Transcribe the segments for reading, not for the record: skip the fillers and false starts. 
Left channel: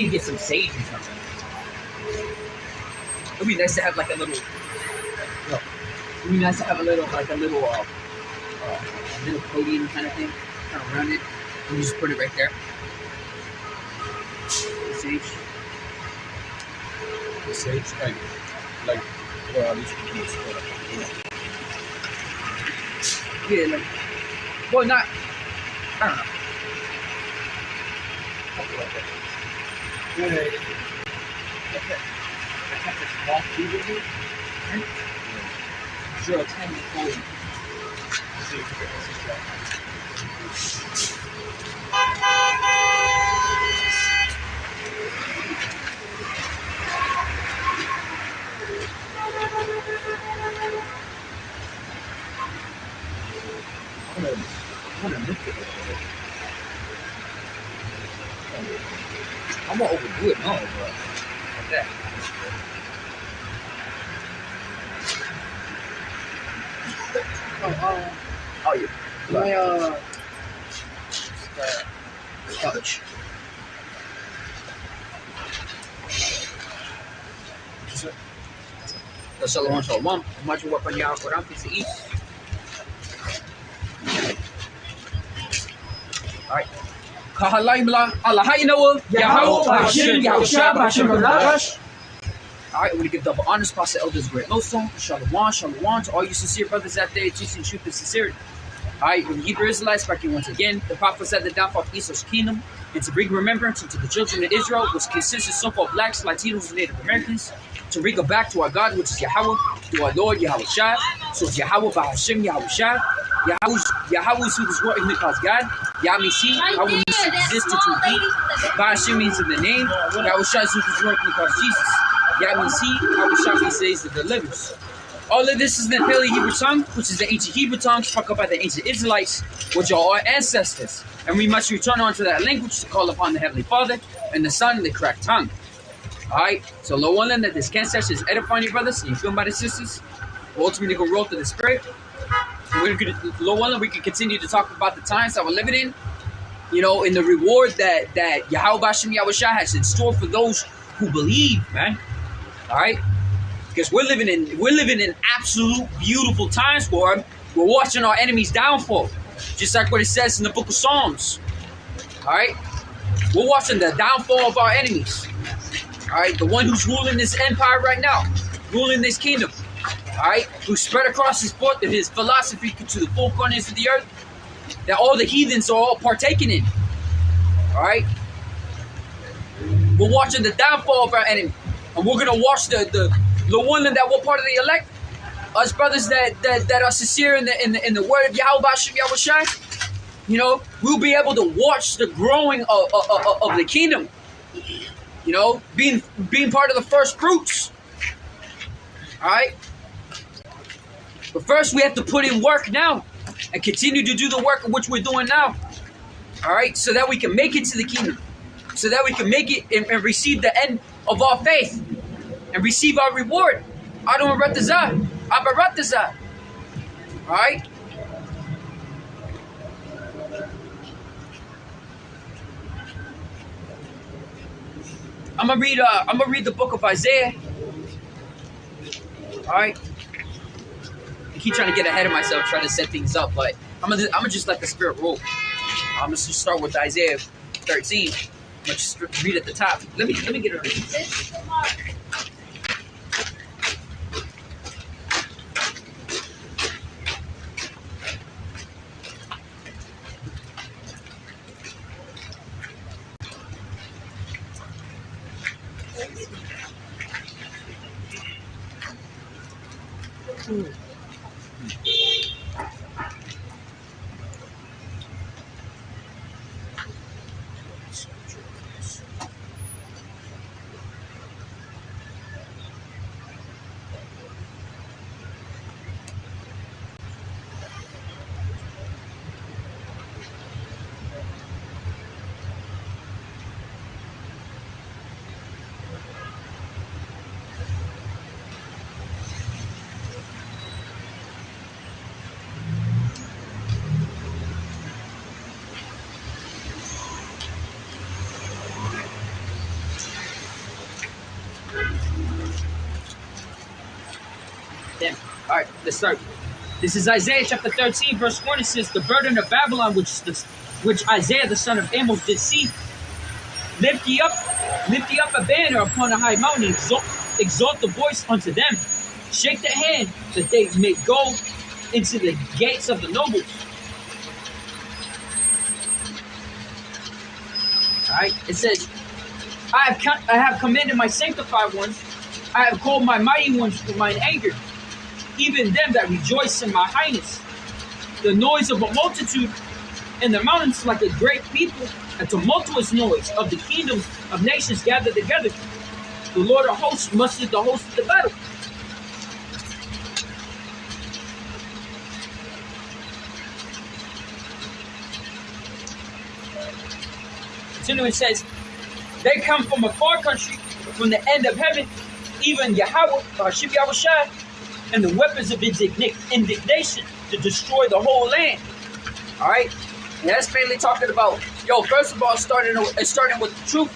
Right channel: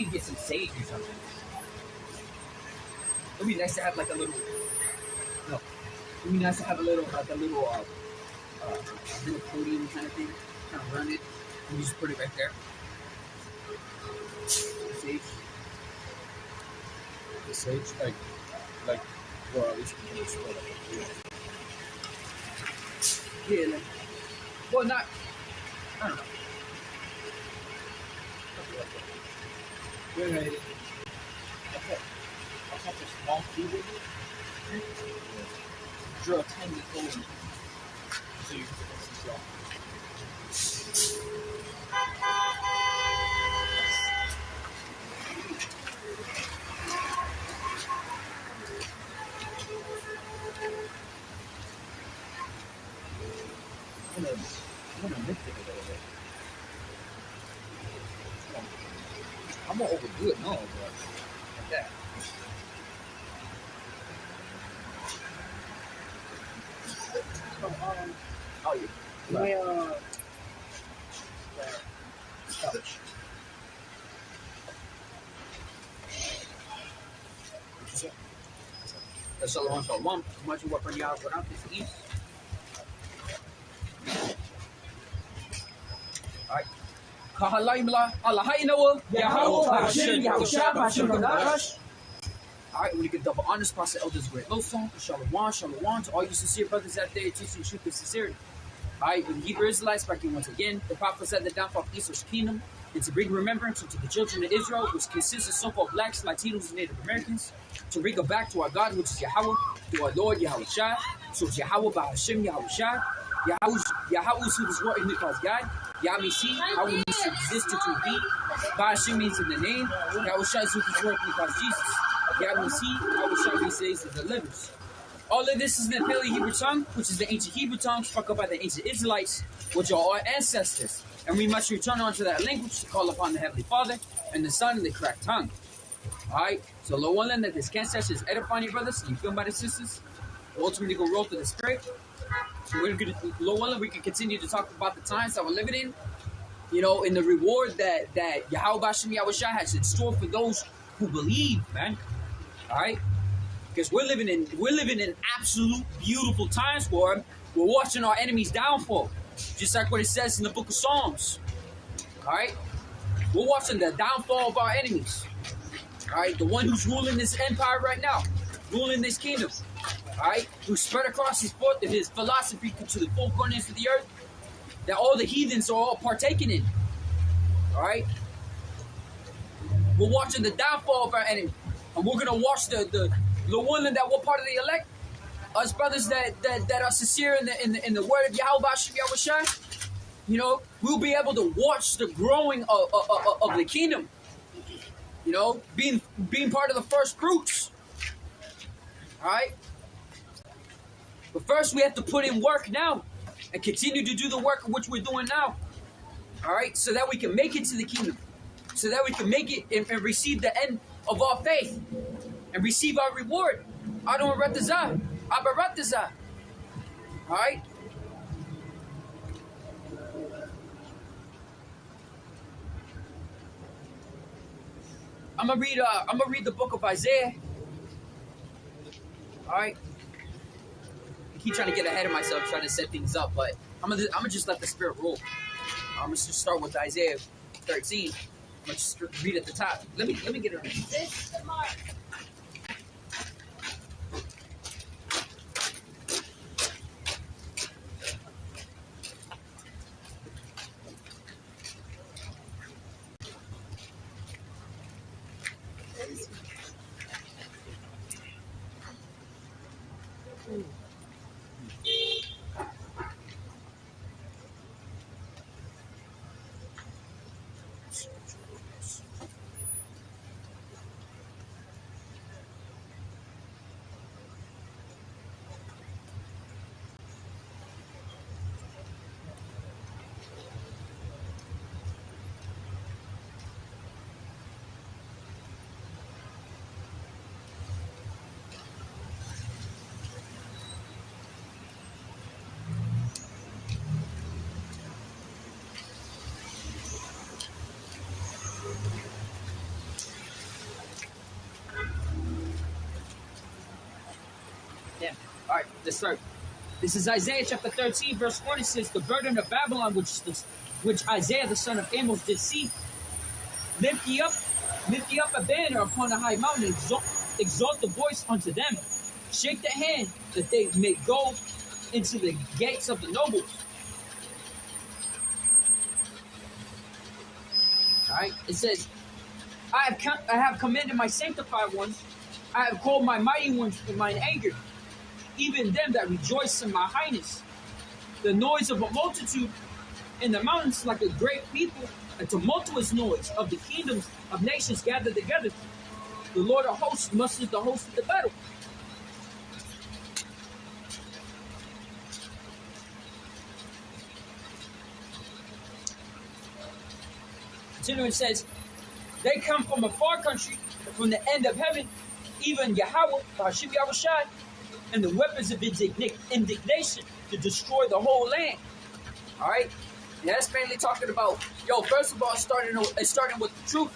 need to get some sage or something. It'd be nice to have like a little. It'd be nice to have a little little podium kind of thing, kind of around it, and you just put it right there. The sage. The sage, like, or at least yeah, like, well, not. I don't know. yeah. I have this small food with me. Sure, a tiny hole. I'm gonna overdo it, no, bro. Like that. Oh, yeah. My Couch. Shalom, shalom. Much work on y'all for peace to eat. Alright. Kahalaimla, Allahaynawa, Yahawah, bahasham, Yahawashi, bahasham. Alright, we're going to give double honors, past the elders, great Losong, shalom, shalom to all you sincere brothers out there teaching truth and sincerity. Alright, when the Hebrew Israelites speaking once again, the prophet said the downfall of Esau's kingdom, and to bring remembrance unto the children of Israel, was consisted of so-called blacks, Latinos, and Native Americans, to bring it back to our God, which is Yahawah, to our Lord Yahawashi. So it's Yahawah, bahasham, Yahawashi. Yahawah is who this world is called God. Yah means he, Yahweh means existed to be. Bahasham means in the name. Yahawashi is who this world is called Jesus. Yah means he, Yahawashi means says that delivers. All of this is in the Paleo-Hebrew tongue, which is the ancient Hebrew tongue struck up by the ancient Israelites, which are our ancestors. And we must return onto that language to call upon the Heavenly Father and the Son in the correct tongue. Alright, so Lord willing that this camp session is edifying you brothers and you feel by the sisters. We'll ultimately go roll through the spirit. We're gonna, Lord willing, we can continue to talk about the times that we're living in. You know, in the reward that Yahawah bahasham Yahawashi has in store for those who believe, man. Alright? Because we're living in absolute beautiful times where we're watching our enemies downfall. Just like what it says in the book of Psalms. Alright? We're watching the downfall of our enemies. Alright? The one who's ruling this empire right now. Ruling this kingdom. Alright? Who spread across his philosophy to the four corners of the earth. That all the heathens are all partaking in. Alright? We're watching the downfall of our enemy. And we're going to watch the one that we're part of the elect. Us brothers that are sincere in the word of Yahawah bahasham Yahawashi, you know, we'll be able to watch the growing of the kingdom. You know, being part of the first fruits. Alright? But first we have to put in work now and continue to do the work of which we're doing now. Alright? So that we can make it to the kingdom. So that we can make it and receive the end of our faith. And receive our reward. Adon Ratazah. Abaratazah. Alright? I'm gonna read the book of Isaiah. Alright? I keep trying to get ahead of myself, trying to set things up, but I'm gonna just let the spirit roll. I'm gonna just start with Isaiah 13. I'm gonna just read at the top. Let me get it right. All right, let's start. This is Isaiah chapter 13, verse 1. It says, "The burden of Babylon, which Isaiah the son of Amos did see, lift ye up a banner upon a high mountain, exalt the voice unto them, shake the hand that they may go into the gates of the nobles." All right, it says, I have commanded my sanctified ones, I have called my mighty ones to mine anger, even them that rejoice in my highness. The noise of a multitude in the mountains like a great people, a tumultuous noise of the kingdoms of nations gathered together. The Lord of hosts mustered the host of the battle. Continuing says, they come from a far country, from the end of heaven, even Yahawah, bahasham Yahawashi, and the weapons of indignation to destroy the whole land. All right, and that's mainly talking about, first of all, starting with the truth,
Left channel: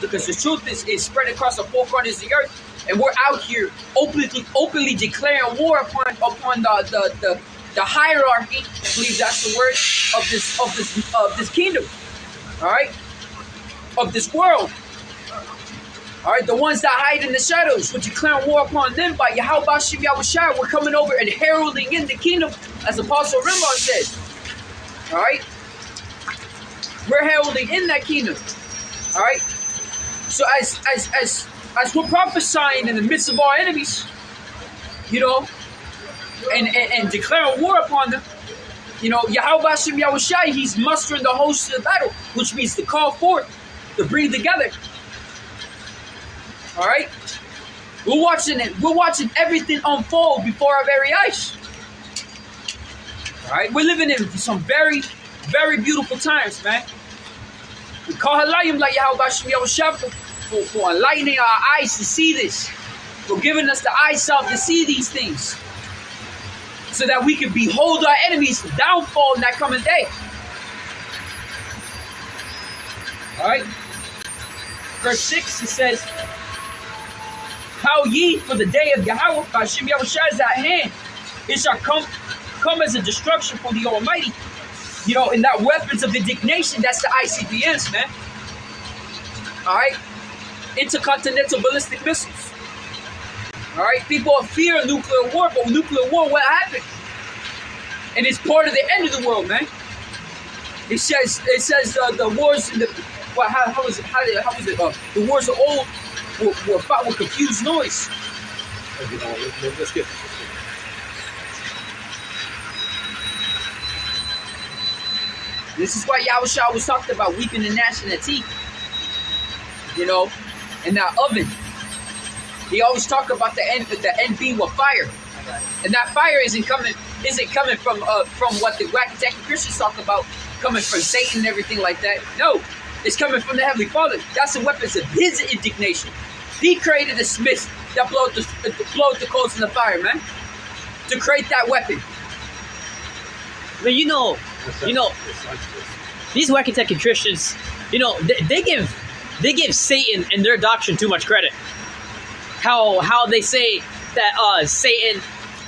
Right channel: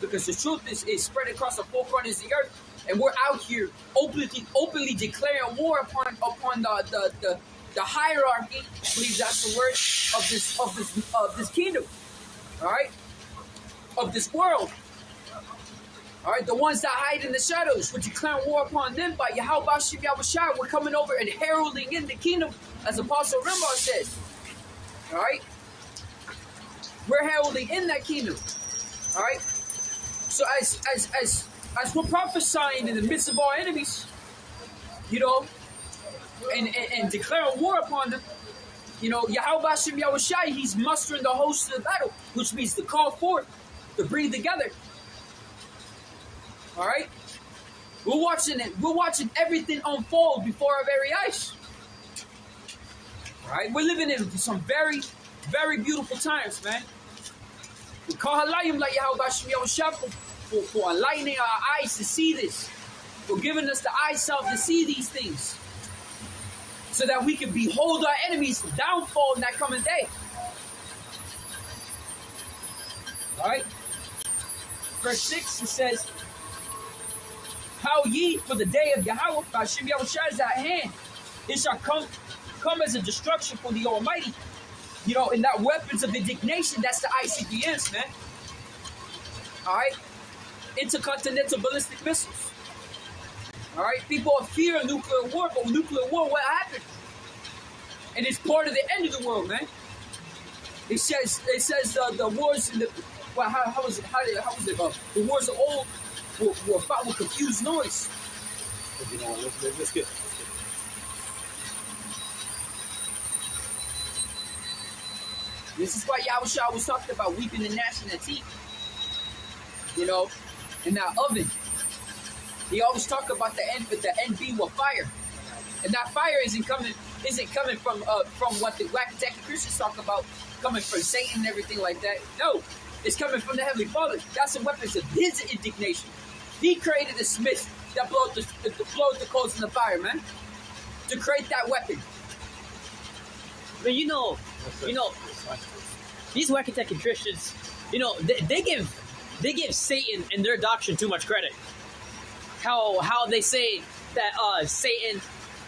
because the truth is spread across the four corners of the earth, and we're out here openly declaring war upon the hierarchy. I believe that's the word of this kingdom. All right, of this world. All right, the ones that hide in the shadows, we're declaring war upon them by Yahawah, bahasham Yahawashi. We're coming over and heralding in the kingdom, as Apostle Rimon says. All right, we're heralding in that kingdom. All right, so as we're prophesying in the midst of our enemies, and declaring war upon them, Yahawah, bahasham Yahawashi, he's mustering the hosts of the battle, which means to call forth, to bring together. All right, we're watching everything unfold before our very eyes. All right, we're living in some very, very beautiful times, man. We call halayim like Yahawah, bahasham Yahawashi for enlightening our eyes to see this, for giving us the eyesight to see these things, so that we can behold our enemies' downfall in that coming day. All right, verse 6, it says, "How ye, for the day of Yahawah, bahasham Yahawashi is at hand. It shall come as a destruction for the Almighty." And that weapons of indignation, that's the ICBMs, man. All right, intercontinental ballistic missiles. All right, people fear nuclear war, but nuclear war, what happened? And it's part of the end of the world, man. It says the wars in the how was it? The wars of old were fought with confused noise. Let's get. This is why Yahawashi was talking about weeping and gnashing of teeth. In that oven. He always talked about the end being with fire, and that fire isn't coming from what the wacky Christians talk about, coming from Satan and everything like that. No, it's coming from the Heavenly Father. That's the weapons of His indignation. He created the smiths that blow the coals in the fire, man, to create that weapon. But these wacky Christians, they give Satan and their doctrine too much credit. How they say that Satan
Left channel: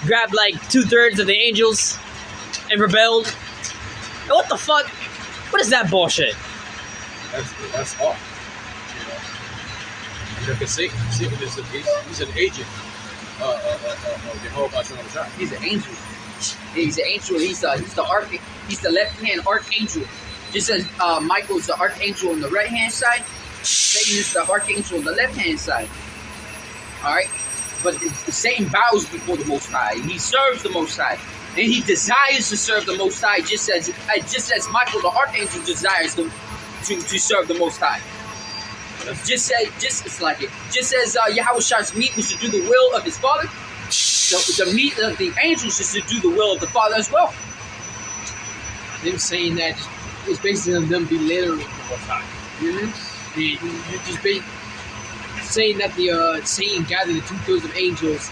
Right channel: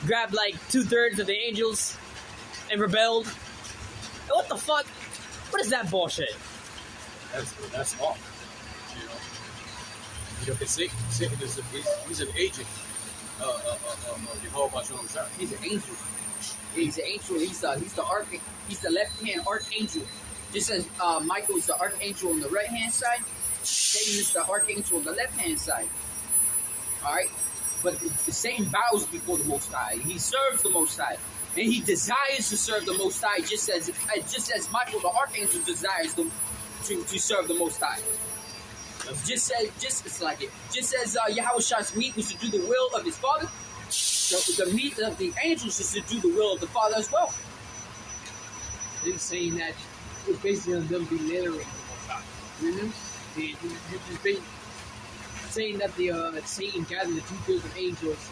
grabbed like 2/3 of the angels and rebelled. And what the fuck? What is that bullshit? That's off. Because Satan is he's an agent of Yahawah, bahasham Yahawashi. He's an angel. He's an angel. He's the left-hand archangel. Just as Michael's the archangel on the right-hand side, Satan is the archangel on the left-hand side. All right, but Satan bows before the Most High. He serves the Most High, and he desires to serve the Most High, just as Michael the archangel desires to serve the Most High. Just as Yahawashi's meat was to do the will of his Father, the meat of the angels is to do the will of the Father as well. Them saying that it's basically on them belittling the Most High. You're just saying that the Satan gathered the 2/3 of angels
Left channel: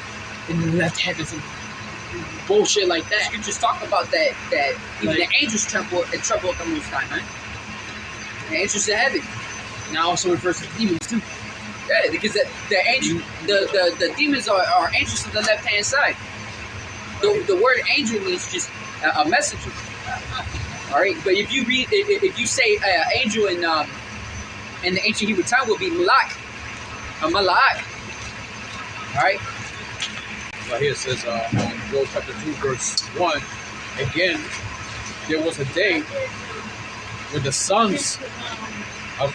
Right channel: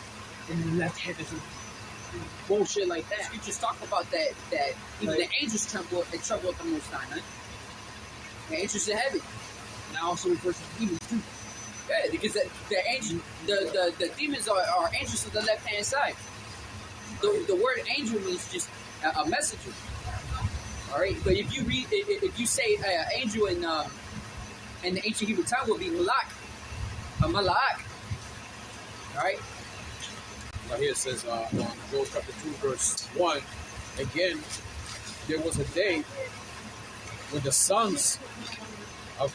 and then left heaven, some bullshit like that. You just talk about that even the angels tremble at the Most High, man. The angels in heaven. Now also refers to demons too. Yeah, because the angel, the demons are angels to the left hand side. The word angel means just a messenger. All right, but if you read, if you say angel in the ancient Hebrew tongue will be malak, a malak. All right. Right here it says on Joel chapter 2 verse 1, again, there was a day when the sons of,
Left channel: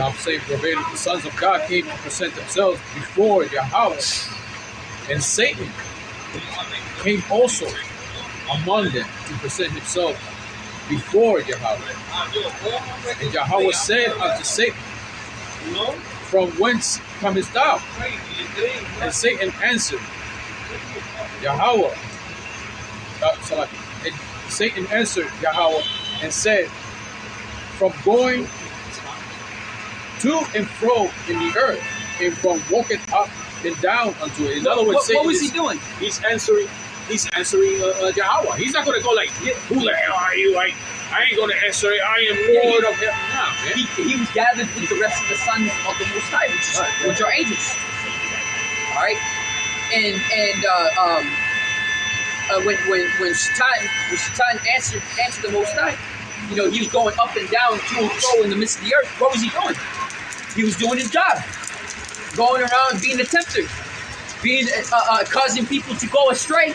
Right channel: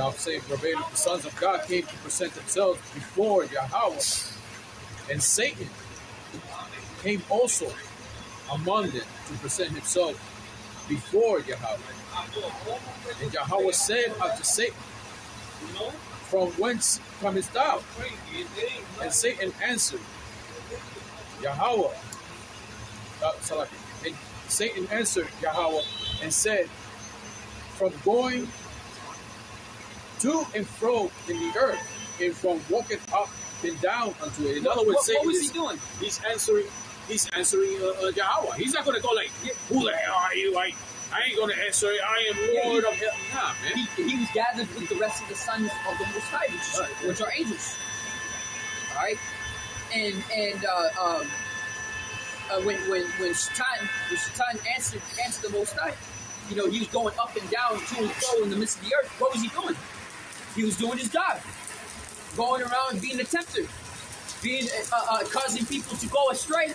I'm saying verbatim, the sons of God came to present themselves before Yahawah, and Satan came also among them to present himself before Yahawah. And Yahawah said unto Satan, from whence comest thou? And Satan answered, Yahawah. And Satan answered Yahawah and said, from going to and fro in the earth, and from walking up and down unto it. In other words, What was he doing? He's answering Yahawah. He's not going to go like, who the hell are you? I ain't going to answer it. I am Lord of heaven. Nah, man. He was gathered with the rest of the sons of the Most High, which are angels. All right, and when Shaitan answered the Most High, you know, he was going up and down, to and fro in the midst of the earth. What was he doing? He was doing his job, going around being a tempter, being causing people to go astray,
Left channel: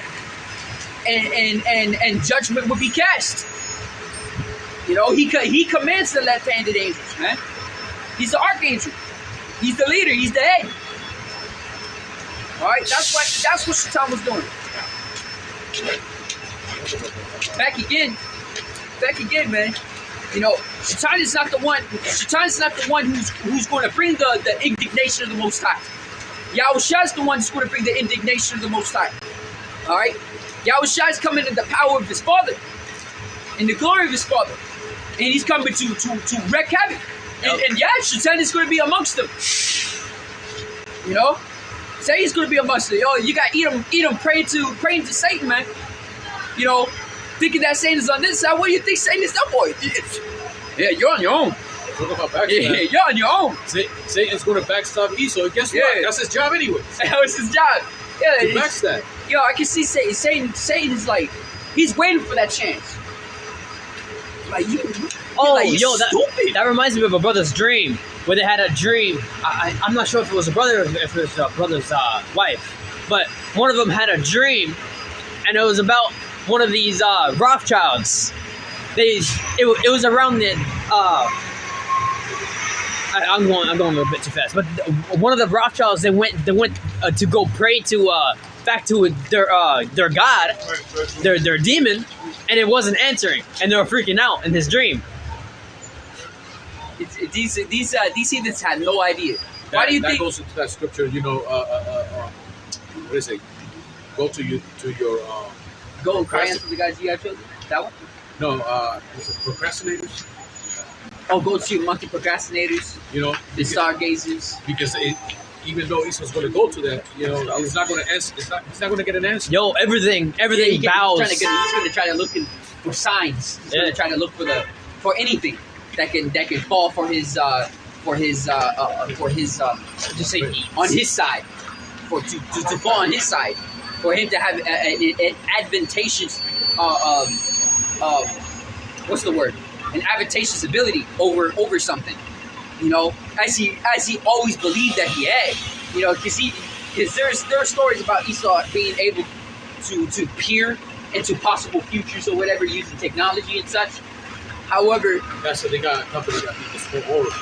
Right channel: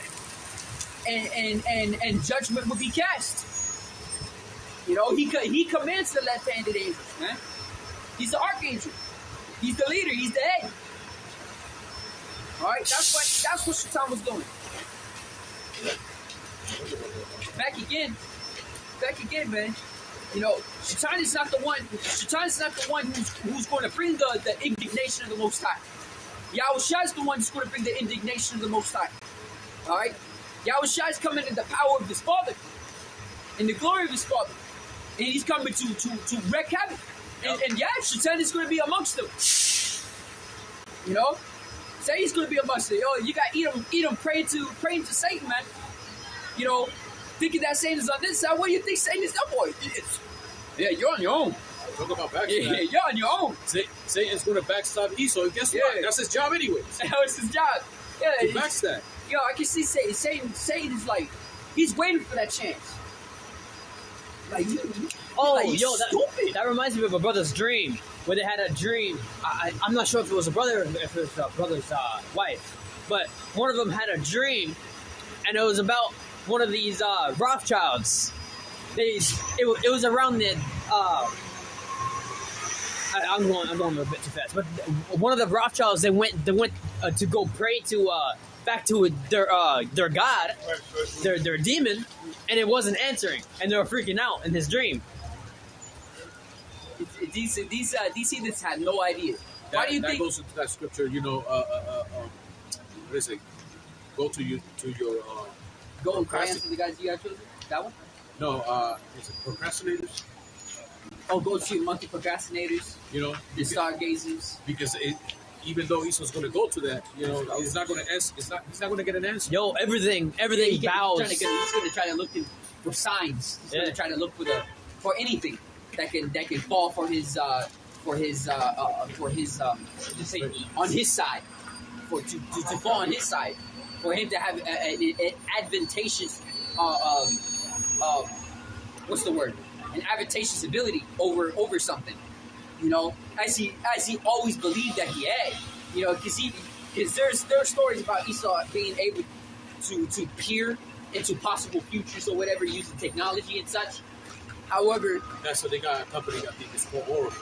and judgment would be cast. You know, he commands the left-handed angels, man. He's the archangel. He's the leader. He's the head. All right, that's what Shaitan was doing. Back again, man. You know, Shaitan is not the one. Shaitan is not the one who's going to bring the indignation of the Most High. Yahawashi is the one who's going to bring the indignation of the Most High. All right, Yahawashi is coming in the power of his Father, in the glory of his Father, and he's coming to wreak havoc. And yeah, Shaitan is going to be amongst them. You know, say he's going to be amongst them. Yo, you got Edom praying to Satan, man. You know, thinking that Satan is on this side. What do you think Satan is up for? Yeah, you're on your own. Yeah, you're on your own. Satan's going to backstab Esau. And guess what? That's his job anyway. That was his job. Yeah, to backstab. Yo, I can see Satan. Satan is like, he's waiting for that chance. Like that reminds me of a brother's dream, where they had a dream. I'm not sure if it was a brother or if it was a brother's wife, but one of them had a dream, and it was about one of these Rothschilds. It was around the I'm going a little bit too fast, but one of the Rothschilds they went to go pray to back to their god, their demon, and it wasn't answering, and they were freaking out in his dream. These heathens had no idea. Why do you think? That goes into that scripture, you know, what is it? Go to your Go and cry unto the guys you have chosen? That one? No, is it procrastinators? Oh, go to your monkey procrastinators. You know, the stargazers. Because even though Esau's going to go to that, you know, it's not going to answer. It's not going to get an answer. Yo, everything bows. He's going to try to look for signs. He's going to try to look for anything that can fall for his just say on his side, to fall on his side, for him to have an advantageous what's the word? An advantageous ability over something, you know, as he always believed that he had, you know, because there are stories about Esau being able to peer into possible futures or whatever using technology and such. However, that's what they got a company that is called Oracle.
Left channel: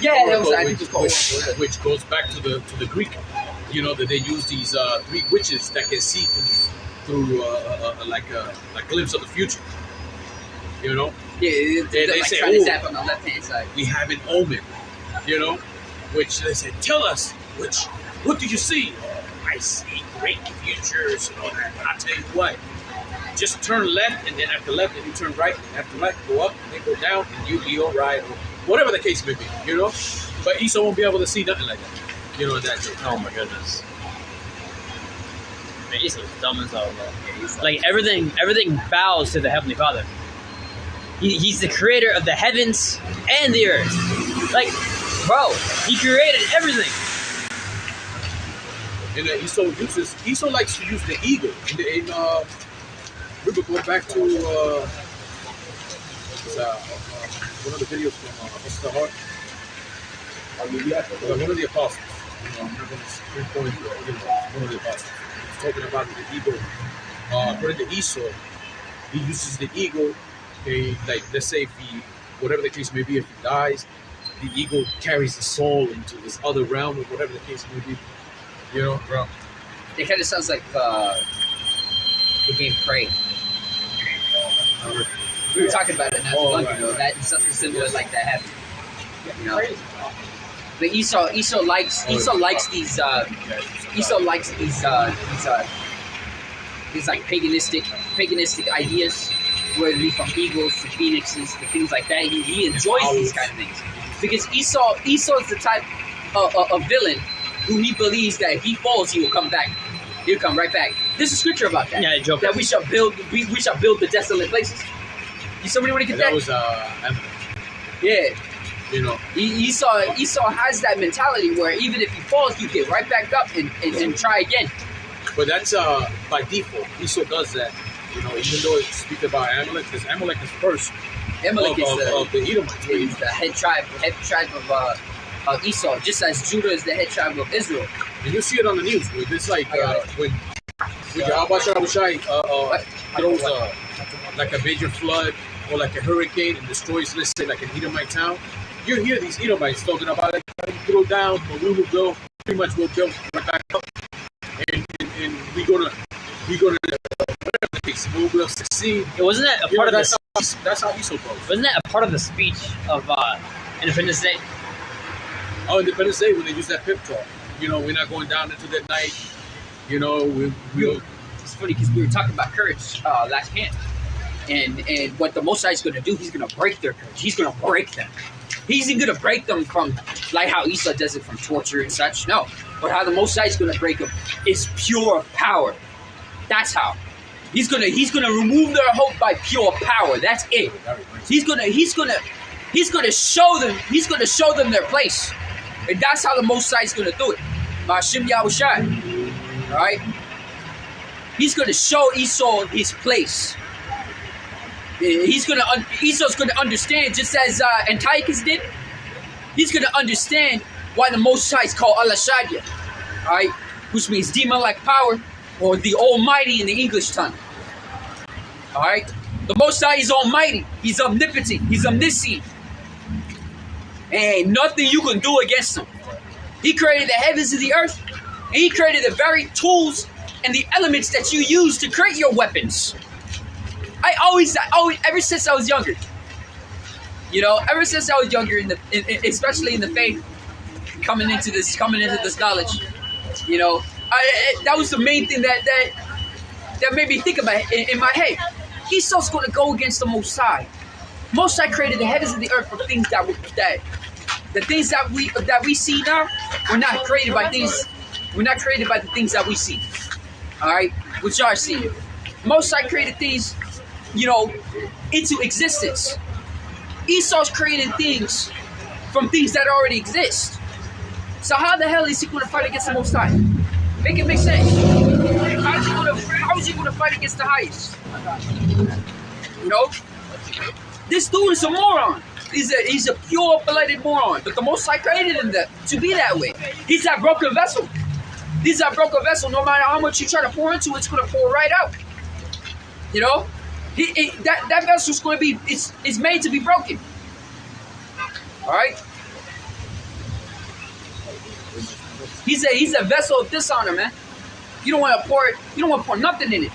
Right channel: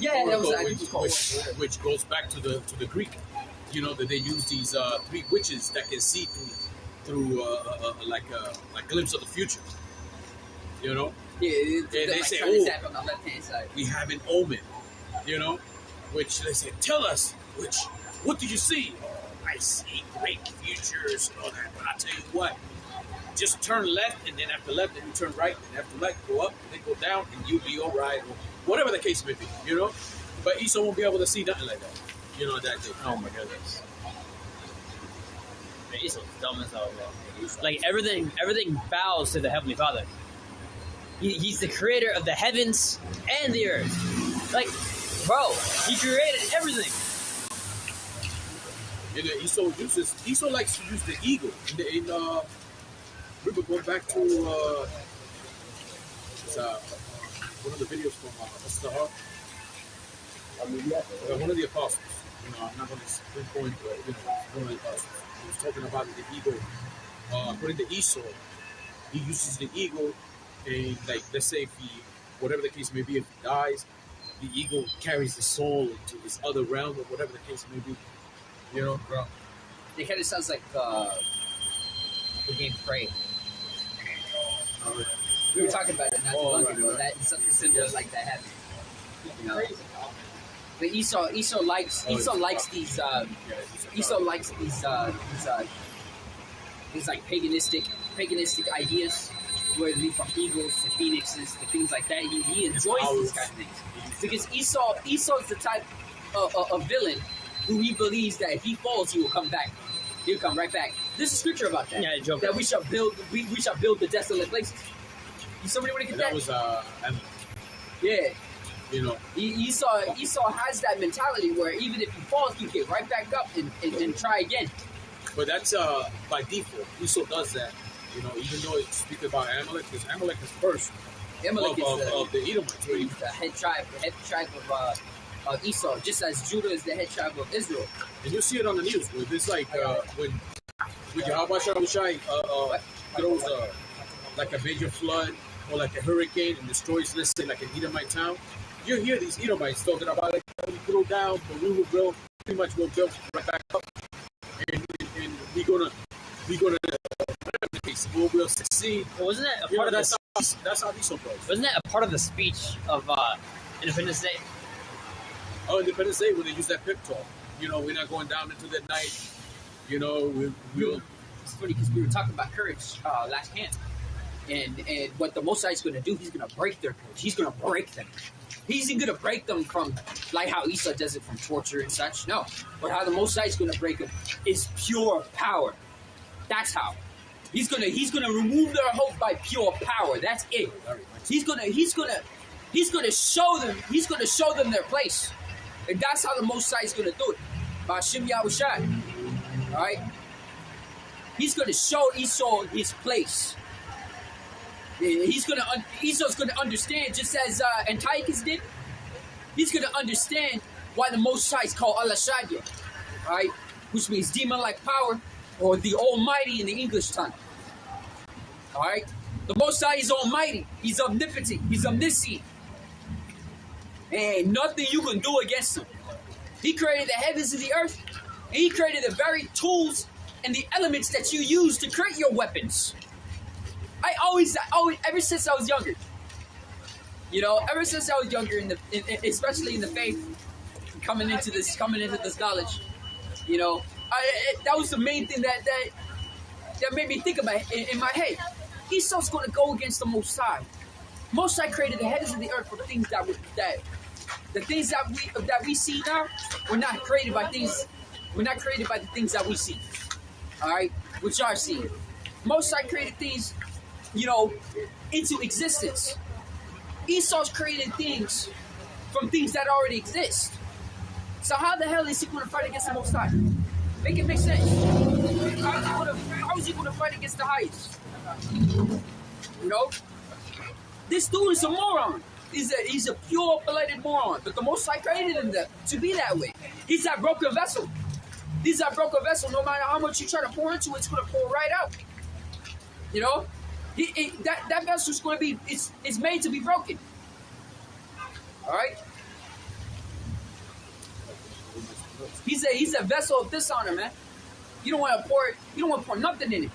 Yeah, Oracle, that was called Oracle. Which goes back to the Greek, you know, that they use these Greek witches that can see through like a glimpse of the future. You know? Yeah, they like say, trying to tap on the left-hand side. We have an omen, you know? Which they say, tell us, what do you see? Oh, I see great futures and all that. I'll tell you what, just turn left, and then after left, then you turn right, and after right, go up, then go down, and you'll be all right, or whatever the case may be, you know? But Esau won't be able to see nothing like that, you know, that day. Oh my goodness. Man, Esau's dumb as hell, bro. Like, everything bows to the Heavenly Father. He's the creator of the heavens and the earth. Like, Bro, he created everything. And Esau likes to use the eagle. We would go back to one of the videos from Mr. Hart. One of the apostles. I'm not going to pinpoint one of the apostles. He's talking about the eagle. According to Esau, he uses the eagle. Okay, like let's say if he, whatever the case may be, if he dies, the eagle carries the soul into this other realm or whatever the case may be. You know, bro. It kind of sounds like the game Prey. We were talking about it not too long ago. That is something similar like that happened. You know, but Esau likes these like paganistic ideas, whether it be from eagles to phoenixes to things like that. He enjoys these kind of things because Esau's the type of villain who he believes that if he falls, he will come back. He'll come right back. There's a scripture about that. Yeah, that we shall build the desolate places. You somebody want to get that? That was yeah. You know, Esau has that mentality where even if he falls, you get right back up and try again. but that's by default. Esau does that. You know, even though it speaks about Amalek, because Amalek is first Amalek of the Edomites. is the head tribe of Esau, just as Judah is the head tribe of Israel. And you see it on the news. It's like when Yahawashi throws like a major flood or like a hurricane and destroys, let's say, like an Edomite town. You hear these Edomites talking about it. Throw down, but we will build. Pretty much we'll build right back up, and we're gonna whatever the case, we'll succeed. Wasn't that a part of that's this? That's how Esau goes. Wasn't that a part of the speech of Independence Day? Oh, Independence Day when they use that pep talk. You know, we're not going down into the night. You know, we'll. It's funny because we were talking about courage last camp, and what the Most High is going to do, he's going to break their courage. He's going to break them. He's going to break them from, like how Esau does it, from torture and such. No, but how the Most High is going to break them is pure power. That's how. He's gonna remove their hope by pure power. That's it. He's gonna show them. He's gonna show them their place, and that's how the Most High is gonna do it. Bahasham Yahawashi. All right. He's gonna show Esau his place. Esau's gonna understand, just as Antiochus did. He's gonna understand why the Most High is called Allah Shadia, all right, which means demon-like power, or the Almighty in the English tongue. All right, the Most High is Almighty. He's omnipotent. He's omniscient. Ain't nothing you can do against him. He created the heavens and the earth, and he created the very tools and the elements that you use to create your weapons. I always, ever since I was younger, especially in the faith, coming into this knowledge, that was the main thing that made me think about it in my head. Esau's going to go against the Most High. Most High created the heavens and the earth for things the things that we see now were not created by things. We're not created by the things that we see. All right, which are seen. Most High created things, into existence. Esau's creating things from things that already exist. So how the hell is he going to fight against the Most High? Make it make sense. How is he going to fight against the highest? This dude is a moron. He's a pure-blooded moron. But the Most High created him to be that way. He's that broken vessel. He's that broken vessel. No matter how much you try to pour into it, it's going to pour right out. That vessel's going to be, it's made to be broken. All right? He's a vessel of dishonor, man. You don't want to pour nothing in it.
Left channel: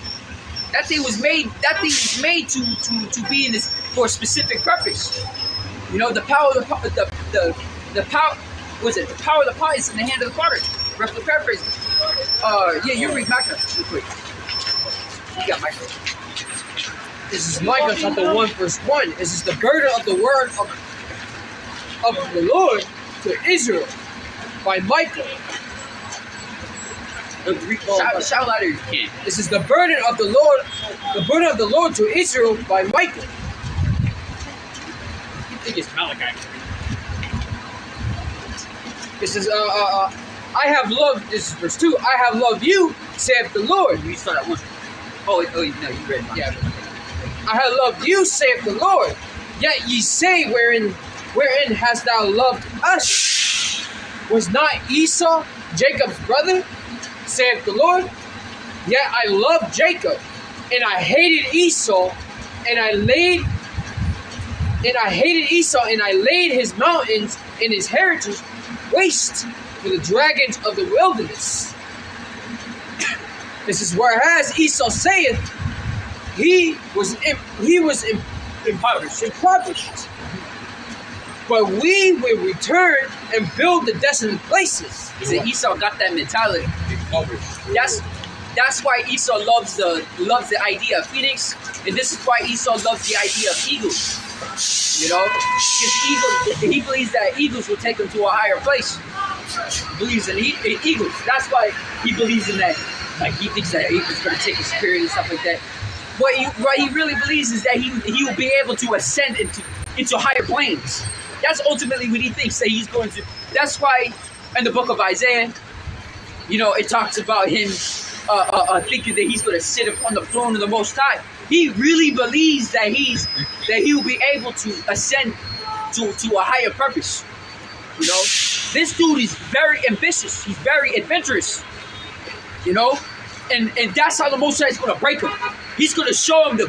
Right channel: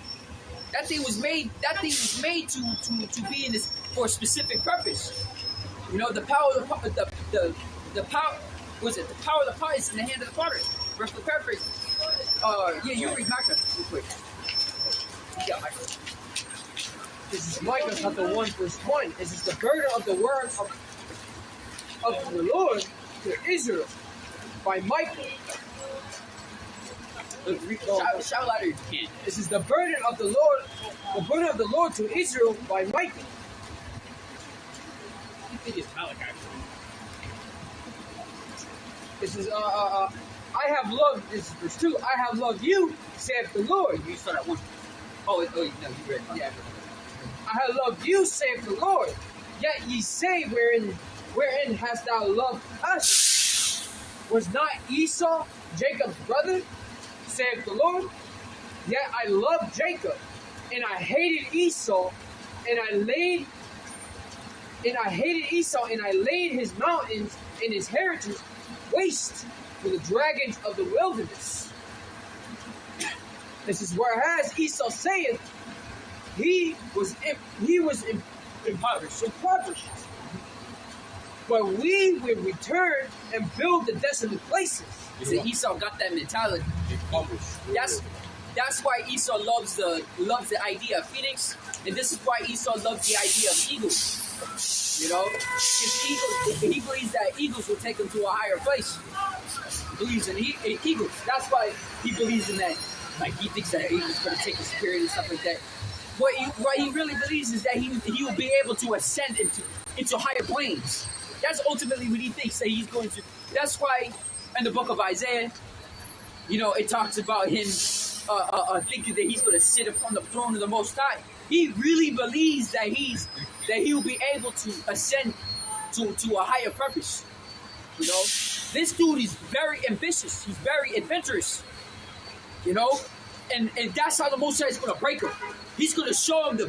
That thing was made to be in this for a specific purpose. The power of the power was it? The power of the pot is in the hand of the potter. Roughly paraphrasing. You read Micah real quick. You got Micah. This is Micah chapter 1 verse 1. This is the burden of the word of the Lord to Israel by Micah. Shout louder if you can. This is the burden of the Lord to Israel by Micah. I think it's Malachi. It says, I have loved, this is verse 2, I have loved you, saith the Lord. You start at one. Oh, no, you read mine. Yeah. I have loved you, saith the Lord. Yet ye say, wherein hast thou loved us? Was not Esau Jacob's brother, saith the Lord? Yet I loved Jacob, and I hated Esau, and I laid his mountains and his heritage waste for the dragons of the wilderness. This is whereas Esau saith, he was impoverished. But we will return and build the desolate places. See, Esau got that mentality. That's why Esau loves the idea of phoenix, and this is why Esau loves the idea of eagles. You know, because he believes that eagles will take him to a higher place. He believes in eagles. That's why he believes in that. Like, he thinks that eagles going to take his spirit and stuff like that. What he really believes is that he will be able to ascend into higher planes. That's ultimately what he thinks that he's going to. That's why in the book of Isaiah, you know, it talks about him thinking that he's going to sit upon the throne of the Most High. He really believes that he will be able to ascend to a higher purpose. You know, this dude is very ambitious. He's very adventurous. You know, and that's how the Most High is going to break him. He's going to show him the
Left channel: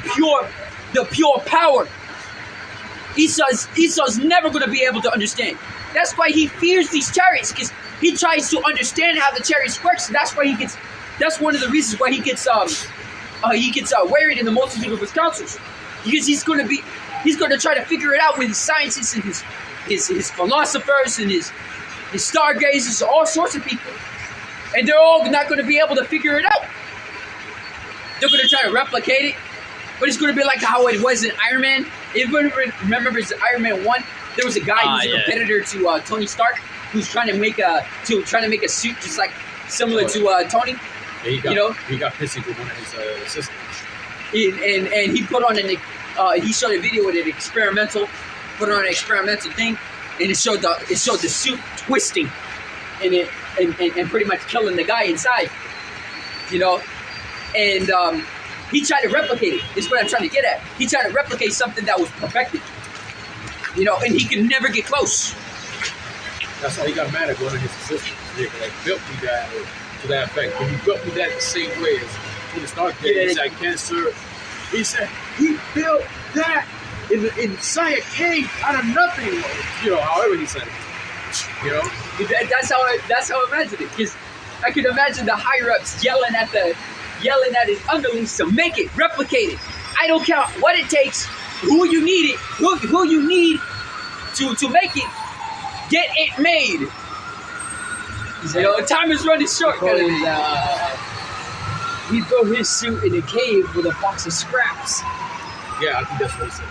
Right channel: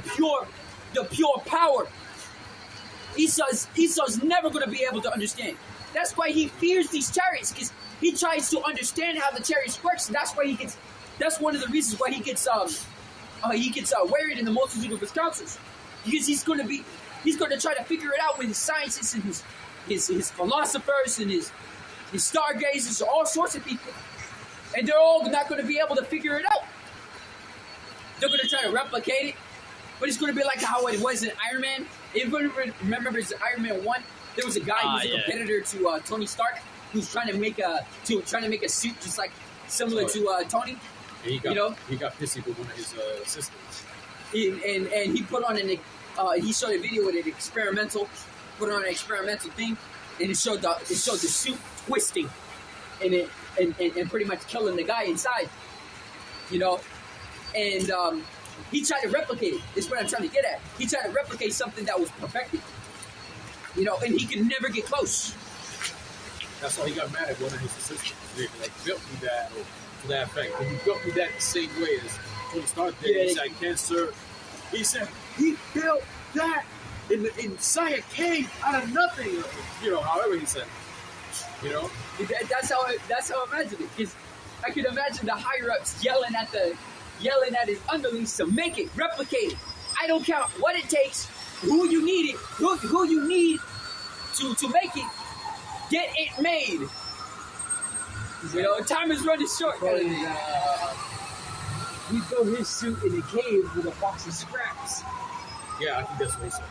pure power. Esau's never going to be able to understand. That's why he fears these chariots, because he tries to understand how the chariots works. That's why that's one of the reasons why he gets worried in the multitude of his counsels, because he's going to try to figure it out with his scientists and his philosophers and his stargazers, all sorts of people, and they're all not going to be able to figure it out. They're going to try to replicate it, but it's going to be like how it was in Iron Man. Everyone remembers Iron Man 1? There was a guy who's a competitor to Tony Stark, who's trying to make a suit just like similar to Tony. Yeah, he got pissy with one of his assistants. And he put on he showed a video with an experimental thing, and it showed the suit twisting, and pretty much killing the guy inside. You know, and he tried to replicate it. Is what I'm trying to get at. He tried to replicate something that was perfected. You know, and he could never get close. That's why he got mad at one of his assistants. They built me that to that effect. But he built me that the same way as Tony Stark did. Yeah. He said cancer. He said he built that inside a cave out of nothing. You know, however he said it. You know, that's how I imagined it. Because I could imagine the higher ups yelling at his underlings to make it, replicate it. I don't care what it takes, who you need to make it, get it made. You know, time is running short. He built his suit in a cave with a box of scraps. yeah, I think that's what he said.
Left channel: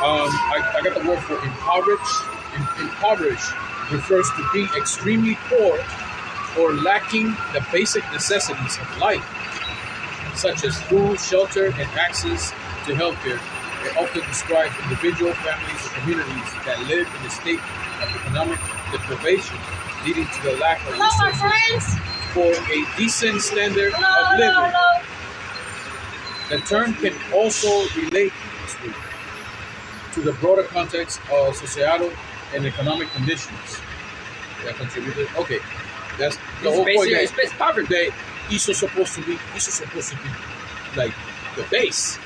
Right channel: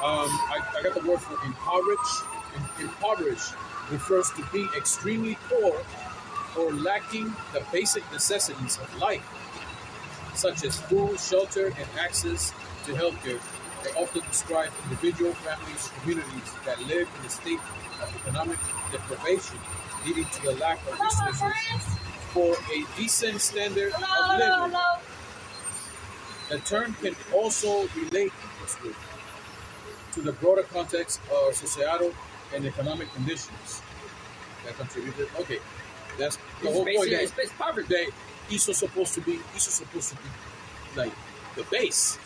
I got the word for impoverished. Impoverished refers to being extremely poor or lacking the basic necessities of life, such as food, shelter, and access to healthcare. It often describes individual, families, or communities that live in a state of economic deprivation, leading to the lack of resources for a decent standard of living. The term can also relate to the broader context of societal and economic conditions that contributed. Okay, that's the whole point. It's poverty. That Esau's supposed to be like the base.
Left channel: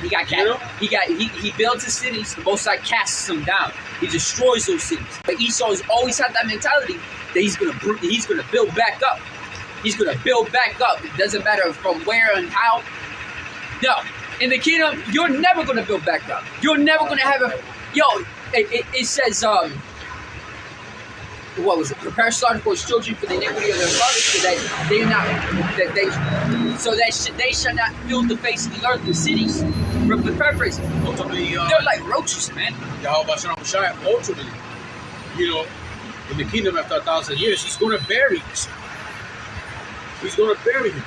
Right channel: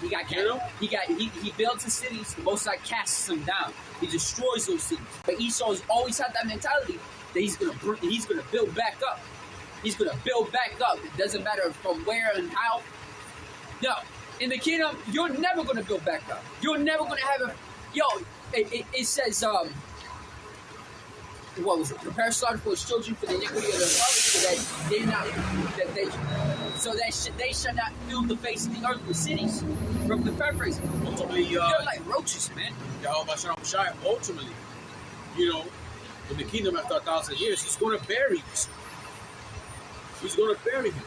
He got he builds his cities. The Most High casts them down. He destroys those cities. But Esau has always had that mentality that he's gonna build back up. He's gonna build back up. It doesn't matter from where and how. No, in the kingdom, you're never gonna build back up. You're never gonna have a It says what was it? Prepare slaughter for his children for the iniquity of their fathers, so that they shall not fill the face of the earth with cities. From the paraphrase, they're like roaches, man. Yahawashi ultimately, you know, in the kingdom after 1,000 years, he's going to bury us. He's going to bury him.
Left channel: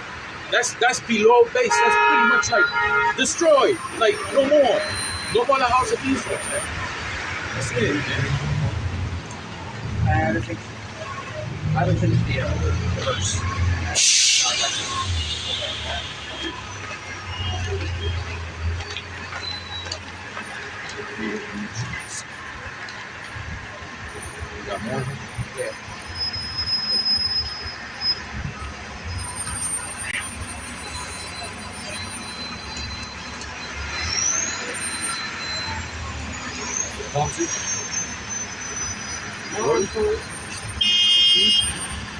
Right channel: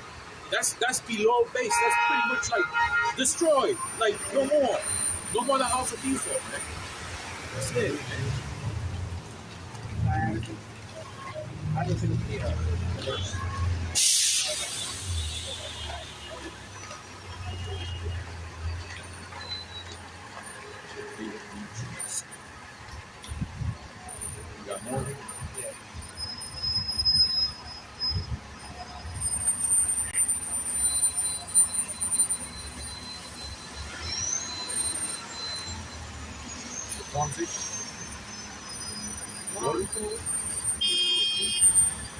That's below base. That's pretty much like destroyed. Like no more. No more the house of Israel. That's it, man. haven't finished the verse. Got more? Yeah.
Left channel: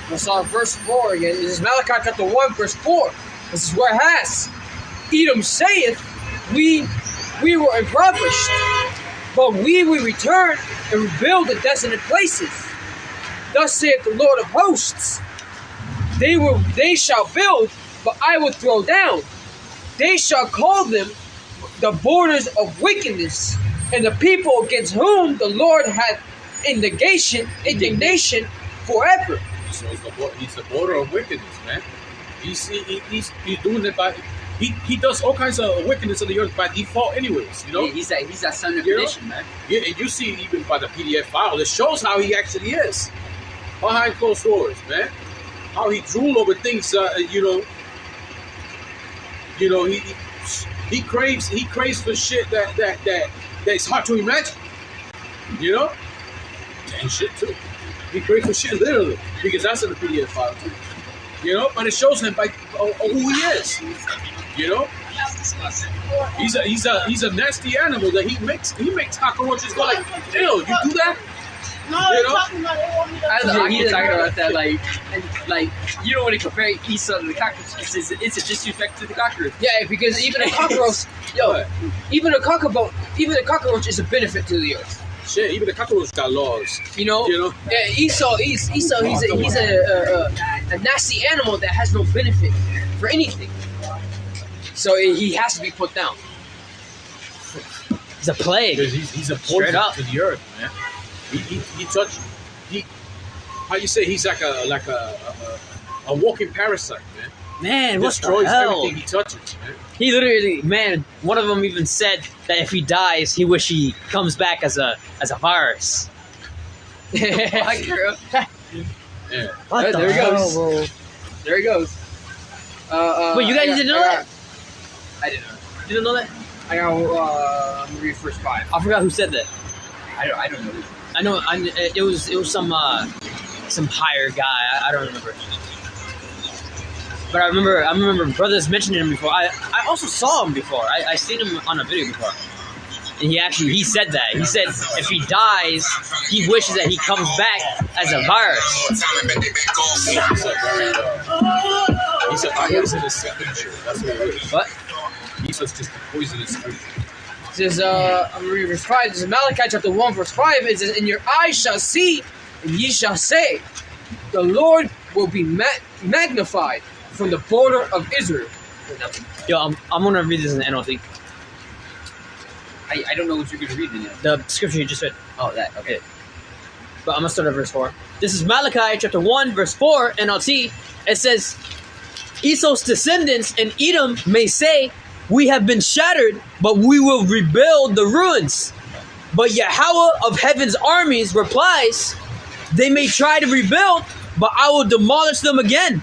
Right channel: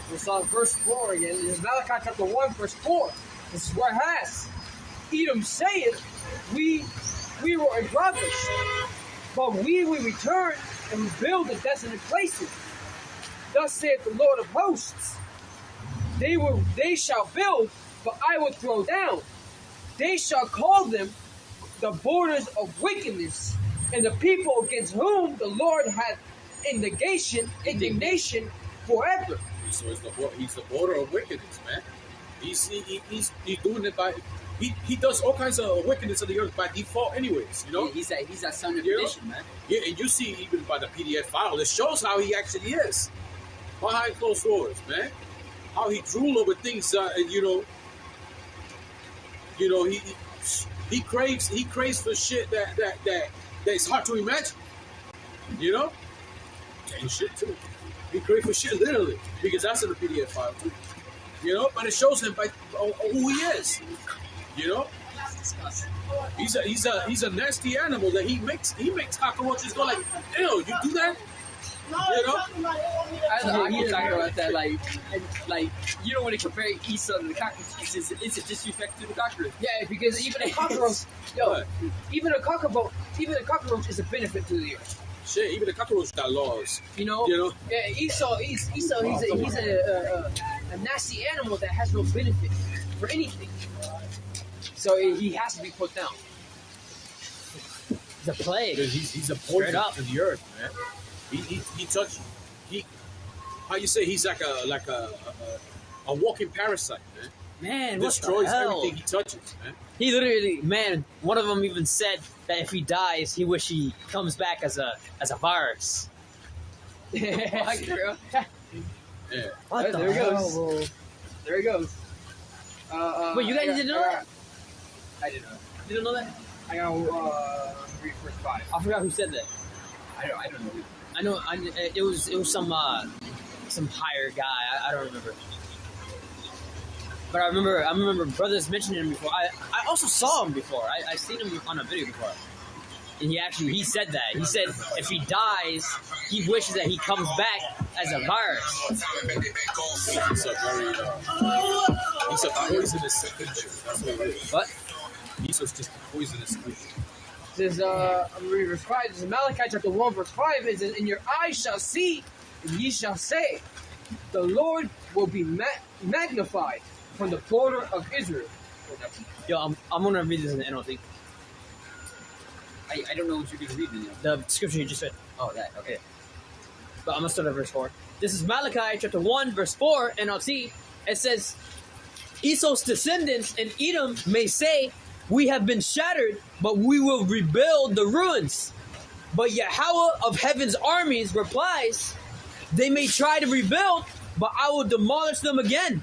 Let's start verse 4 again. This is Malachi chapter 1, verse 4. This is where it has. Edom saith, we were impoverished, but we will return and rebuild the desolate places. Thus saith the Lord of hosts, they shall build, but I will throw down. They shall call them the borders of wickedness, and the people against whom the Lord hath indignation forever. So he's the border of wickedness, man. He's doing it by he does all kinds of wickedness in the earth by default, anyways. You know, Yeah, he's that son of perdition, man. Yeah, and you see even by the PDF file, it shows how he actually is behind closed doors, man. How he drool over things, he craves for shit that's hard to imagine. You know, and shit too. He craves for shit literally because that's in the PDF file too. You know, but it shows him by who he is. You know, he's a nasty animal that he makes cockroaches go like, ew, you do that? No, You know? talking about I don't know. I keep talking about that, like you don't want to compare Esau to the cockroach. It's a disrespect to the cockroach. Yeah, because even a cockroach, even a cockroach is a benefit to the earth. Shit, even the cockroach got laws. You know? Yeah, Esau, he's a nasty animal that has no benefit for anything. So he has to be put down. He's a plague. Because he's a poison to the earth, man. How you say he's like a walking parasite, man. Man, He what the destroys hell? everything he touches, man. He literally, man, one of them even said that if he dies, he wish he comes back as a virus. My girl. Yeah. What the There he hell, goes. bro? There he goes. Wait, you guys didn't know that? I didn't know. You didn't know that? I'm gonna read verse 5. I forgot who said that. I don't know. I know. It was some higher guy. I don't remember. But I remember brothers mentioning him before. I also saw him before. I seen him on a video before. And he said that. He said if he dies, he wishes that he comes back as a virus. He's a poisonous creature. That's what it is. What? He's just a poisonous creature. It says, I'm gonna read verse 5. This is Malachi chapter 1, verse 5. It says, and your eyes shall see, and ye shall say, the Lord will be magnified from the border of Israel. Yo, I'm gonna read this in the NLT. I don't know what you're gonna read in it. The scripture you just read. Oh, that okay. But I'm gonna start at verse 4. This is Malachi chapter 1, verse 4, NLT. It says, Esau's descendants in Edom may say, we have been shattered, but we will rebuild the ruins. But Yahawah of heaven's armies replies, they may try to rebuild, but I will demolish them again.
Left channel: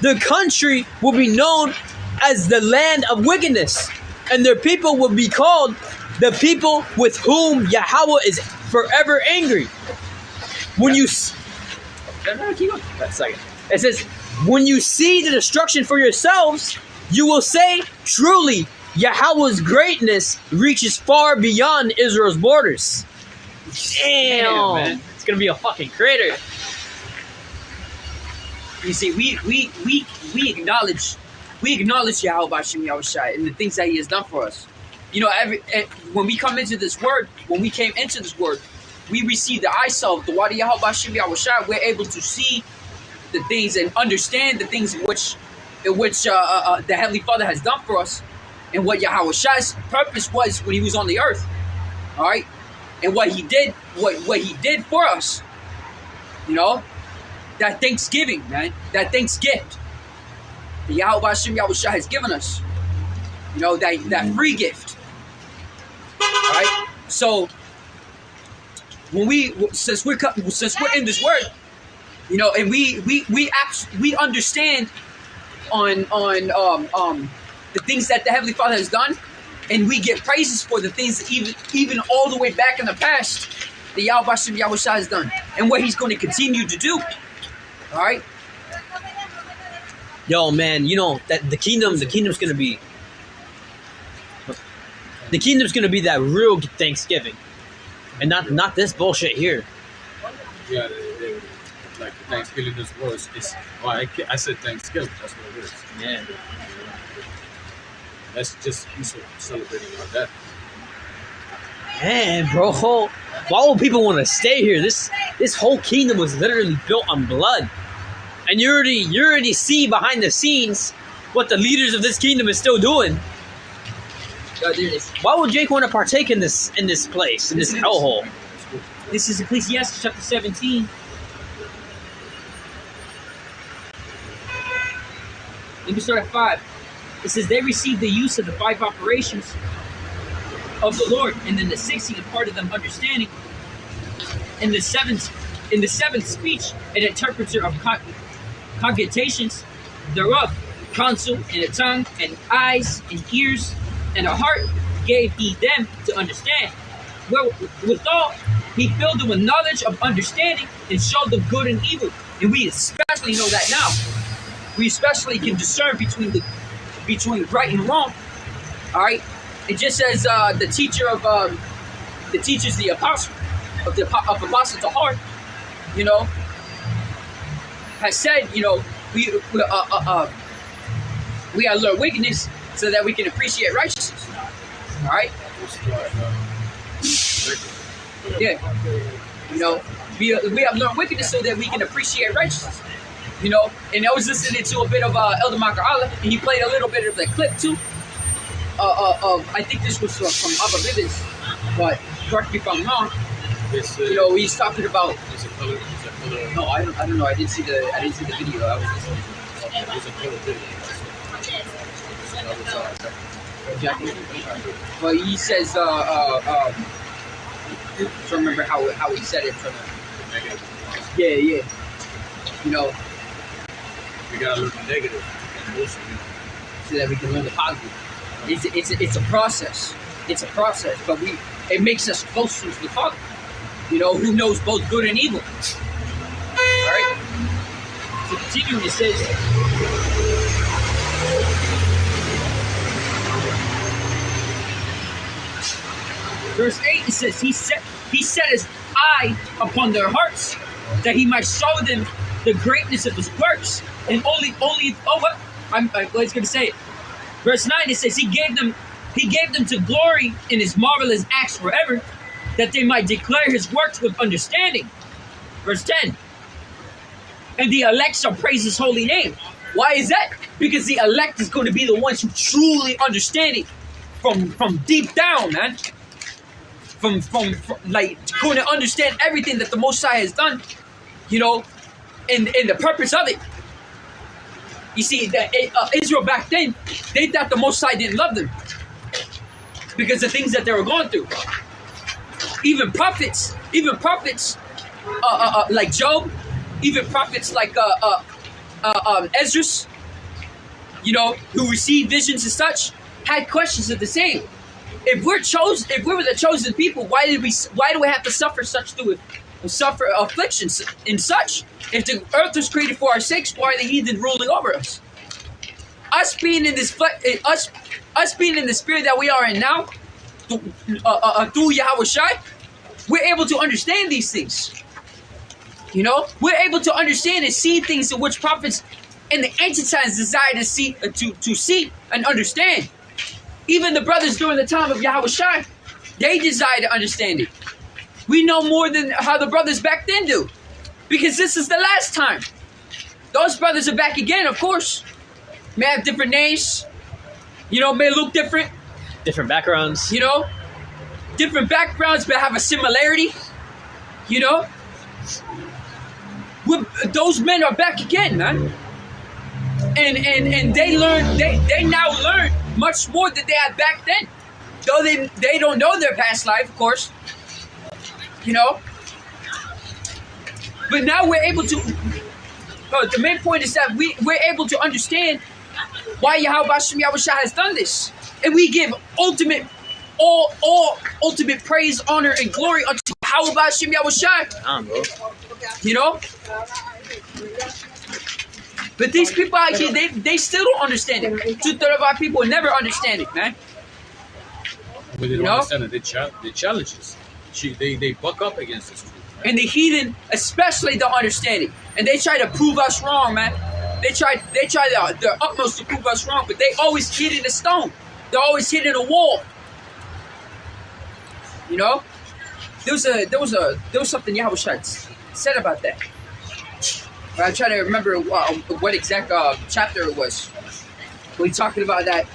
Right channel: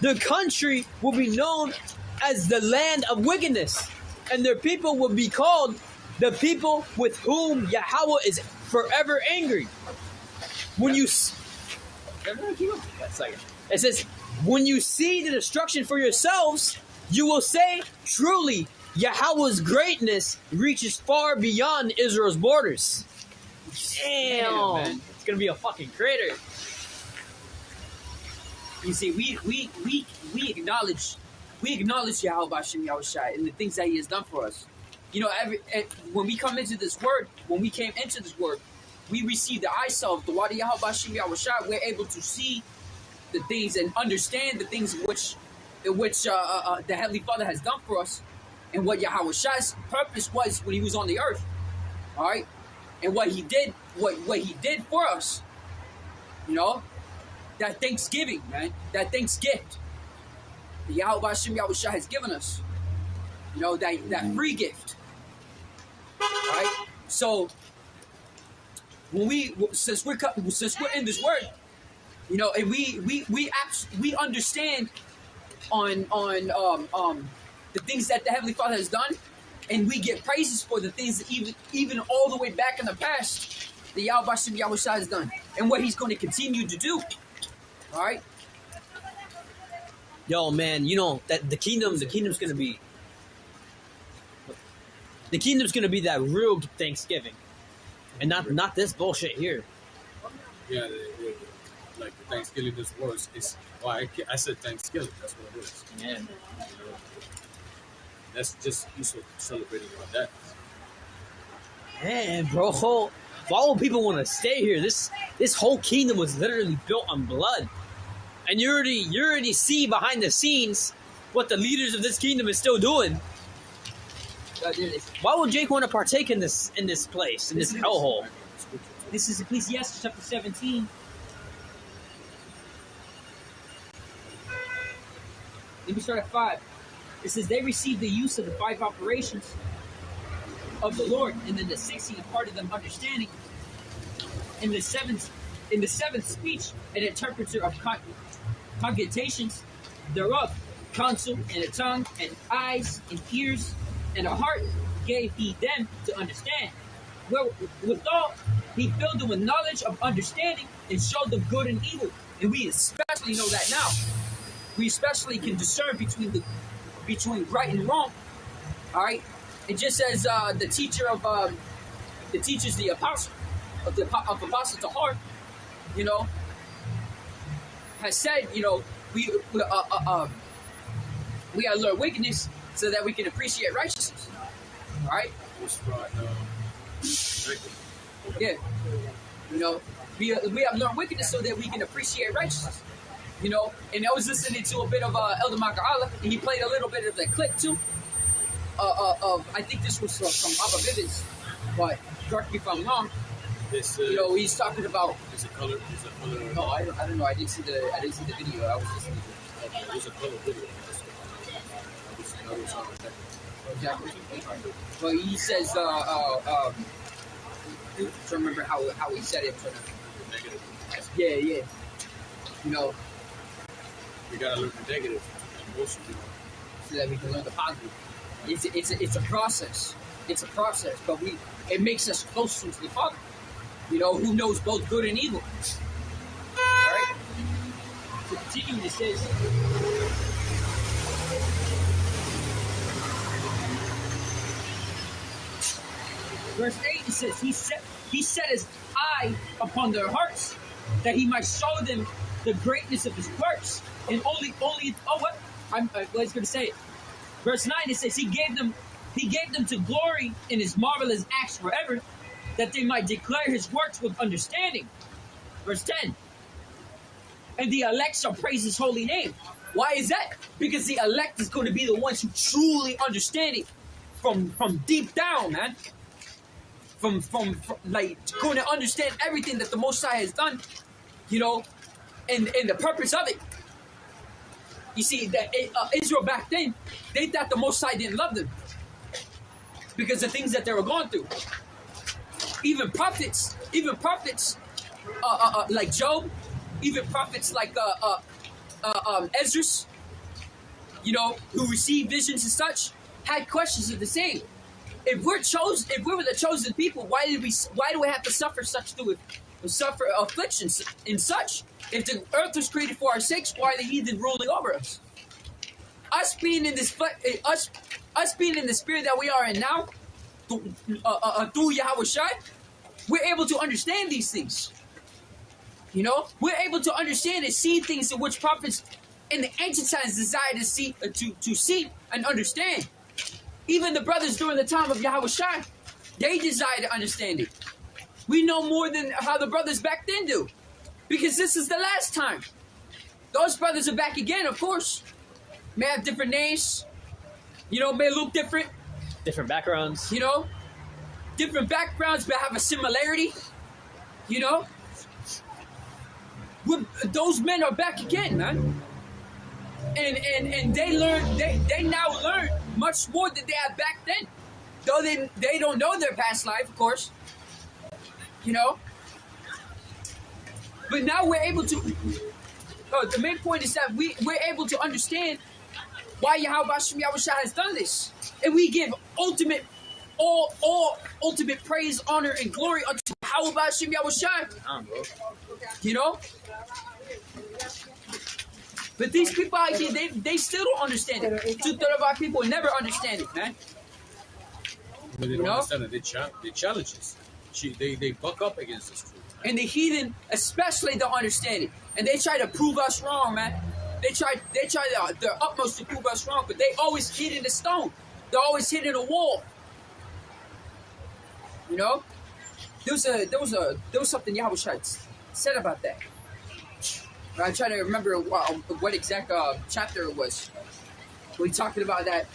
Their country will be known as the land of wickedness, and their people will be called the people with whom Yahawah is forever angry. When you... That's second. It says, when you see the destruction for yourselves, you will say, truly, Yahawah's greatness reaches far beyond Israel's borders. Damn, man. It's gonna be a fucking crater. You see, we acknowledge Yahawashi Yahawashi and the things that He has done for us. You know, when we come into this word, when we came into this word, we receive the eyeself, the Wadi Yahawashi Yahawashi. We're able to see the things and understand the things in which the Heavenly Father has done for us, and what Yahawashi's purpose was when He was on the earth. All right, and what He did, what He did for us. You know, that Thanksgiving, man, that thanks gift that Yahawashi has given us. You know, that free gift. All right, so when since we're in this word, you know, and we understand on the things that the Heavenly Father has done, and we give praises for the things that even all the way back in the past, the Yahawashi has done, and what He's going to continue to do. All right. Yo, man, you know that the kingdom's gonna be that real Thanksgiving, and not this bullshit here. Yeah, like Thanksgiving is worse. It's why I said Thanksgiving. That's what it is. Yeah. That's just celebrating our death. Man, bro, why would people want to stay here? This whole kingdom was literally built on blood, and you already see behind the scenes what the leaders of this kingdom is still doing. Why would Jake want to partake in this place, in this hellhole? This is Ecclesiastes chapter 17. Let me start at 5. It says, they received the use of the 5 operations of the Lord, and then the 6th he imparted them understanding. In the seventh speech, an interpreter of cogitations thereof, counsel, and a tongue, and eyes, and ears, and a heart gave he them to understand. Well, withal, he filled them with knowledge of understanding, and showed them good and evil. And we especially know that now. We especially can discern between right and wrong. All right. It just says the teacher's the apostle of apostle to heart. You know, has said, you know, we gotta learn wickedness so that we can appreciate righteousness. All right. Yeah. You know, we have learned wickedness so that we can appreciate righteousness. You know, and I was listening to a bit of Elder Maka'ala, and he played a little bit of the clip too. I think this was from Abba Bivens, but correct me if I'm wrong. You know, he's talking about. No, I don't know. I didn't see the video. I was listening. But he says, I don't remember how he said it. Yeah. You know. We gotta learn the negative, so that we can learn the positive. It's a process. It's a process, but it makes us closer to the Father. You know, who knows both good and evil. All right. So continuing, it says, verse 8. It says, He set His eye upon their hearts, that He might show them the greatness of His works. And only I was going to say it. Verse 9, it says, He gave them to glory in His marvelous acts forever, that they might declare His works with understanding. Verse 10, and the elect shall praise His holy name. Why is that? Because the elect is going to be the ones who truly understand it from deep down, man. From like going to understand everything that the Most High has done, you know, and the purpose of it. You see, Israel back then, they thought the Most High didn't love them because of things that they were going through. Even prophets like Job, even prophets like Ezra, you know, who received visions and such, had questions of the same. If we were the chosen people, why do we have to suffer afflictions and such? If the earth was created for our sakes, why are the heathen ruling over us? Us being in the spirit that we are in now, through Yahawashi, we're able to understand these things. You know, we're able to understand and see things in which prophets in the ancient times desire to see and understand. Even the brothers during the time of Yahawashi, they desire to understand it. We know more than how the brothers back then do, because this is the last time. Those brothers are back again, of course. May have different names, you know, may look different. Different backgrounds. You know, different backgrounds, but have a similarity. You know, those men are back again, man. And they now learn much more than they had back then. Though they don't know their past life, of course. You know, But now we're able to. The main point is that we're able to understand why Yahawashi has done this, and we give ultimate praise, honor, and glory unto Yahawashi. Bro. You know. But these people out here, they still don't understand it. 2/3 of our people never understand it, man. But they don't understand it. They challenge us. They buck up against us. And the heathen especially don't understand it. And they try to prove us wrong, man. They try their utmost to prove us wrong, but they always hit in a stone. They're always hitting a wall. You know? There was something Yahawashi said about that. But I'm trying to remember what exact chapter it was. We're talking about that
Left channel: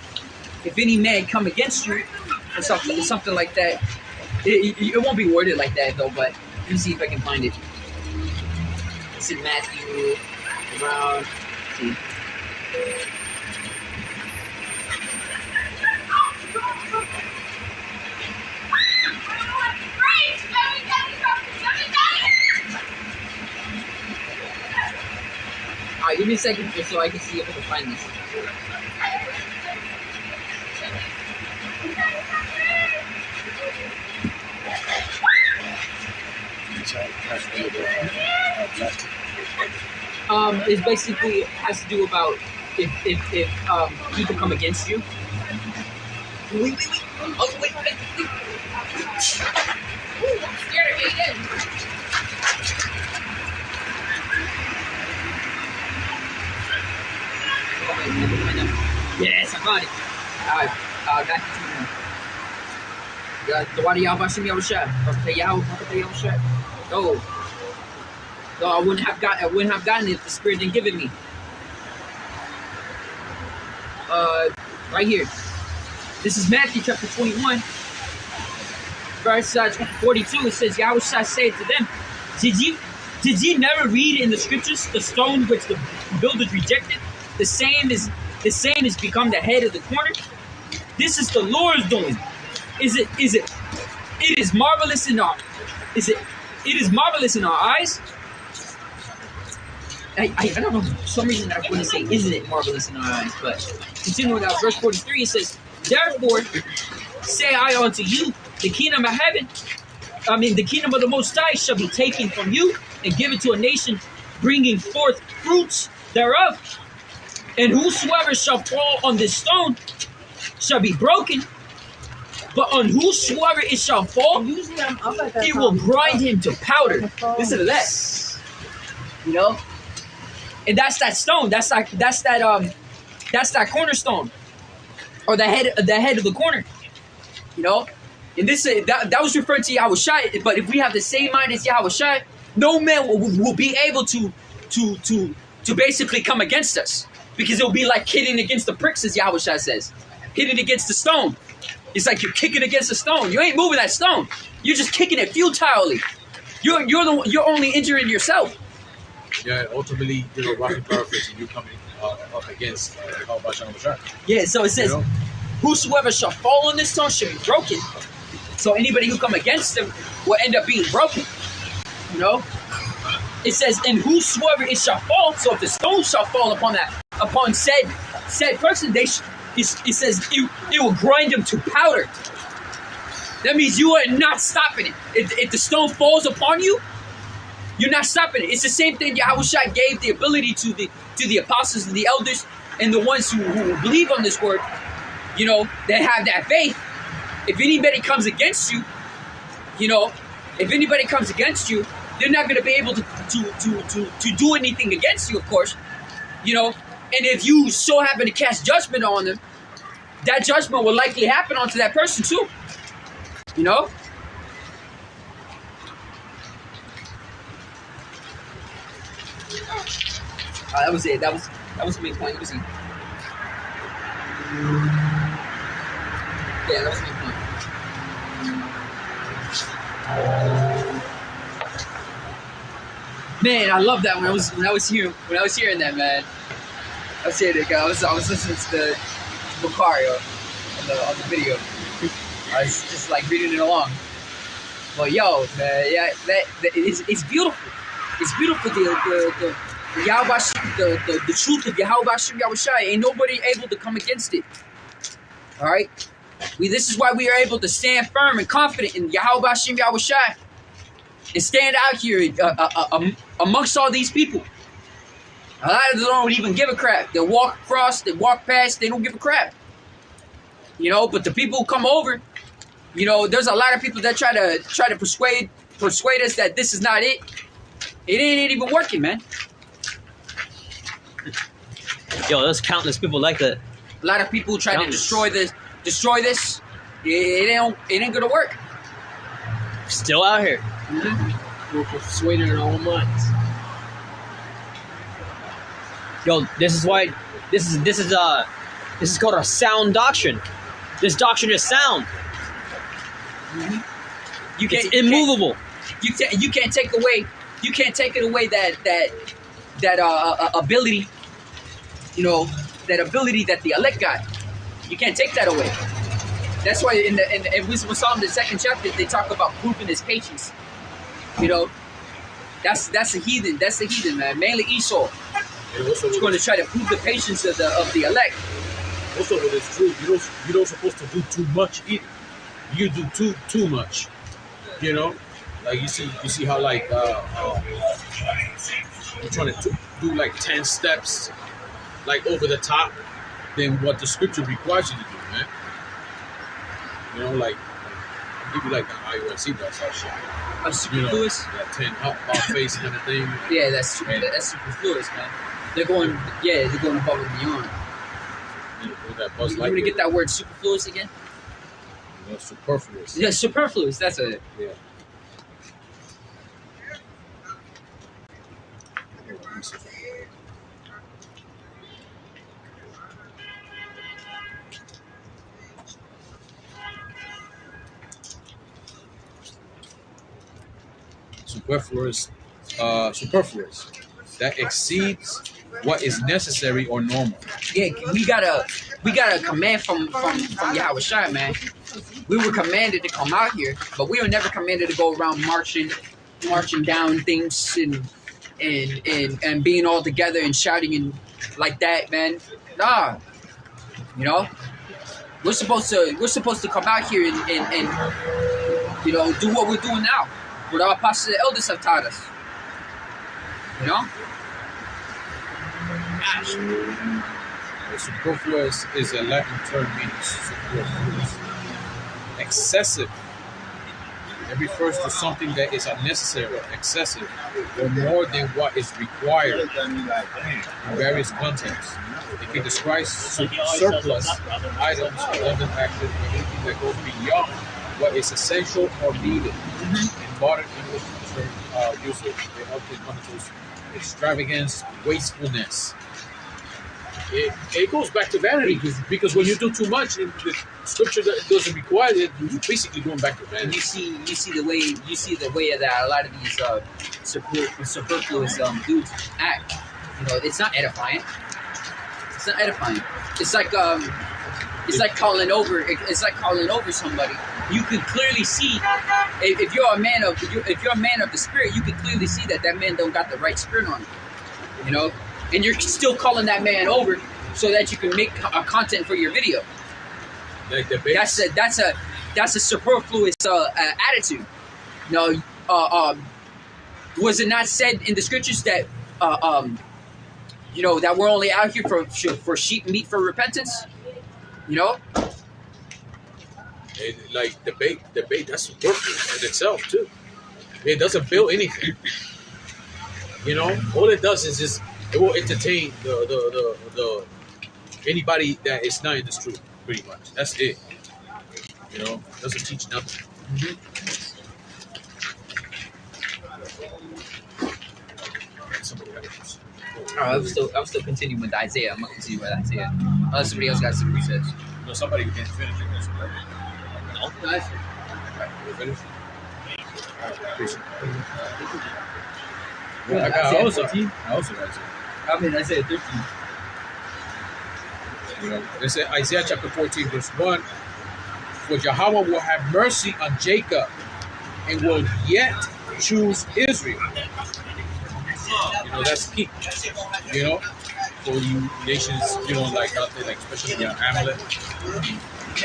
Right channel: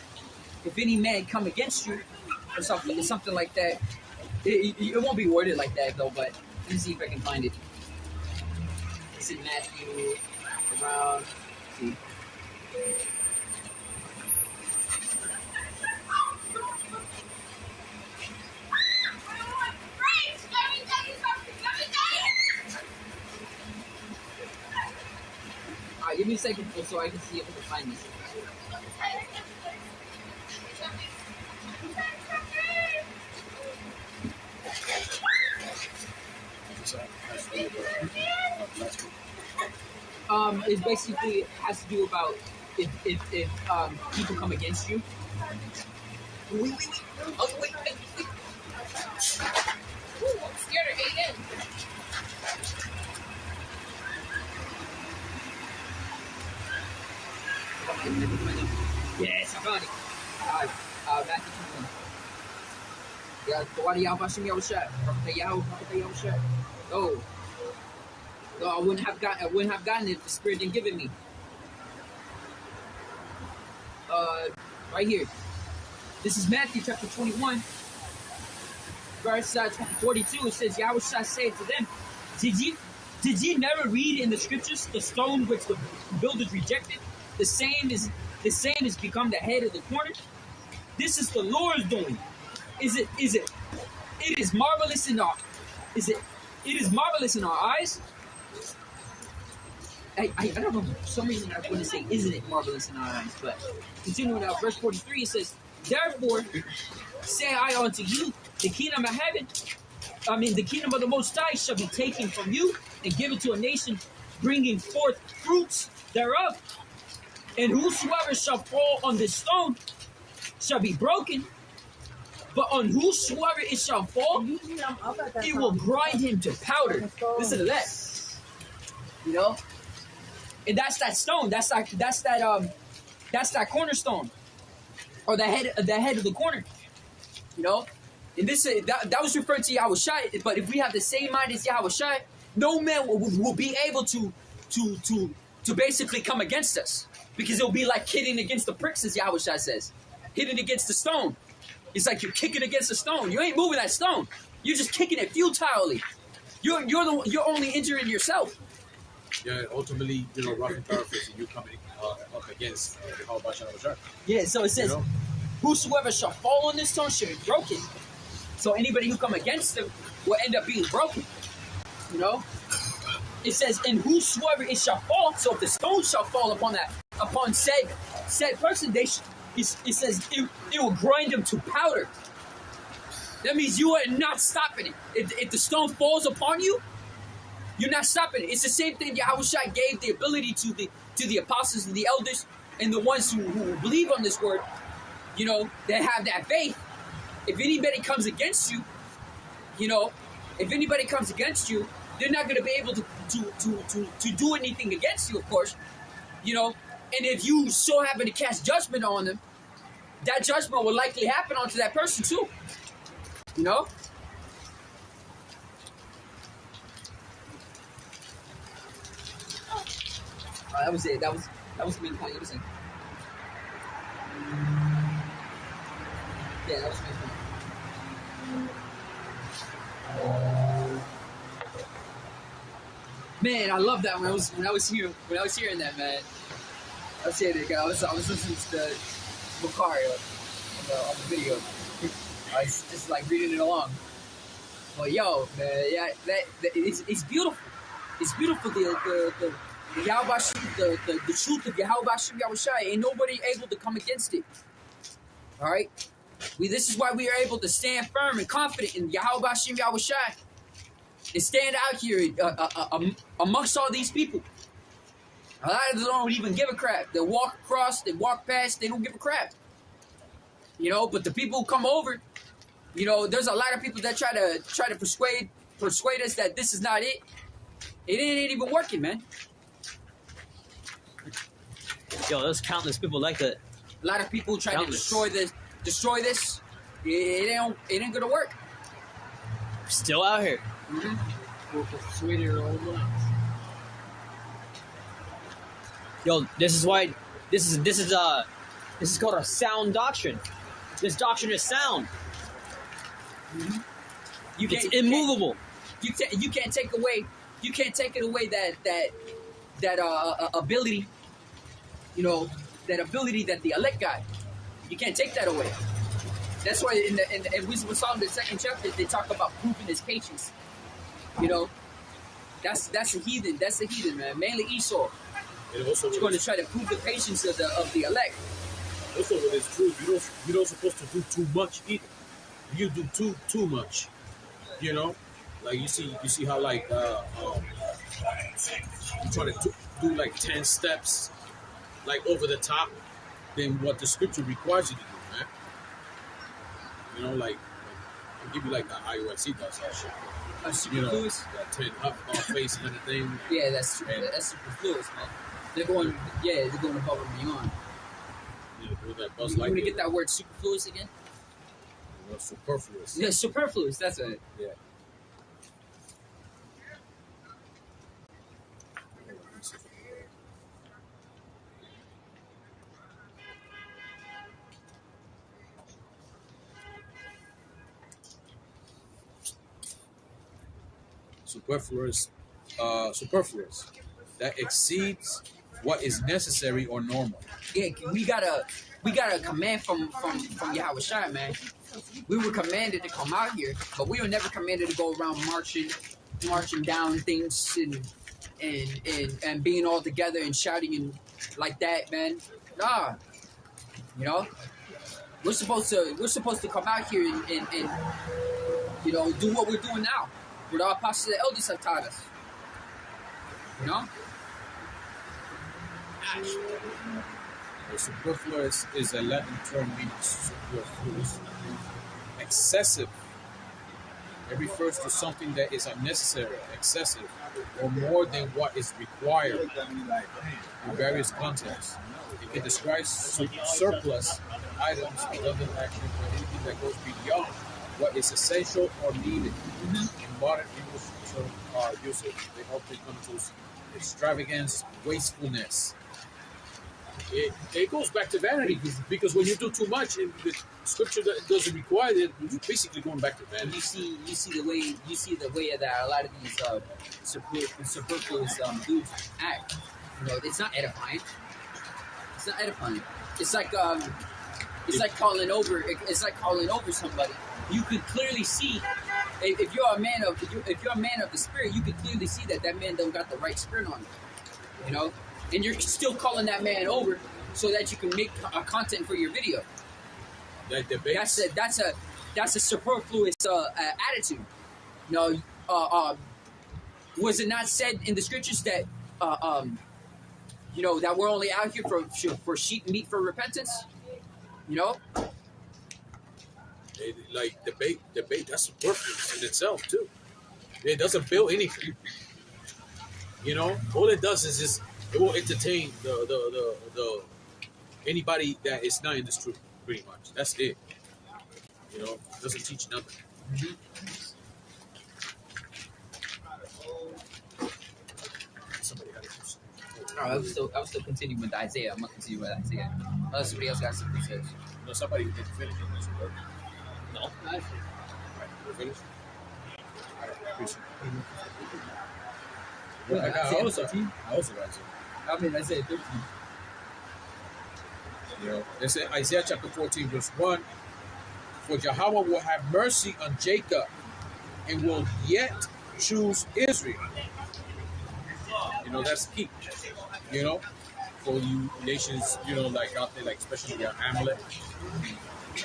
if any man come against you or something like that. It won't be worded like that though, but let me see if I can find it. It's in Matthew around. See. Alright, give me a second just so I can see if I can find this. It basically has to do about if people come against you. Wait. Oh, wait. Ooh, I'm scared of Aiden. Yes, I got it. Alright, back to the water Yahawashi. No, I wouldn't have gotten it if the Spirit didn't give it me. Right here. This is Matthew chapter 21, verse 42. It says, Yahawashi said to them, Did ye never read in the scriptures the stone which the builders rejected? The same is become the head of the corner. This is the Lord's doing. It is marvelous in our eyes. I don't know, for some reason I want to say, isn't it marvelous in our eyes? But continuing out, verse 43, it says, Therefore say I unto you, the kingdom of heaven, the kingdom of the Most High shall be taken from you and given to a nation, bringing forth fruits thereof. And whosoever shall fall on this stone shall be broken, but on whosoever it shall fall, it will grind him to powder. Listen to that. You know? And that's that stone. That's that cornerstone, or the head of the corner. You know, and this that was referred to Yahawashi. But if we have the same mind as Yahawashi, no man will be able to basically come against us, because it'll be like hitting against the pricks, as Yahawashi says, hitting against the stone. It's like you're kicking against a stone. You ain't moving that stone. You're just kicking it futilely. You're only injuring yourself. Yeah, ultimately, roughly paraphrasing, you coming up against Yahawashi. Yeah, so it says, whosoever shall fall on this stone shall be broken. So anybody who come against them will end up being broken. You know? It says, and whosoever it shall fall, so if the stone shall fall upon said person, it says it will grind them to powder. That means you are not stopping it. If the stone falls upon you, you're not stopping it. It's the same thing Yahawashi gave the ability to the apostles and the elders and the ones who believe on this word. You know, that have that faith. If anybody comes against you, they're not going to be able to do anything against you, of course. You know, and if you so happen to cast judgment on them, that judgment will likely happen onto that person too. You know? That was it. That was the main point. Let me see. Yeah, that was the main point. Man, I love that when I was hearing that, man. I was hearing it. I was listening to the Bukhari on the video. I was just like reading it along. Well, yo, man, yeah, it's beautiful. It's beautiful. The Yahawashi, the truth of Yahawashi Yahawashi, ain't nobody able to come against it. All right. This is why we are able to stand firm and confident in Yahawashi Yahawashi and stand out here amongst all these people. A lot of them don't even give a crap. They walk across, they walk past, they don't give a crap. You know, but the people who come over, you know, there's a lot of people that try to persuade us that this is not it. It ain't even working, man. Yo, there's countless people like that. A lot of people try to destroy this. It ain't gonna work. Still out here. We're persuaded in our own minds. Yo, this is why this is called a sound doctrine. This doctrine is sound. It's immovable. You can't take it away that ability. You know, that ability that the elect got. You can't take that away. That's why in Wisdom of Solomon, the 2nd chapter, they talk about proving his patience. You know, that's a heathen. That's a heathen, man. Mainly Esau. It's going to try to prove the patience of the elect. Also, when it's true, you don't supposed to do too much either. You do too much. You know, like you see how like you're trying to do like 10 steps, like over the top, than what the scripture requires you to do, man. You know, like I'll give you like the IUSC bus or shit. Superfluous? That 10 up face kind of thing. Yeah, that's superfluous, man. They're going above and beyond. You want to get that word superfluous again? No, superfluous. Yeah, superfluous. That's it. Yeah. Superfluous. That exceeds what is necessary or normal. Yeah, we got a command from Yahawashi, man. We were commanded to come out here, but we were never commanded to go around marching down things and being all together and shouting and like that, man. Nah, you know, we're supposed to come out here and you know, do what we're doing now, what our apostles and elders have taught us. You know. The superfluous is a Latin term meaning superfluous. Excessive. It refers to something that is unnecessary, excessive, or more than what is required in various contexts. It can describe surplus items, abundant active, everything that goes beyond what is essential or needed. In modern English usage, it often connotes extravagance, wastefulness. It goes back to vanity because when you do too much, in the scripture that doesn't require it, you're basically going back to vanity. You see the way that a lot of these superfluous dudes act. You know, it's not edifying. It's not edifying. It's like calling over. It's like calling over somebody. You can clearly see if you're a man of the spirit. You can clearly see that man don't got the right spirit on him. You know. And you're still calling that man over so that you can make a content for your video. Like the that's a superfluous attitude. You know, was it not said in the scriptures that you know, that we're only out here for sheep meat for repentance? You know. Like debate, that's superfluous in itself too. It doesn't build anything. You know, all it does is just. It will entertain the anybody that is not in this truth, pretty much. That's it. You know, doesn't teach nothing. I'm still continuing with Isaiah. I'm gonna continue with Isaiah. Unless somebody else got some resets. No, somebody can finish it. No, that's it. Finish. Well, I got also got I'm in Isaiah 13. You know, it said Isaiah chapter 14, verse 1. For Yahawah will have mercy on Jacob and will yet choose Israel. that's key. You know, for you nations, like out there, like especially Amalek.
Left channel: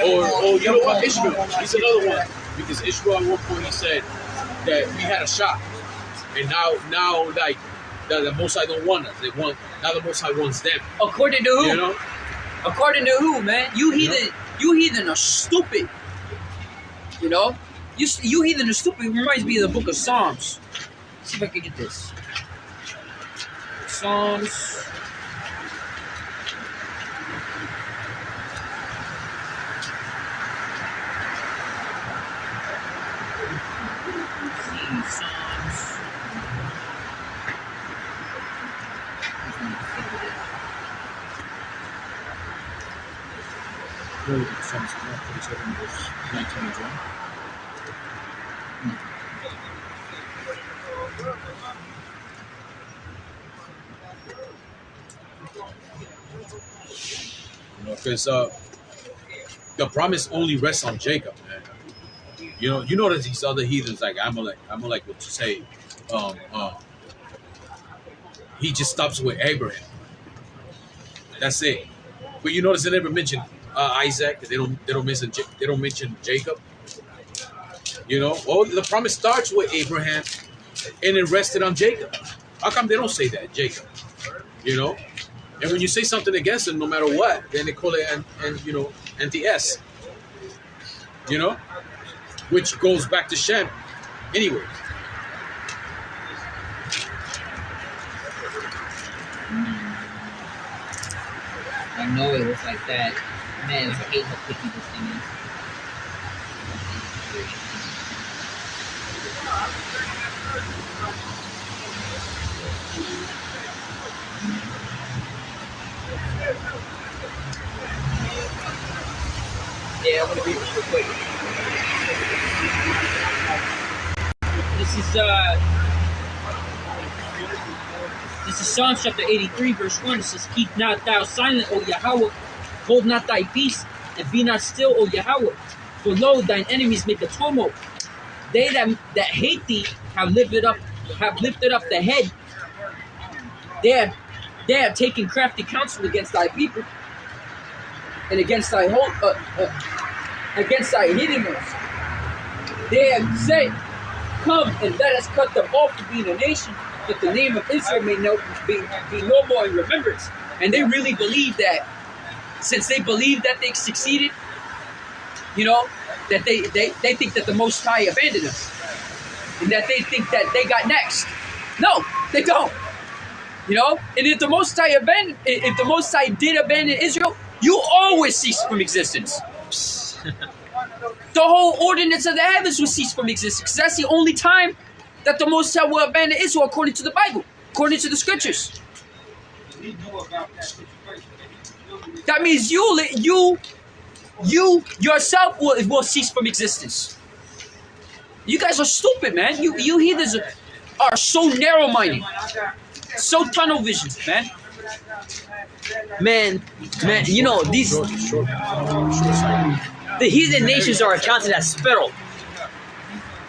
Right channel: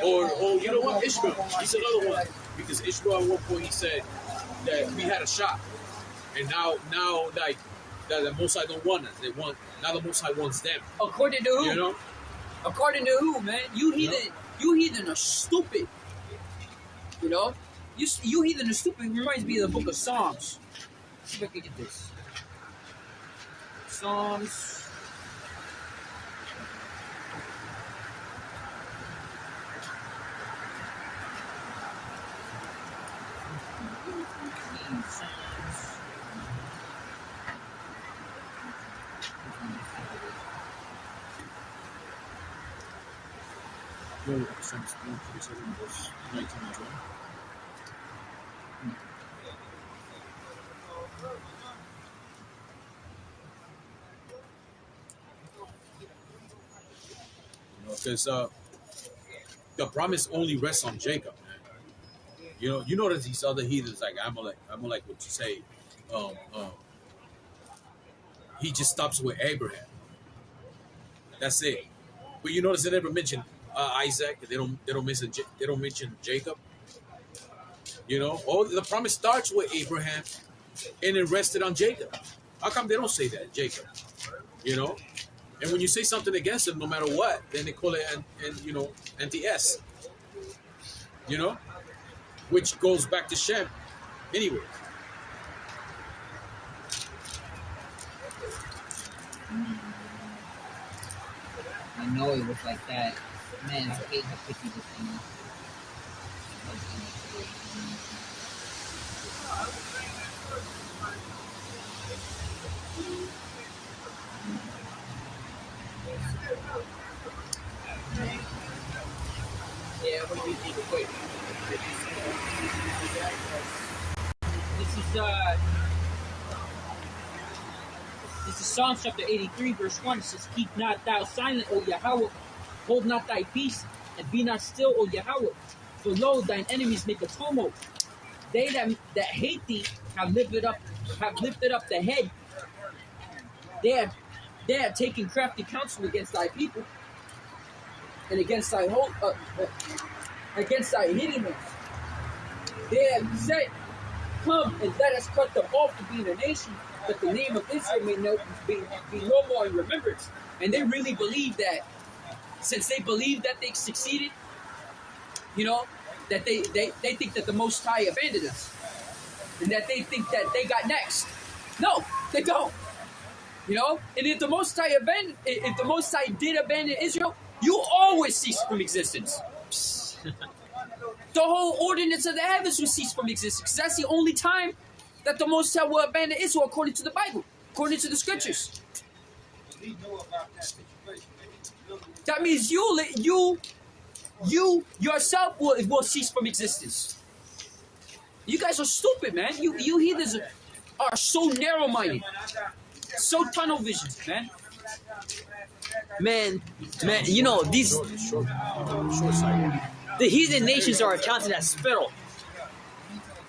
Or you know what, Ishmael. He's another one because Ishmael at one point he said that we had a shot, and now like the Most High don't want us. They want now the Most High wants them. According to who? You know, according to who, man? You heathen are stupid. You know, you heathen are stupid. It reminds me of the book of Psalms. Let's see if I can get this. Psalms. Psalms 147 verse 19 and 20. Because the promise only rests on Jacob, man. You know that these other heathens like Amalek would say, he just stops with Abraham. That's it. But you notice they never mention Isaac. They don't mention Jacob. Well, the promise starts with Abraham, and it rested on Jacob. How come they don't say that, Jacob? And when you say something against them, no matter what, then they call it anti-S. Which goes back to Shem, anyway. I know it was like that. Man, I hate how picky this thing is. Yeah, I'm gonna be real quick. This is Psalms chapter 83, verse 1. It says, "Keep not thou silent, O Yahawah, hold not thy peace, and be not still, O Yahawah. For lo, thine enemies make a tumult. They that hate thee have lifted up the head. They have taken crafty counsel against thy people, and against thy hiddenness. They have said, Come and let us cut them off to being a nation, that the name of Israel may be no more in remembrance." And they really believe that, since they believe that they succeeded, that they think that the Most High abandoned us, and that they think that they got next. No, they don't. And if the Most High did abandon Israel, you always cease from existence. The whole ordinance of the heavens will cease from existence, because that's the only time that the Most High will abandon Israel, according to the Bible, according to the scriptures. That means you yourself will cease from existence. You guys are stupid, man. You heathens are so narrow-minded, so tunnel vision, man. Man, these the heathen nations are accounted as spittle.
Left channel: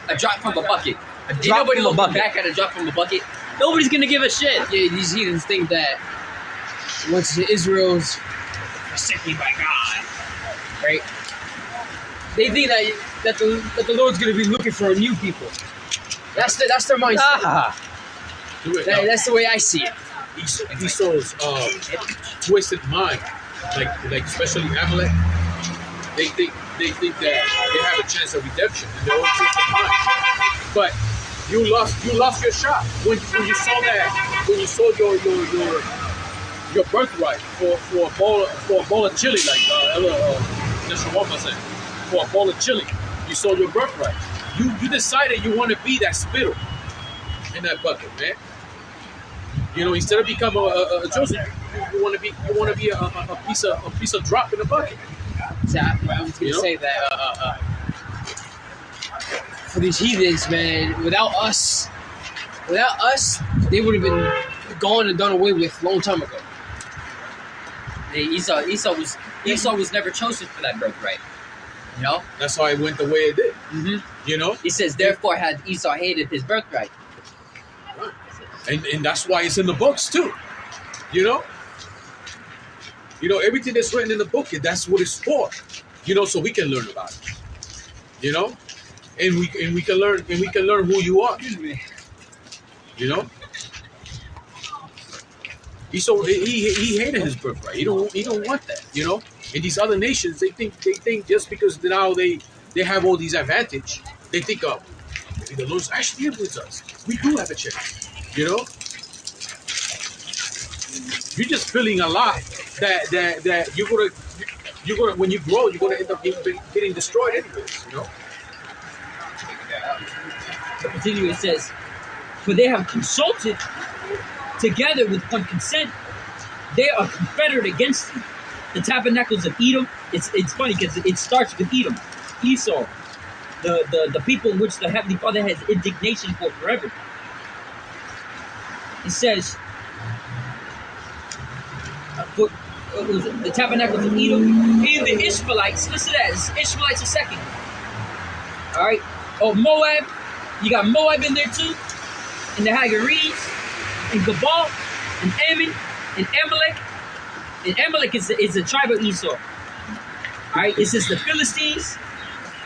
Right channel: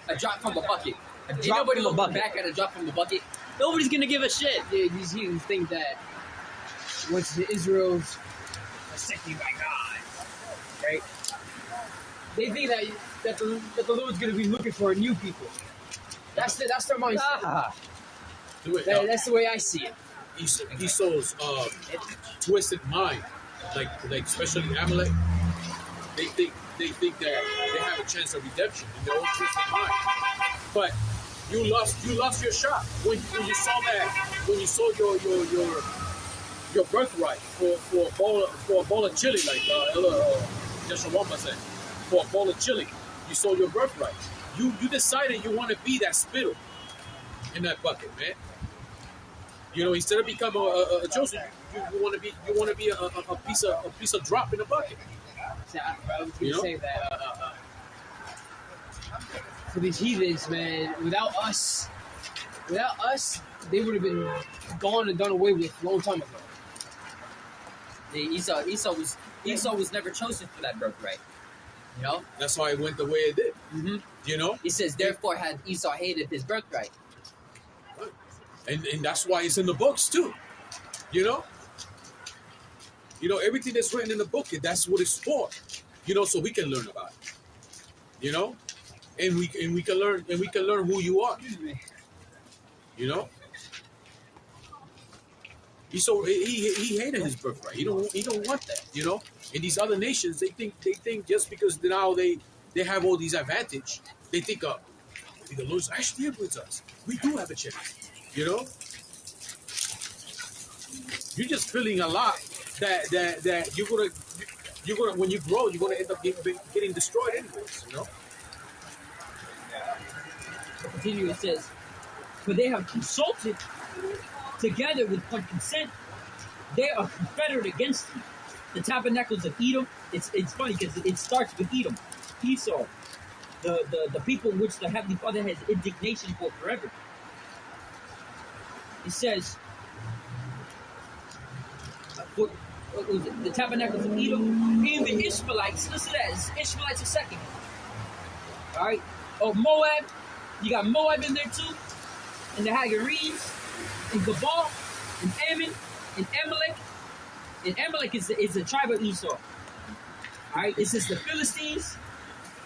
A drop from a bucket. Ain't nobody looking bucket. back at a drop from a bucket. Nobody's gonna give a shit. Yeah, these heathens think that once Israel's forsaken by God, right? They think that the Lord's gonna be looking for a new people. That's their mindset. Ah. That's the way I see it. Esau's twisted mind, like especially Amalek, they think that they have a chance of redemption, and they're all twisted mind. But you lost your shot when you saw that, when you saw your birthright for a bowl of chili, like Yahawashi said, for a bowl of chili, you saw your birthright. You decided you want to be that spittle in that bucket, man. Instead of becoming a Joseph, you want to be a piece of drop in the bucket. So I was gonna say that for these heathens, man, without us, they would have been gone and done away with a long time ago. Hey, Esau was never chosen for that birthright. That's why it went the way it did. Mm-hmm. He says, therefore had Esau hated his birthright. And that's why it's in the books too. You know? Everything that's written in the book, that's what it's for. So we can learn about it. And we can learn who you are. Excuse me. He hated his birthright. He don't want that. And these other nations, they think just because now they have all these advantage, they think maybe the Lord's actually with us. We do have a chance. You're just feeling a lot that you're gonna when you grow, you're gonna end up getting destroyed anyways. Continue, it says, for they have consulted together with one consent, they are confederate against you. The tabernacles of Edom, it's funny because it starts with Edom, Esau, the people in which the Heavenly Father has indignation for forever. It says, the tabernacles of Edom and the Ishmaelites. Listen to that. Ishmaelites are second. All right. Oh, Moab. You got Moab in there too, and the Hagarenes, and Gabal, and Ammon, and Amalek. And Amalek is a tribe of Esau. All right. It says the Philistines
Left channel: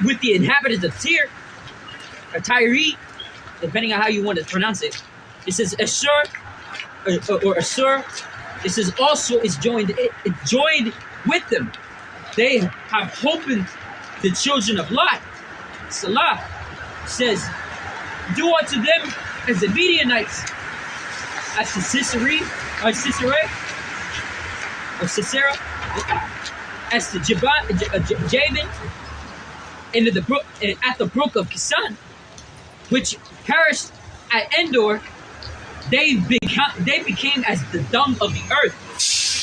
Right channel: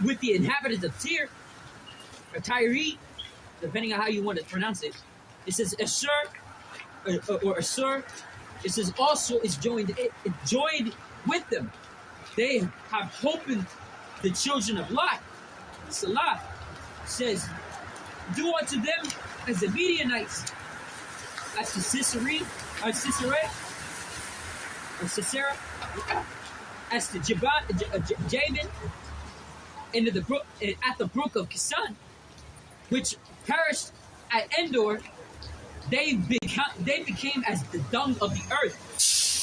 with the inhabitants of Tyre, or Tyre, depending on how you want to pronounce it. It says Ashur, or Assur. It says also is joined with them. They have opened the children of Lot. Salah says, do unto them as the Midianites, as the Sisera, as the Jabin, and the brook at the brook of Kisan, which perished at Endor. They became as the dung of the earth.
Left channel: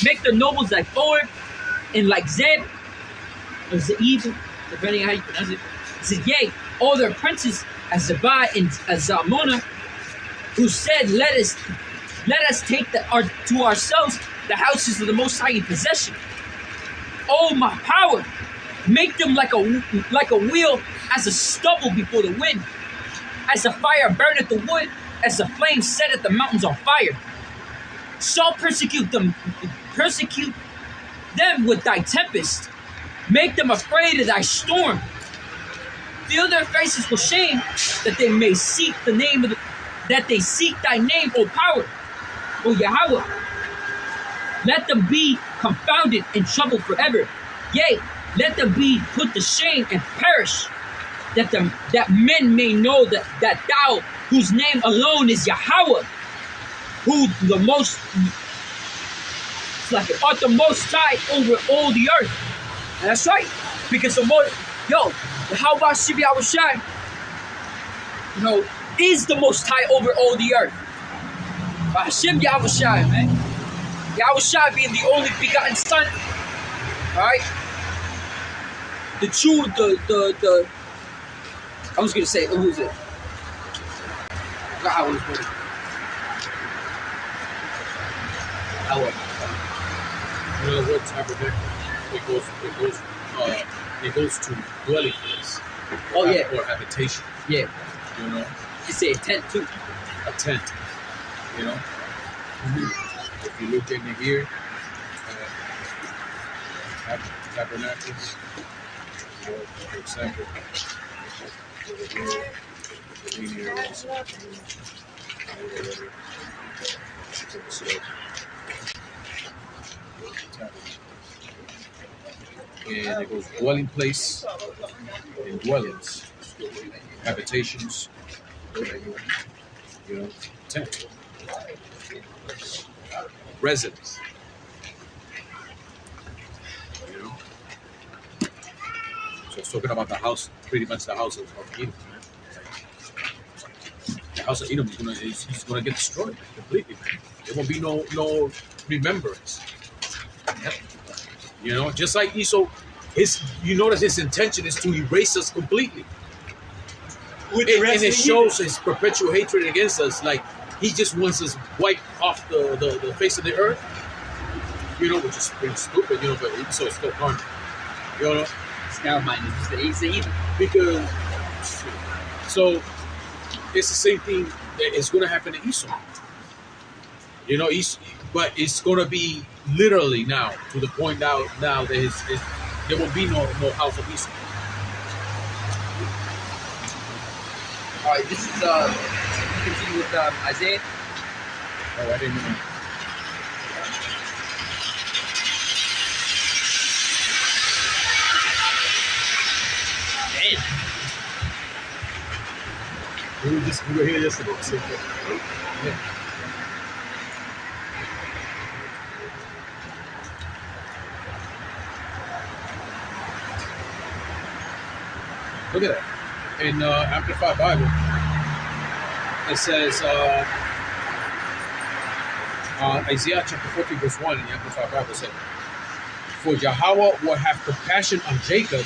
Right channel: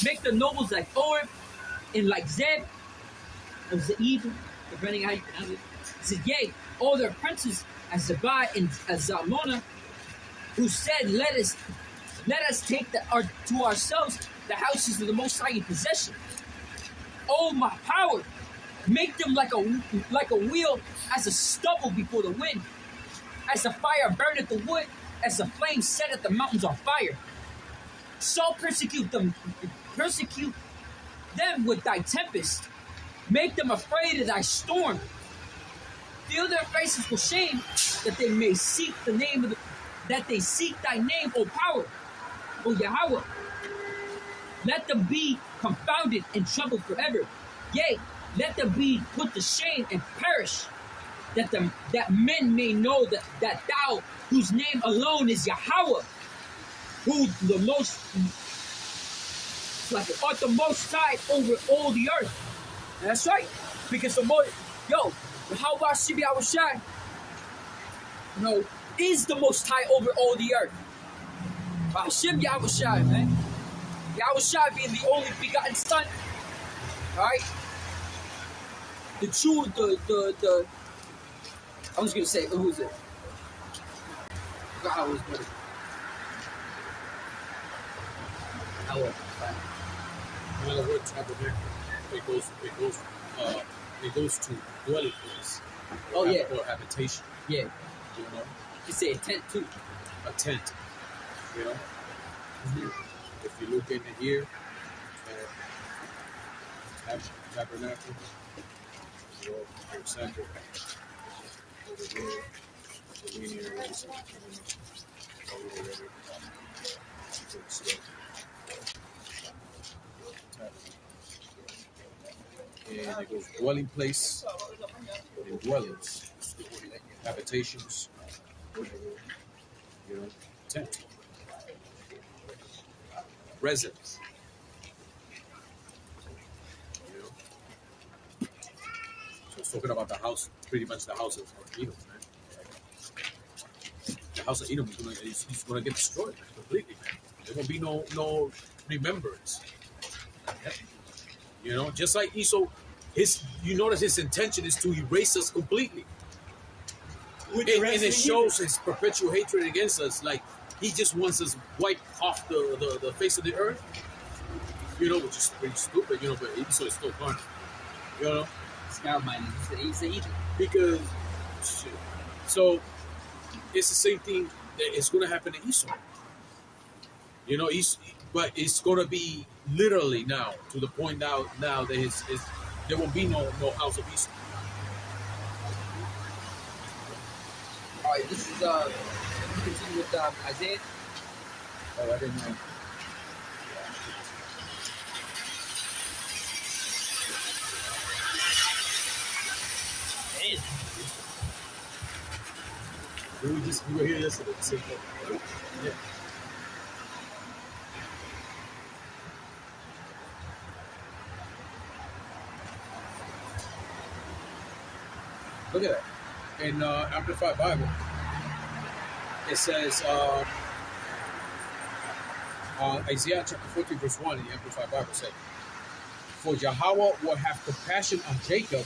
Make their nobles like Oreb and like Zeb, or Zeeb, depending on how you pronounce it. It said, yea, all their princes as Zabai and as Zalmunna, who said, let us take to ourselves the houses of the Most High in possession. Oh, my power, make them like a wheel, as a stubble before the wind, as the fire burneth the wood, as the flame setteth the mountains on fire. So persecute them with thy tempest. Make them afraid of thy storm. Fill their faces with shame, that they may seek thy name, O power, O Yahawah. Let them be confounded and troubled forever. Yea, let them be put to shame and perish, that men may know that thou, whose name alone is Yahawah, who the most, art the most high over all the earth. And that's right, because the most, Yahawashi, is the most high over all the earth. Bahasham Yahawashi, man. Yahawashi being the only begotten son. Alright? The true, I was gonna say, who is it? I was going to. The word tabernacle, it goes to dwelling place. Oh yeah. Or habitation. Yeah. You say a tent too. A tent. If you look in here, tabernacles, for example. And it goes dwelling place and dwellings, habitations, tent, residence. So it's talking about the house, pretty much the house of Edom. The house of Edom he's gonna get destroyed completely, man. There won't be no remembrance. Just like Esau, you notice his intention is to erase us completely. And it shows his perpetual hatred against us. Like he just wants us wiped off the face of the earth. Which is pretty stupid, but Esau is still harmful. It's narrow-minded. It's the evil. Because so it's the same thing that is going to happen to Esau. You know, but it's gonna be literally now to the point now that there will be no house of Esau. All right, this is continue with Isaiah. Oh, I didn't know. Damn. We were here yesterday. So, yeah. Look at that. In Amplified Bible, it says, Isaiah chapter 14, verse 1 in the Amplified Bible said, "For Yahawah will have compassion on Jacob,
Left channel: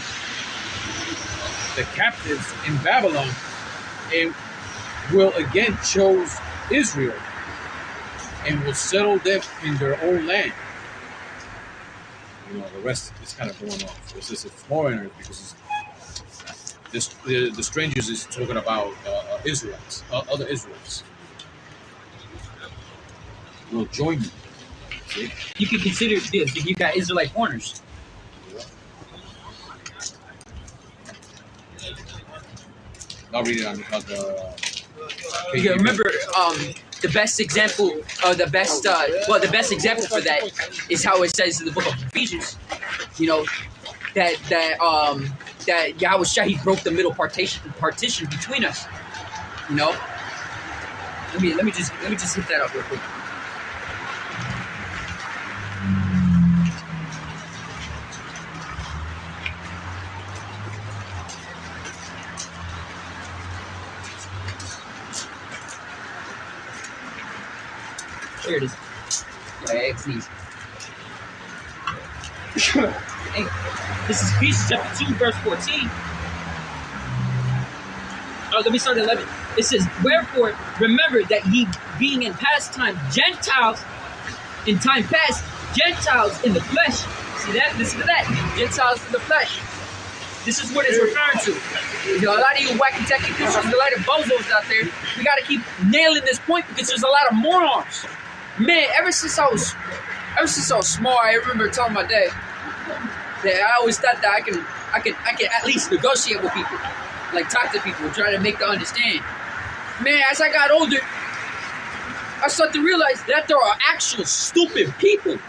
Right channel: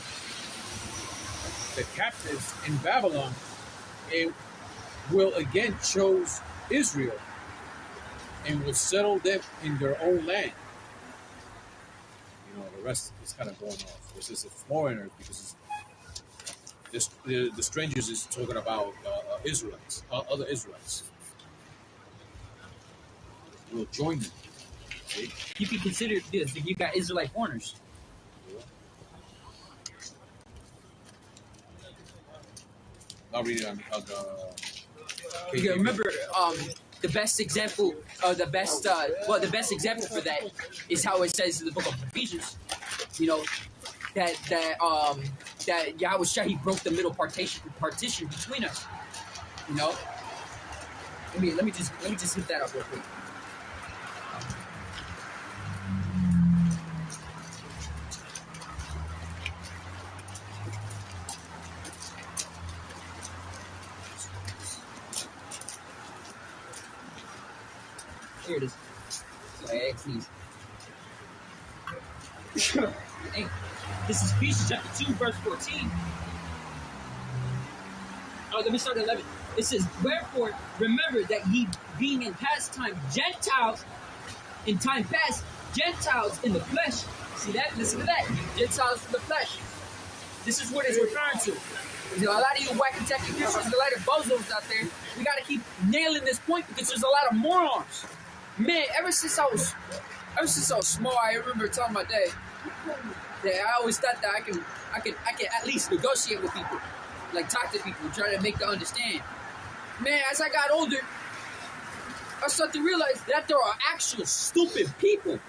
the captives in Babylon, and will again choose Israel, and will settle them in their own land." You know, the rest is kind of going off. This is foreigners because the strangers is talking about Israelites, other Israelites. Will join you. See? You can consider this. You got Israelite foreigners. I'll read it on the You remember the best example, the best example for that is how it says in the book of Ephesians. You know that Yahawashi, he broke the middle partition between us. You know. Let me just hit that up real quick. There it is. Yeah, please. Hey, this is Ephesians chapter 2, verse 14. Oh, let me start at 11. It says, "Wherefore, remember that ye being in past time Gentiles, in time past, Gentiles in the flesh." See that? Listen to that. Gentiles in the flesh. This is what it's referring to. You know, a lot of you wacky tacky Christians, a lot of bozos out there, we got to keep nailing this point because there's a lot of morons. Man, ever since I was small, I remember telling my dad that I always thought that I can at least negotiate with people, like talk to people, try to make them understand. Man, as I got older, I started to realize that there are actual stupid people.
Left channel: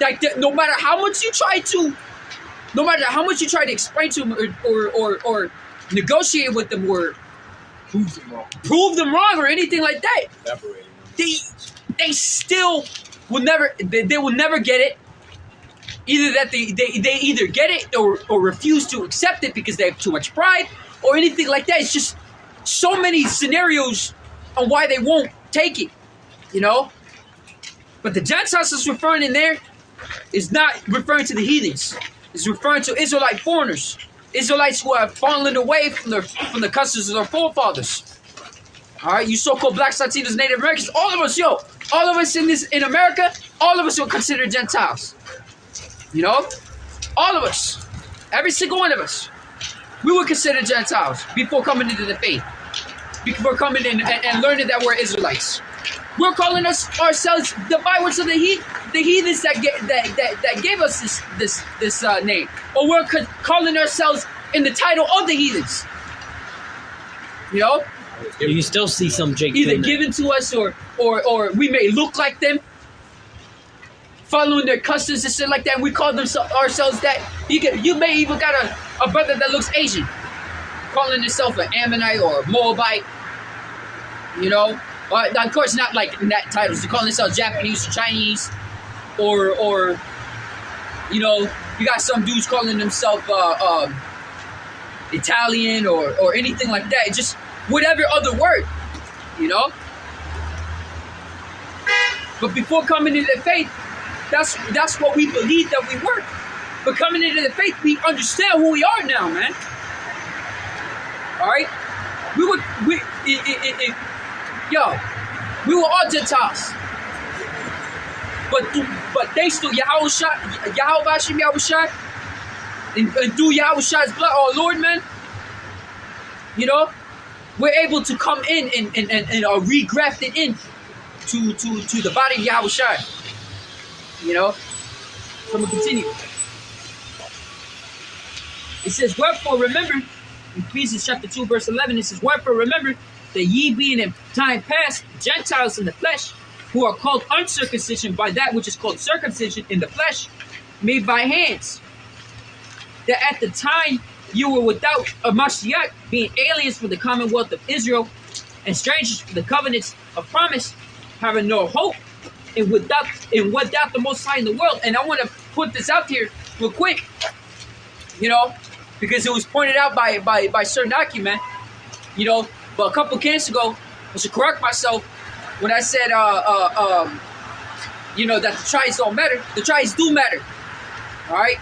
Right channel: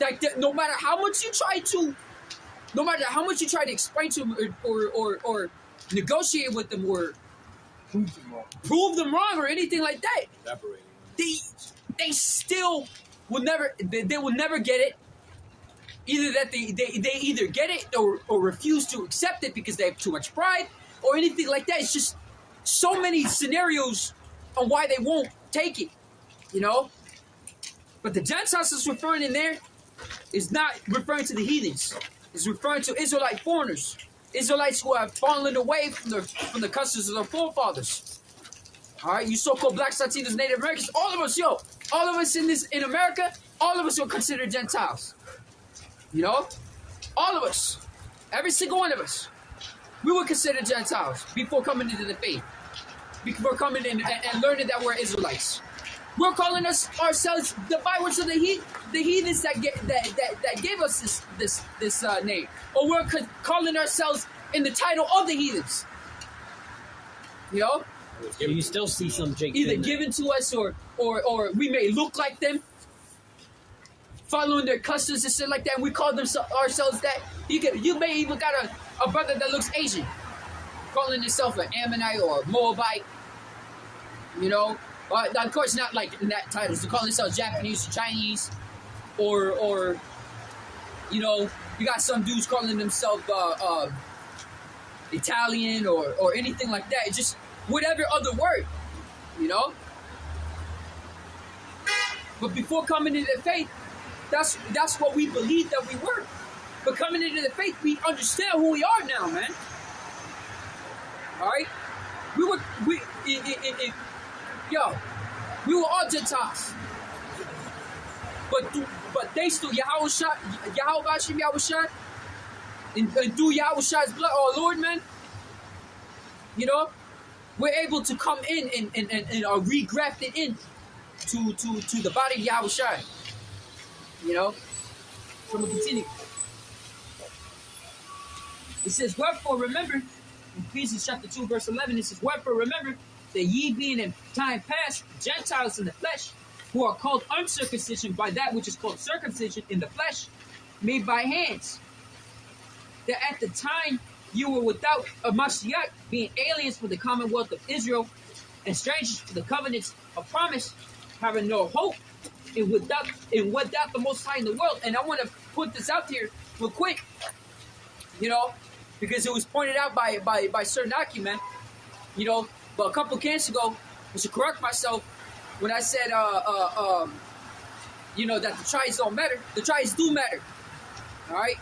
Like that, no matter how much you try to explain to them or negotiate with them or prove them wrong or anything like that, they still will never get it. Either that they either get it or refuse to accept it because they have too much pride or anything like that. It's just so many scenarios on why they won't take it, you know. But the Gentiles is referring in there is not referring to the heathens. It's referring to Israelite foreigners, Israelites who have fallen away from the customs of their forefathers. All right, you so-called blacks, Latinos, Native Americans, all of us in America, all of us are considered Gentiles. You know, all of us, every single one of us, we were considered Gentiles before coming into the faith, before coming in and learning that we're Israelites. We're calling ourselves the bywords of the heathens that gave us this name, or we're calling ourselves in the title of the heathens. You know, You still see some Jake either given to us or we may look like them, following their customs and shit like that. And we call ourselves that. You may even got a brother that looks Asian, calling himself an Ammonite or Moabite. You know, of course not like in that titles. They call themselves Japanese or Chinese, or you know, you got some dudes calling themselves Italian or anything like that. It's just whatever other word, you know. But before coming into the faith, that's what we believed that we were. But coming into the faith, we understand who we are now, man. All right, we were all Gentiles, but they still Yahawashi, and through Yahawashi's blood, our Lord, man. You know, we're able to come in and are regrafted in to the body of Yahawashi. You know? So I'm gonna continue. It says, wherefore remember, in Ephesians chapter 2, verse 11, it says, wherefore remember that ye being in time past Gentiles in the flesh, who are called uncircumcision by that which is called circumcision in the flesh, made by hands, that at the time you were without a Mashiach, being aliens from the commonwealth of Israel, and strangers from the covenants of promise, having no hope, and without the Most High in the world. And I want to put this out here real quick, you know, because it was pointed out by Sir Naki, man, you know. But a couple camps ago, I should correct myself when I said, you know, that the tribes don't matter. The tribes do matter, all right.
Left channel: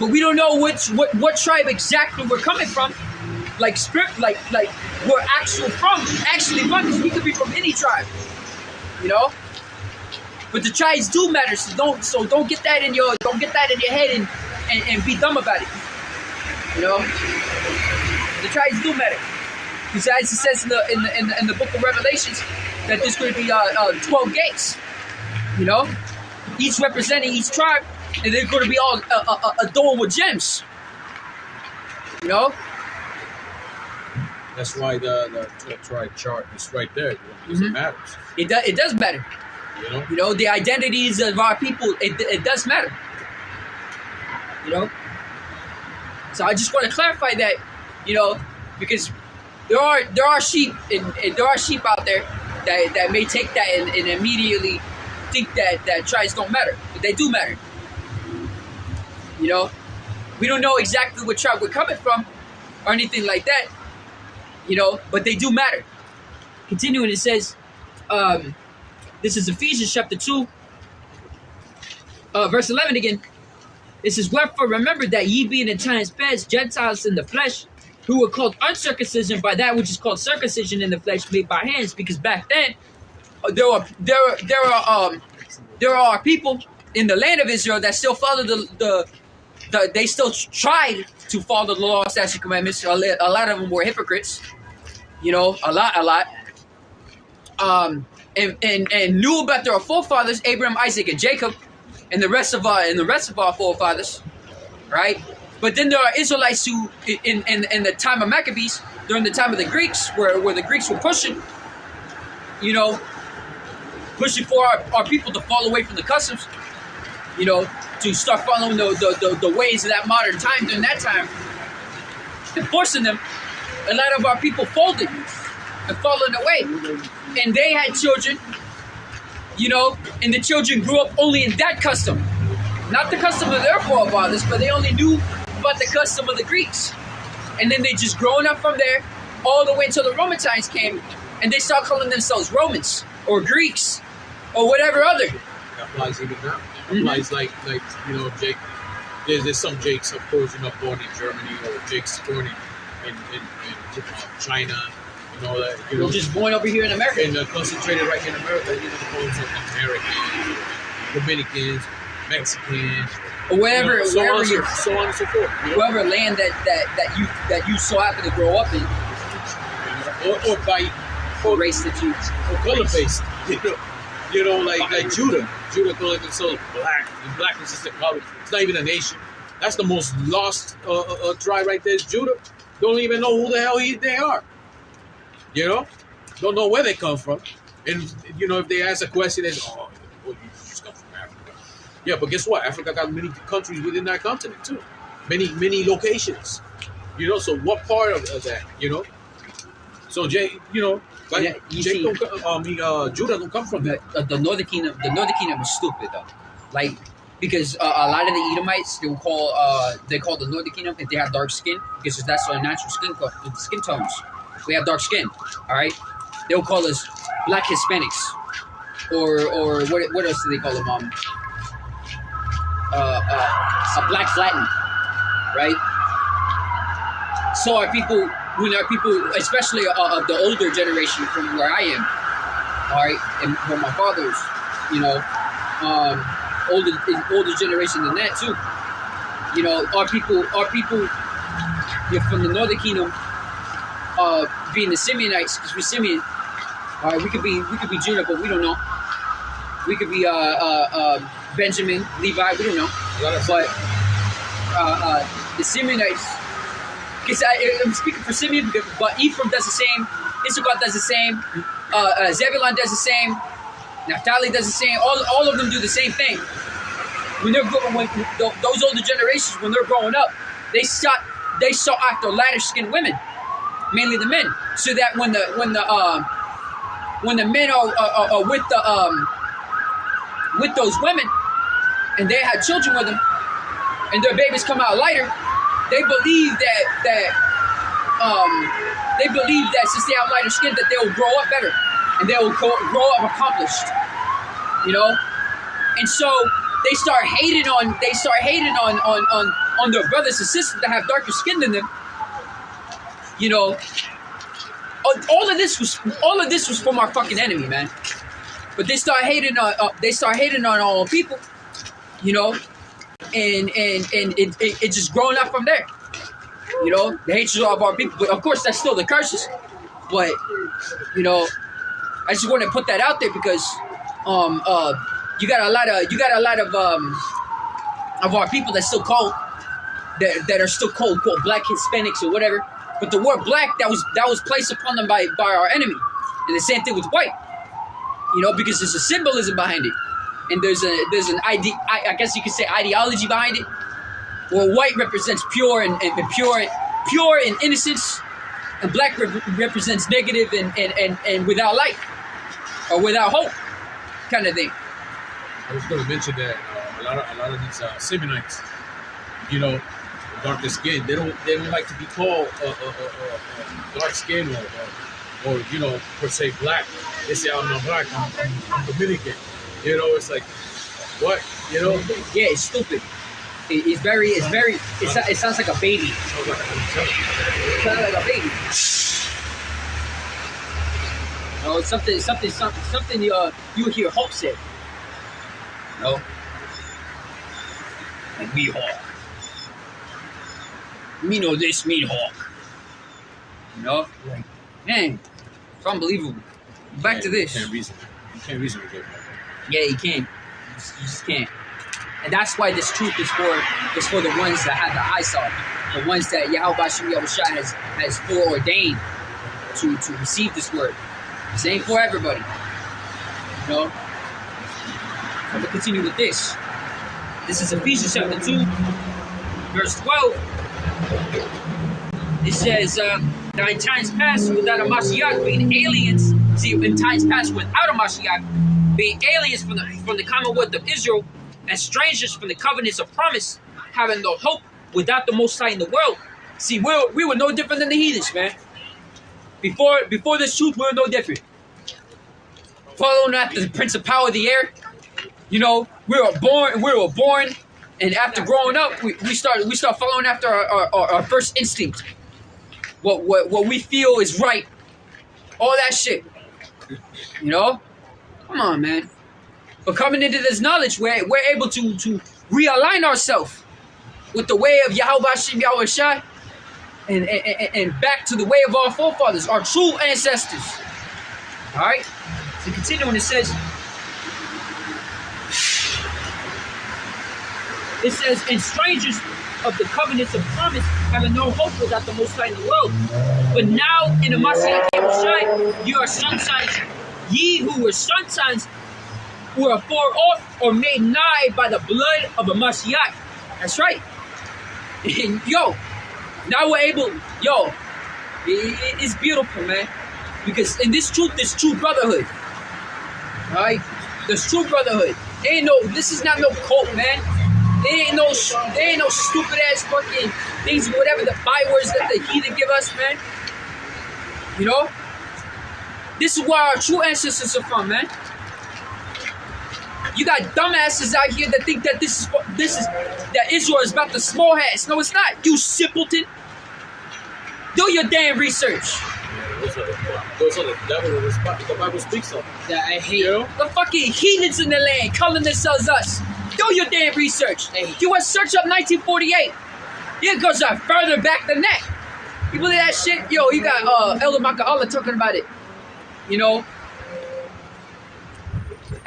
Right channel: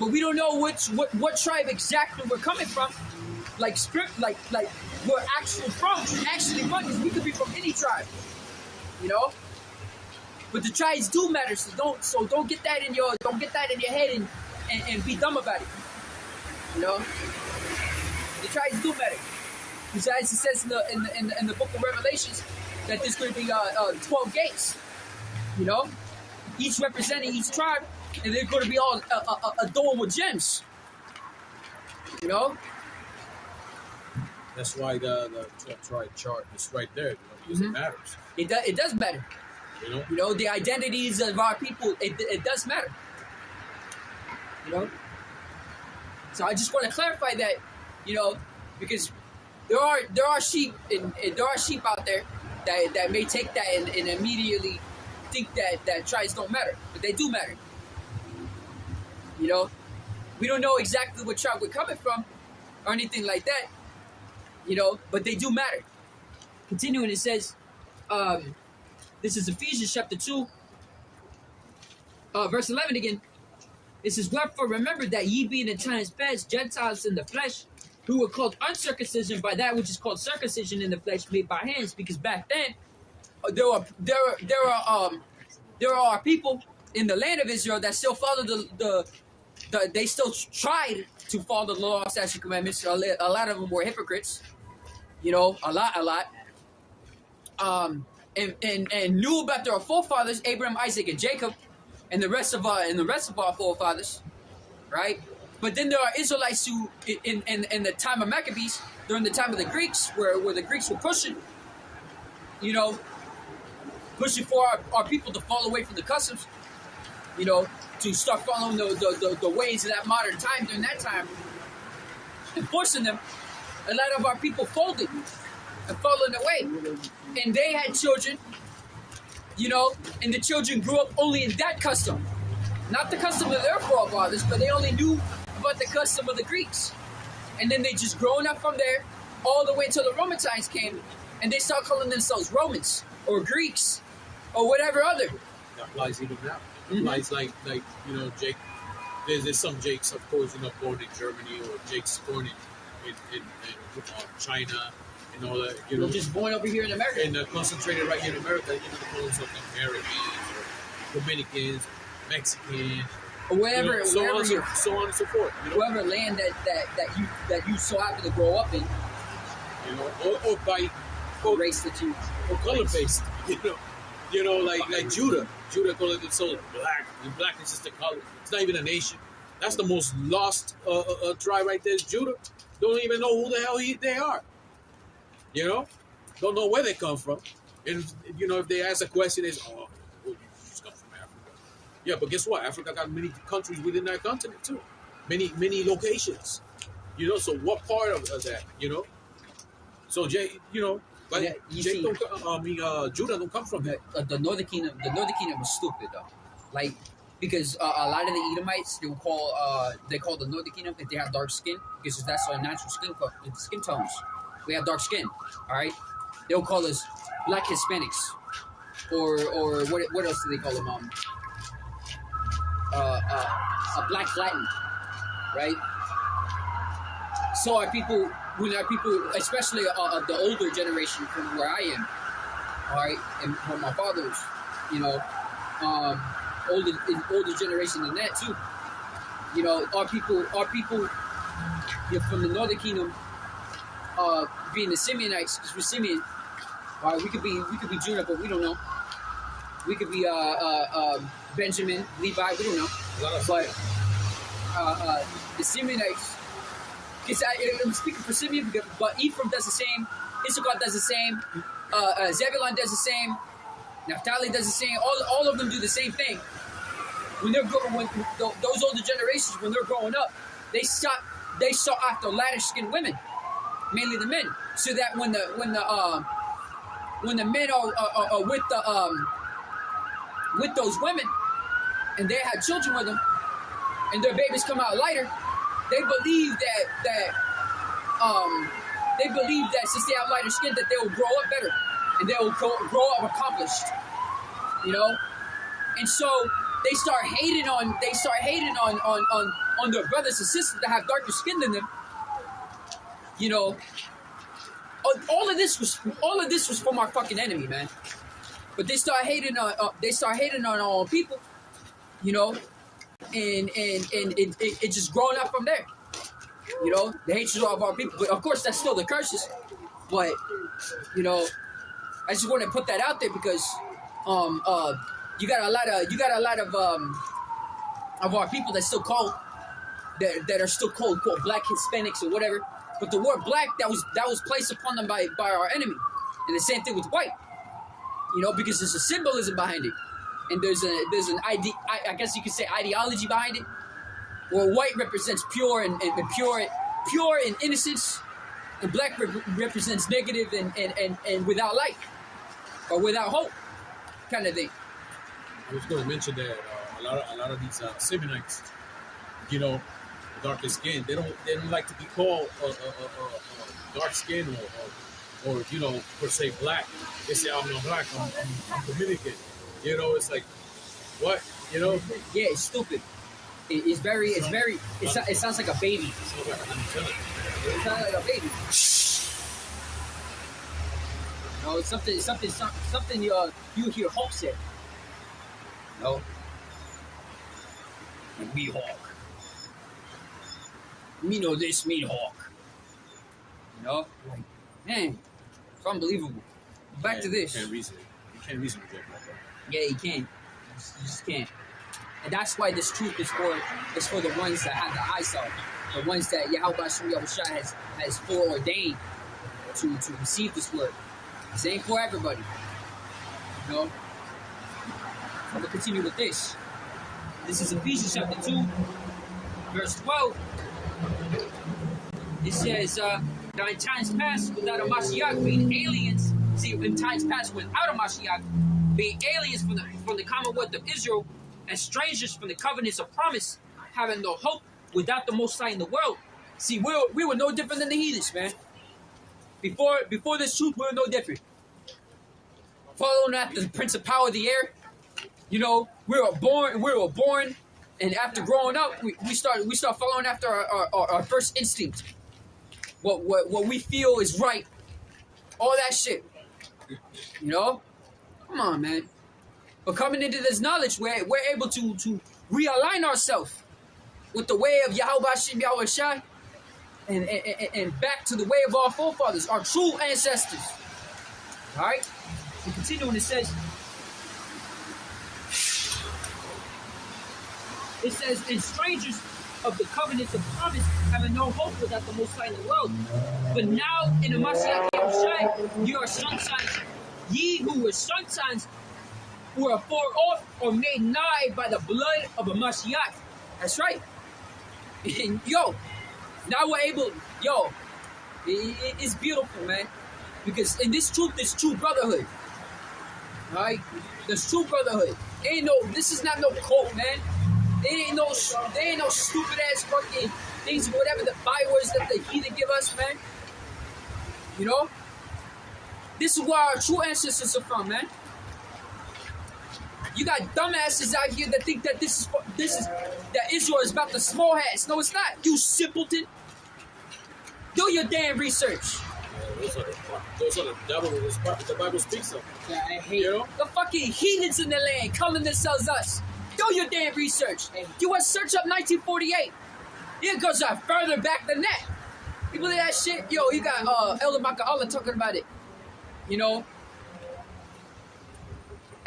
But we don't know what tribe exactly we're coming from, like we're actually from, because we could be from any tribe, you know. But the tribes do matter, so don't get that in your head and be dumb about it, you know. The tribes do matter, because as it says in the book of Revelations, that there's going to be 12 gates, you know, each representing each tribe. And they're going to be all adorned with gems, you know. That's why the tribe chart is right there. Because it matters. It does matter. You know, the identities of our people. It does matter. You know. So I just want to clarify that, you know, because there are sheep and there are sheep out there that may take that and immediately think that tribes don't matter, but they do matter. You know, we don't know exactly what tribe we're coming from or anything like that, you know, but they do matter. Continuing, it says, this is Ephesians chapter 2, verse 11 again. It says, wherefore remember that ye being in times past Gentiles in the flesh, who were called uncircumcision by that which is called circumcision in the flesh made by hands, because back then there are people in the land of Israel that still follow they still tried to follow the law, statutes, and commandments. A lot of them were hypocrites, you know, a lot. And knew about their forefathers, Abraham, Isaac, and Jacob, and the rest of our forefathers, right? But then there are Israelites who, in the time of Maccabees, during the time of the Greeks, where the Greeks were pushing, you know, pushing for our people to fall away from the customs, you know, to start following the ways of that modern time. During that time, and forcing them, a lot of our people folded and fallen away, and they had children, you know, and the children grew up only in that custom, not the custom of their forefathers, but they only knew about the custom of the Greeks, and then they just growing up from there all the way until the Roman times came, and they start calling themselves Romans or Greeks or whatever other. That applies even now. Applies like you know, Jake. There's some Jakes, of course, you know, born in Germany, or Jakes born in China, and all that. You know, just born over here in America and concentrated right here in America. You know, Americans, Dominicans, Mexicans, or wherever, you know, so on and so forth. You know? Whatever land that you so happen to grow up in, you know, or by race that you or color based. You know, like Judah. Judah calling themselves black. And black is just a color. It's not even a nation. That's the most lost tribe right there. Is Judah. Don't even know who the hell they are. You know, don't know where they come from. And you know, if they ask a question, they say, "Oh, you just come from Africa." Yeah, but guess what? Africa got many countries within that continent too. Many locations. You know, so what part of that? You know, so Jay, you know. Like, Judah don't come from that. The Northern Kingdom. The Northern Kingdom is stupid though, like because a lot of the Edomites they call the Northern Kingdom if they have dark skin, because that's our natural skin tones. We have dark skin, all right. They'll call us Black Hispanics, or what else do they call them? A Black Latin, right? So our people. When our people, especially of the older generation from where I am, all right, and from my fathers, you know, older generation than that too. You know, our people from the Northern Kingdom, being the Simeonites, because we're Simeon, All right, we could be Judah, but we don't know. We could be Benjamin, Levi, we don't know. But the Simeonites, because I'm speaking for Simeon, but Ephraim does the same, Issachar does the same, Zebulun does the same, Naphtali does the same. All of them do the same thing. When those older generations, when they're growing up, they sought after lighter skinned women, mainly the men, so that when the men are with those women, and they had children with them, and their babies come out lighter, they believe that since they have lighter skin, that they will grow up better, and they will grow up accomplished, you know. And so they start hating on their brothers and sisters that have darker skin than them, you know. All of this was from our fucking enemy, man. But they start hating on all people, you know, and it just growing up from there, you know, the hatred of our people. But of course, that's still the curses. But you know, I just want to put that out there because you got a lot of our people that still call that are still called quote black Hispanics or whatever. But the word black that was placed upon them by our enemy, and the same thing with white, you know, because there's a symbolism behind it, and there's an I guess you could say ideology behind it. Where white represents pure and innocence, and black represents negative and without light or without hope, kind of thing. I was going to mention that a lot of these Simeonites, you know, darker skin, they don't like to be called dark skin or you know, per se black. They say I'm not black, I'm Dominican. You know, it's like what, you know? Yeah, it's stupid. It sounds like a baby. It sounds like a baby. No, it's something you hear Hulk say. No. Like me Hulk. Me know this, me Hulk. You know? Like, man, it's unbelievable. Back to this. You can't reason with it. Yeah, you can't. You just can't. And that's why this truth is for the ones that have the eyesight, the ones that Yahawashi has foreordained to receive this word. This ain't for everybody. You know? I'm going to continue with this. This is Ephesians chapter 2, verse 12. It says, now in times past, without a Mashiach, being aliens, see, in times past, without a Mashiach, being aliens from the commonwealth of Israel, and strangers from the covenants of promise, having no hope without the Most High in the world. See, we were no different than the heathens, man. Before this truth, we were no different. Following after the prince of power of the air, you know, we were born, and after growing up, we start following after our first instinct. What we feel is right. All that shit. You know? Come on, man. But coming into this knowledge, we're able to realign ourselves with the way of Yahawashi, and back to the way of our forefathers, our true ancestors. All right? So continuing, it says, and strangers of the covenants of promise, having no hope without the Most High in the world. But now in the Mashiach Yahawashi, you are sun-signs. Ye who were sun-signs were afar off or made nigh by the blood of a Mashiach. That's right. And yo, now we're able, it's beautiful, man. Because in this truth, there's true brotherhood. Alright? There's true brotherhood. This is not no cult, man. There ain't no stupid ass fucking things, whatever the bywords that the heathen give us, man. You know? This is where our true ancestors are from, man. You got dumbasses out here that think that that Israel is about the small hats. No, it's not. You simpleton. Do your damn research. Those are the devil the Bible speaks of. Yeah, I hate you. The fucking heathens in the land calling themselves us. Do your damn research. You want to search up 1948. It goes further back than that. You believe that shit? Yo, you got Elder Maka'Allah talking about it. You know,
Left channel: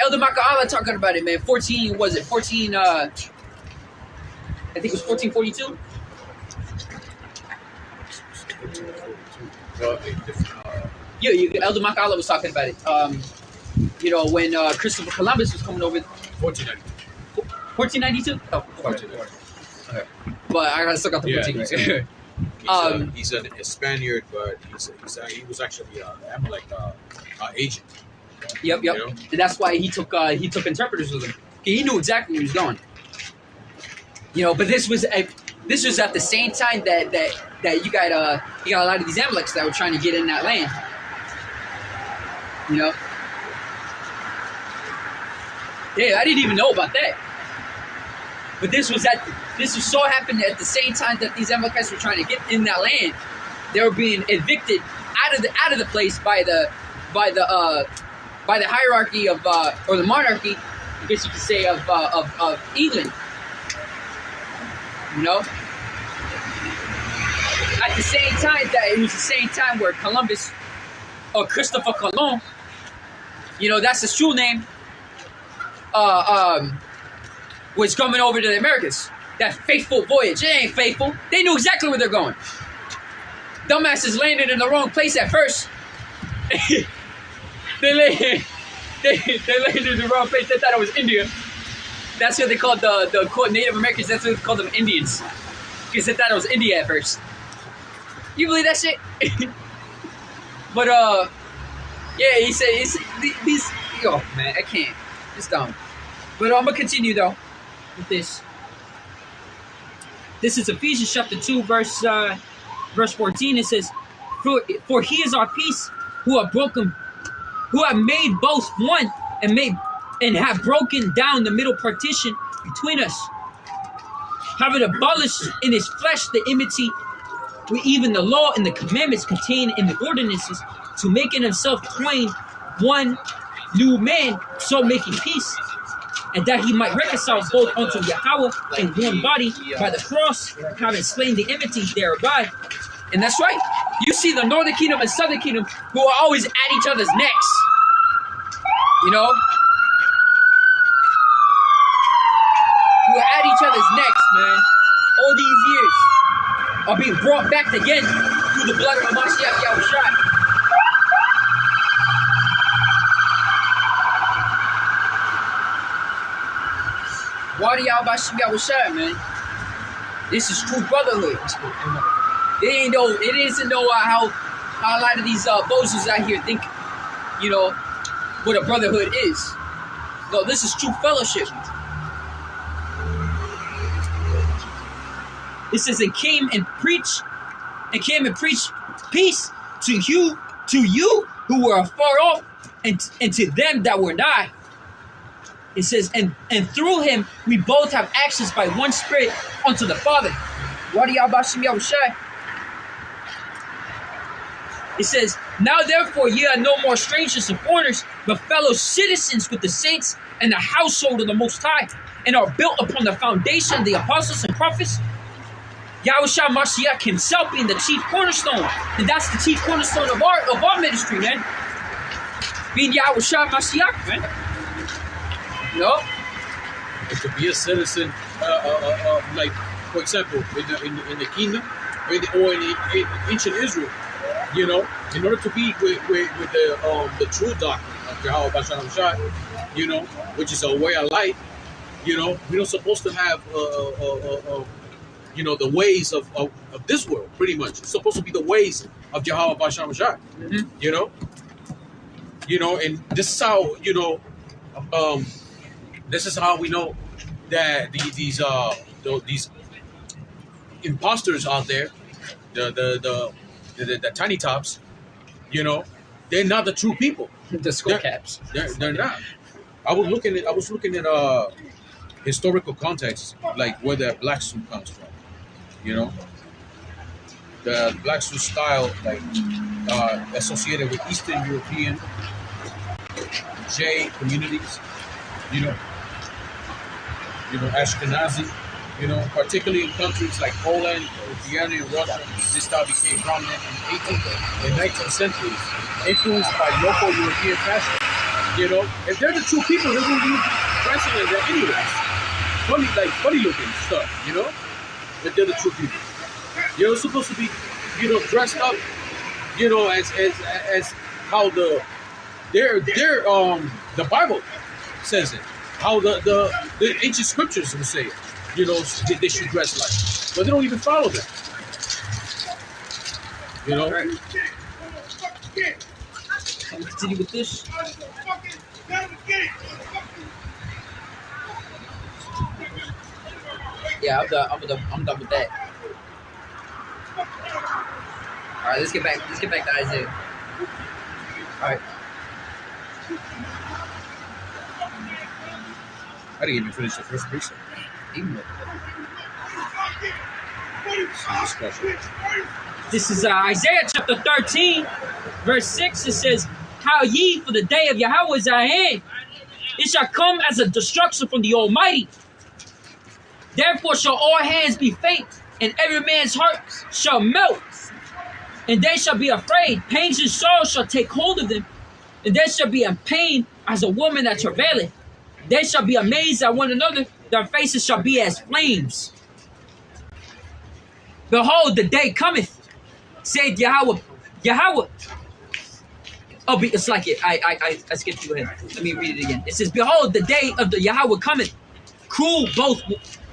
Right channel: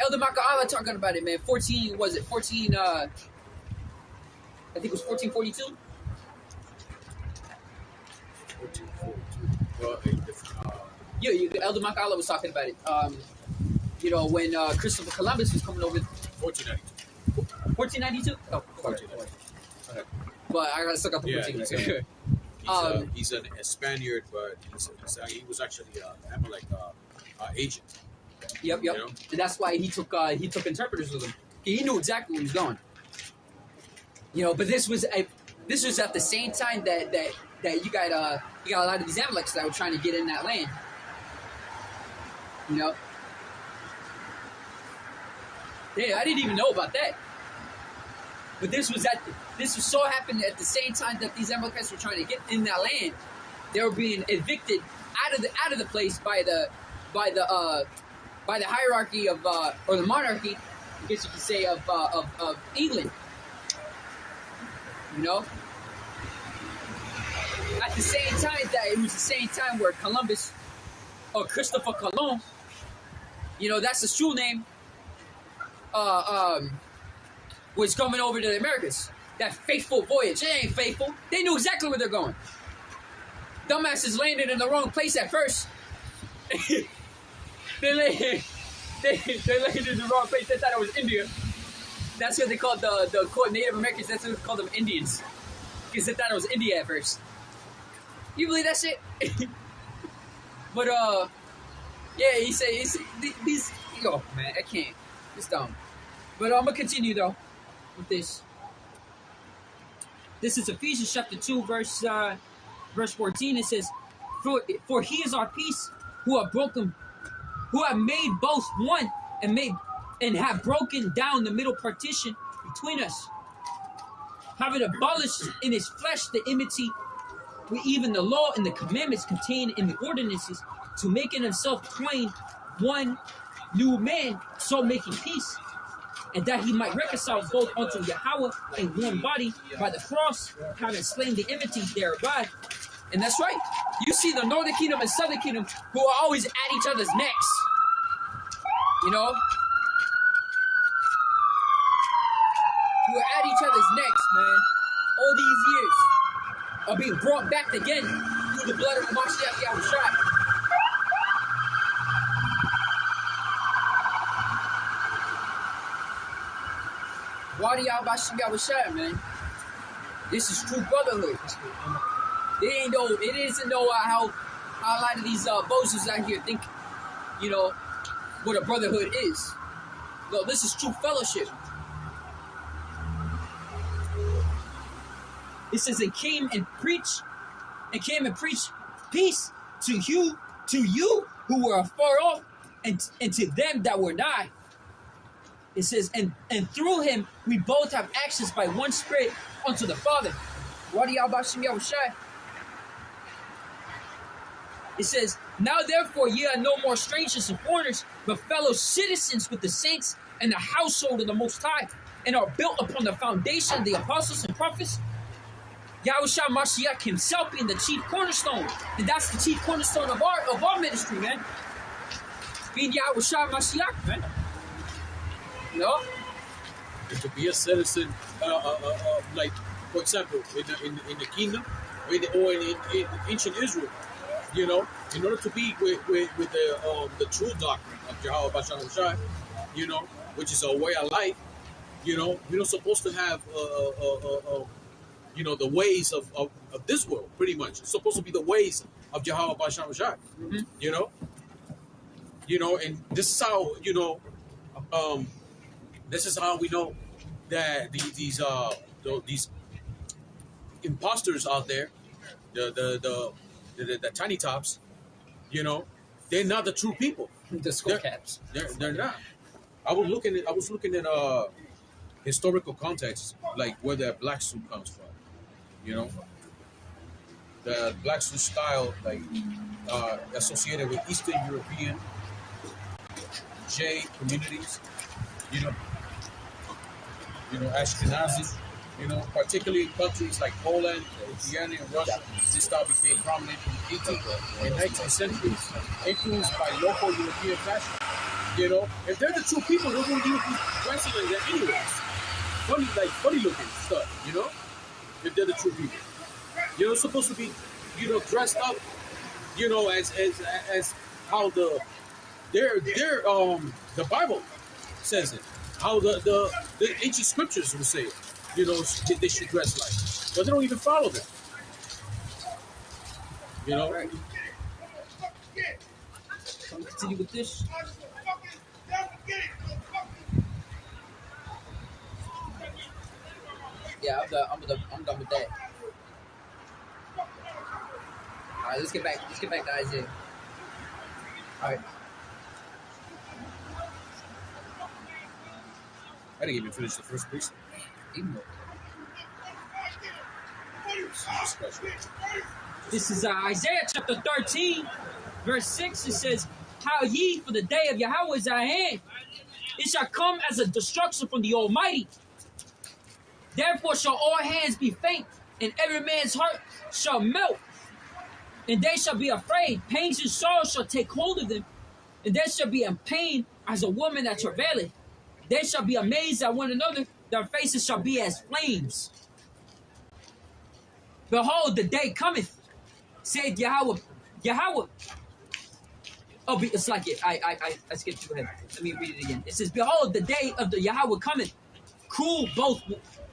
Elder Maka'ala talking about it, man. 14, was it 14, I think it was 1442? Yeah, Elder Maka'ala was talking about it. You know, when Christopher Columbus was coming over. 1492. 1492? Oh, 1492. okay. But I still got the 14. He's a Spaniard, but he was actually Amalek agent. Yep. You know? And that's why he took interpreters with him. He knew exactly where he was going. You know, but this was at the same time that you got a lot of these Amaleks that were trying to get in that land. You know. Yeah, I didn't even know about that. But this was so happened at the same time that these Amalekites were trying to get in that land. They were being evicted out of the place by the hierarchy of or the monarchy, I guess you could say, of England. You know, at the same time that it was the same time where Columbus or Christopher Colon, you know, that's his true name, was coming over to the Americas. That faithful voyage. It ain't faithful. They knew exactly where they're going. Dumbasses landed in the wrong place at first. They landed in the wrong place. They thought it was India. That's what they called the Native Americans. That's what they called them, Indians. Because they thought it was India at first. You believe that shit? But yeah, he said these. Oh man, I can't. It's dumb. But I'm gonna continue though with this. This is Ephesians chapter 2, verse 14. It says, "For he is our peace, who have made both one, and have broken down the middle partition between us, having abolished in his flesh the enmity with even the law and the commandments contained in the ordinances, to make in himself twain one new man, so making peace, and that he might reconcile both unto Yahawah in one body by the cross, having slain the enmity thereby." And that's right. You see the northern kingdom and southern kingdom who are always at each other's necks. You know? Who are at each other's necks, man. All these years are being brought back again through the blood of Mashiach Yahawashi. Why do y'all bahasham Yahawashi, man? This is true brotherhood. It isn't how a lot of these bozos out here think, you know, what a brotherhood is. No, this is true fellowship. It says, and came and preached peace to you who were afar off, and to them that were nigh. It says, and through him we both have access by one Spirit unto the Father. Why do y'all bahasham Yahawashi? It says, now therefore ye are no more strangers and foreigners, but fellow citizens with the saints and the household of the Most High, and are built upon the foundation of the apostles and prophets, Yahawashi Mashiach himself being the chief cornerstone. And that's the chief cornerstone of our ministry, man. Being Yahawashi Mashiach, man. You know? And to be a citizen, like, for example, in the kingdom, or in ancient Israel, you know, in order to be with the true doctrine of Yahawashi, you know, which is a way of life, you know, we're not supposed to have, you know, the ways of this world, pretty much. It's supposed to be the ways of Yahawashi, Mm-hmm. you know, and this is how, you know, this is how we know that these imposters out there, the tiny tops, you know, they're not the true people. The skull caps. They're not. I was looking at historical context, like where the black suit comes from. You know, the black suit style, like associated with Eastern European J communities. You know, Ashkenazi. You know, particularly in countries like Poland, Lithuania, and Russia, this style became prominent in the 18th and 19th centuries, influenced by local European fashion. You know, if they're the true people, they won't be dressing like that anyways. Funny looking stuff, you know? If they're the true people. You're supposed to be, you know, dressed up, you know, as how the Bible says it. How the ancient scriptures would say, you know, they should dress like. But they don't even follow that. You know? Continue with this. Yeah, I'm done with that. All right, let's get back to Isaiah. All right. I didn't even finish the first precept. This is Isaiah chapter 13, verse 6. It says, "How ye, for the day of Yahawah is at hand. It shall come as a destruction from the Almighty. Therefore shall all hands be faint, and every man's heart shall melt. And they shall be afraid. Pains and sorrows shall take hold of them. And they shall be in pain as a woman that travaileth. They shall be amazed at one another. Their faces shall be as flames. Behold, the day cometh, saith Yahawah." Yahawah. Oh, it's like it. I skipped you ahead. Let me read it again. It says, "Behold, the day of the Yahawah cometh, cruel both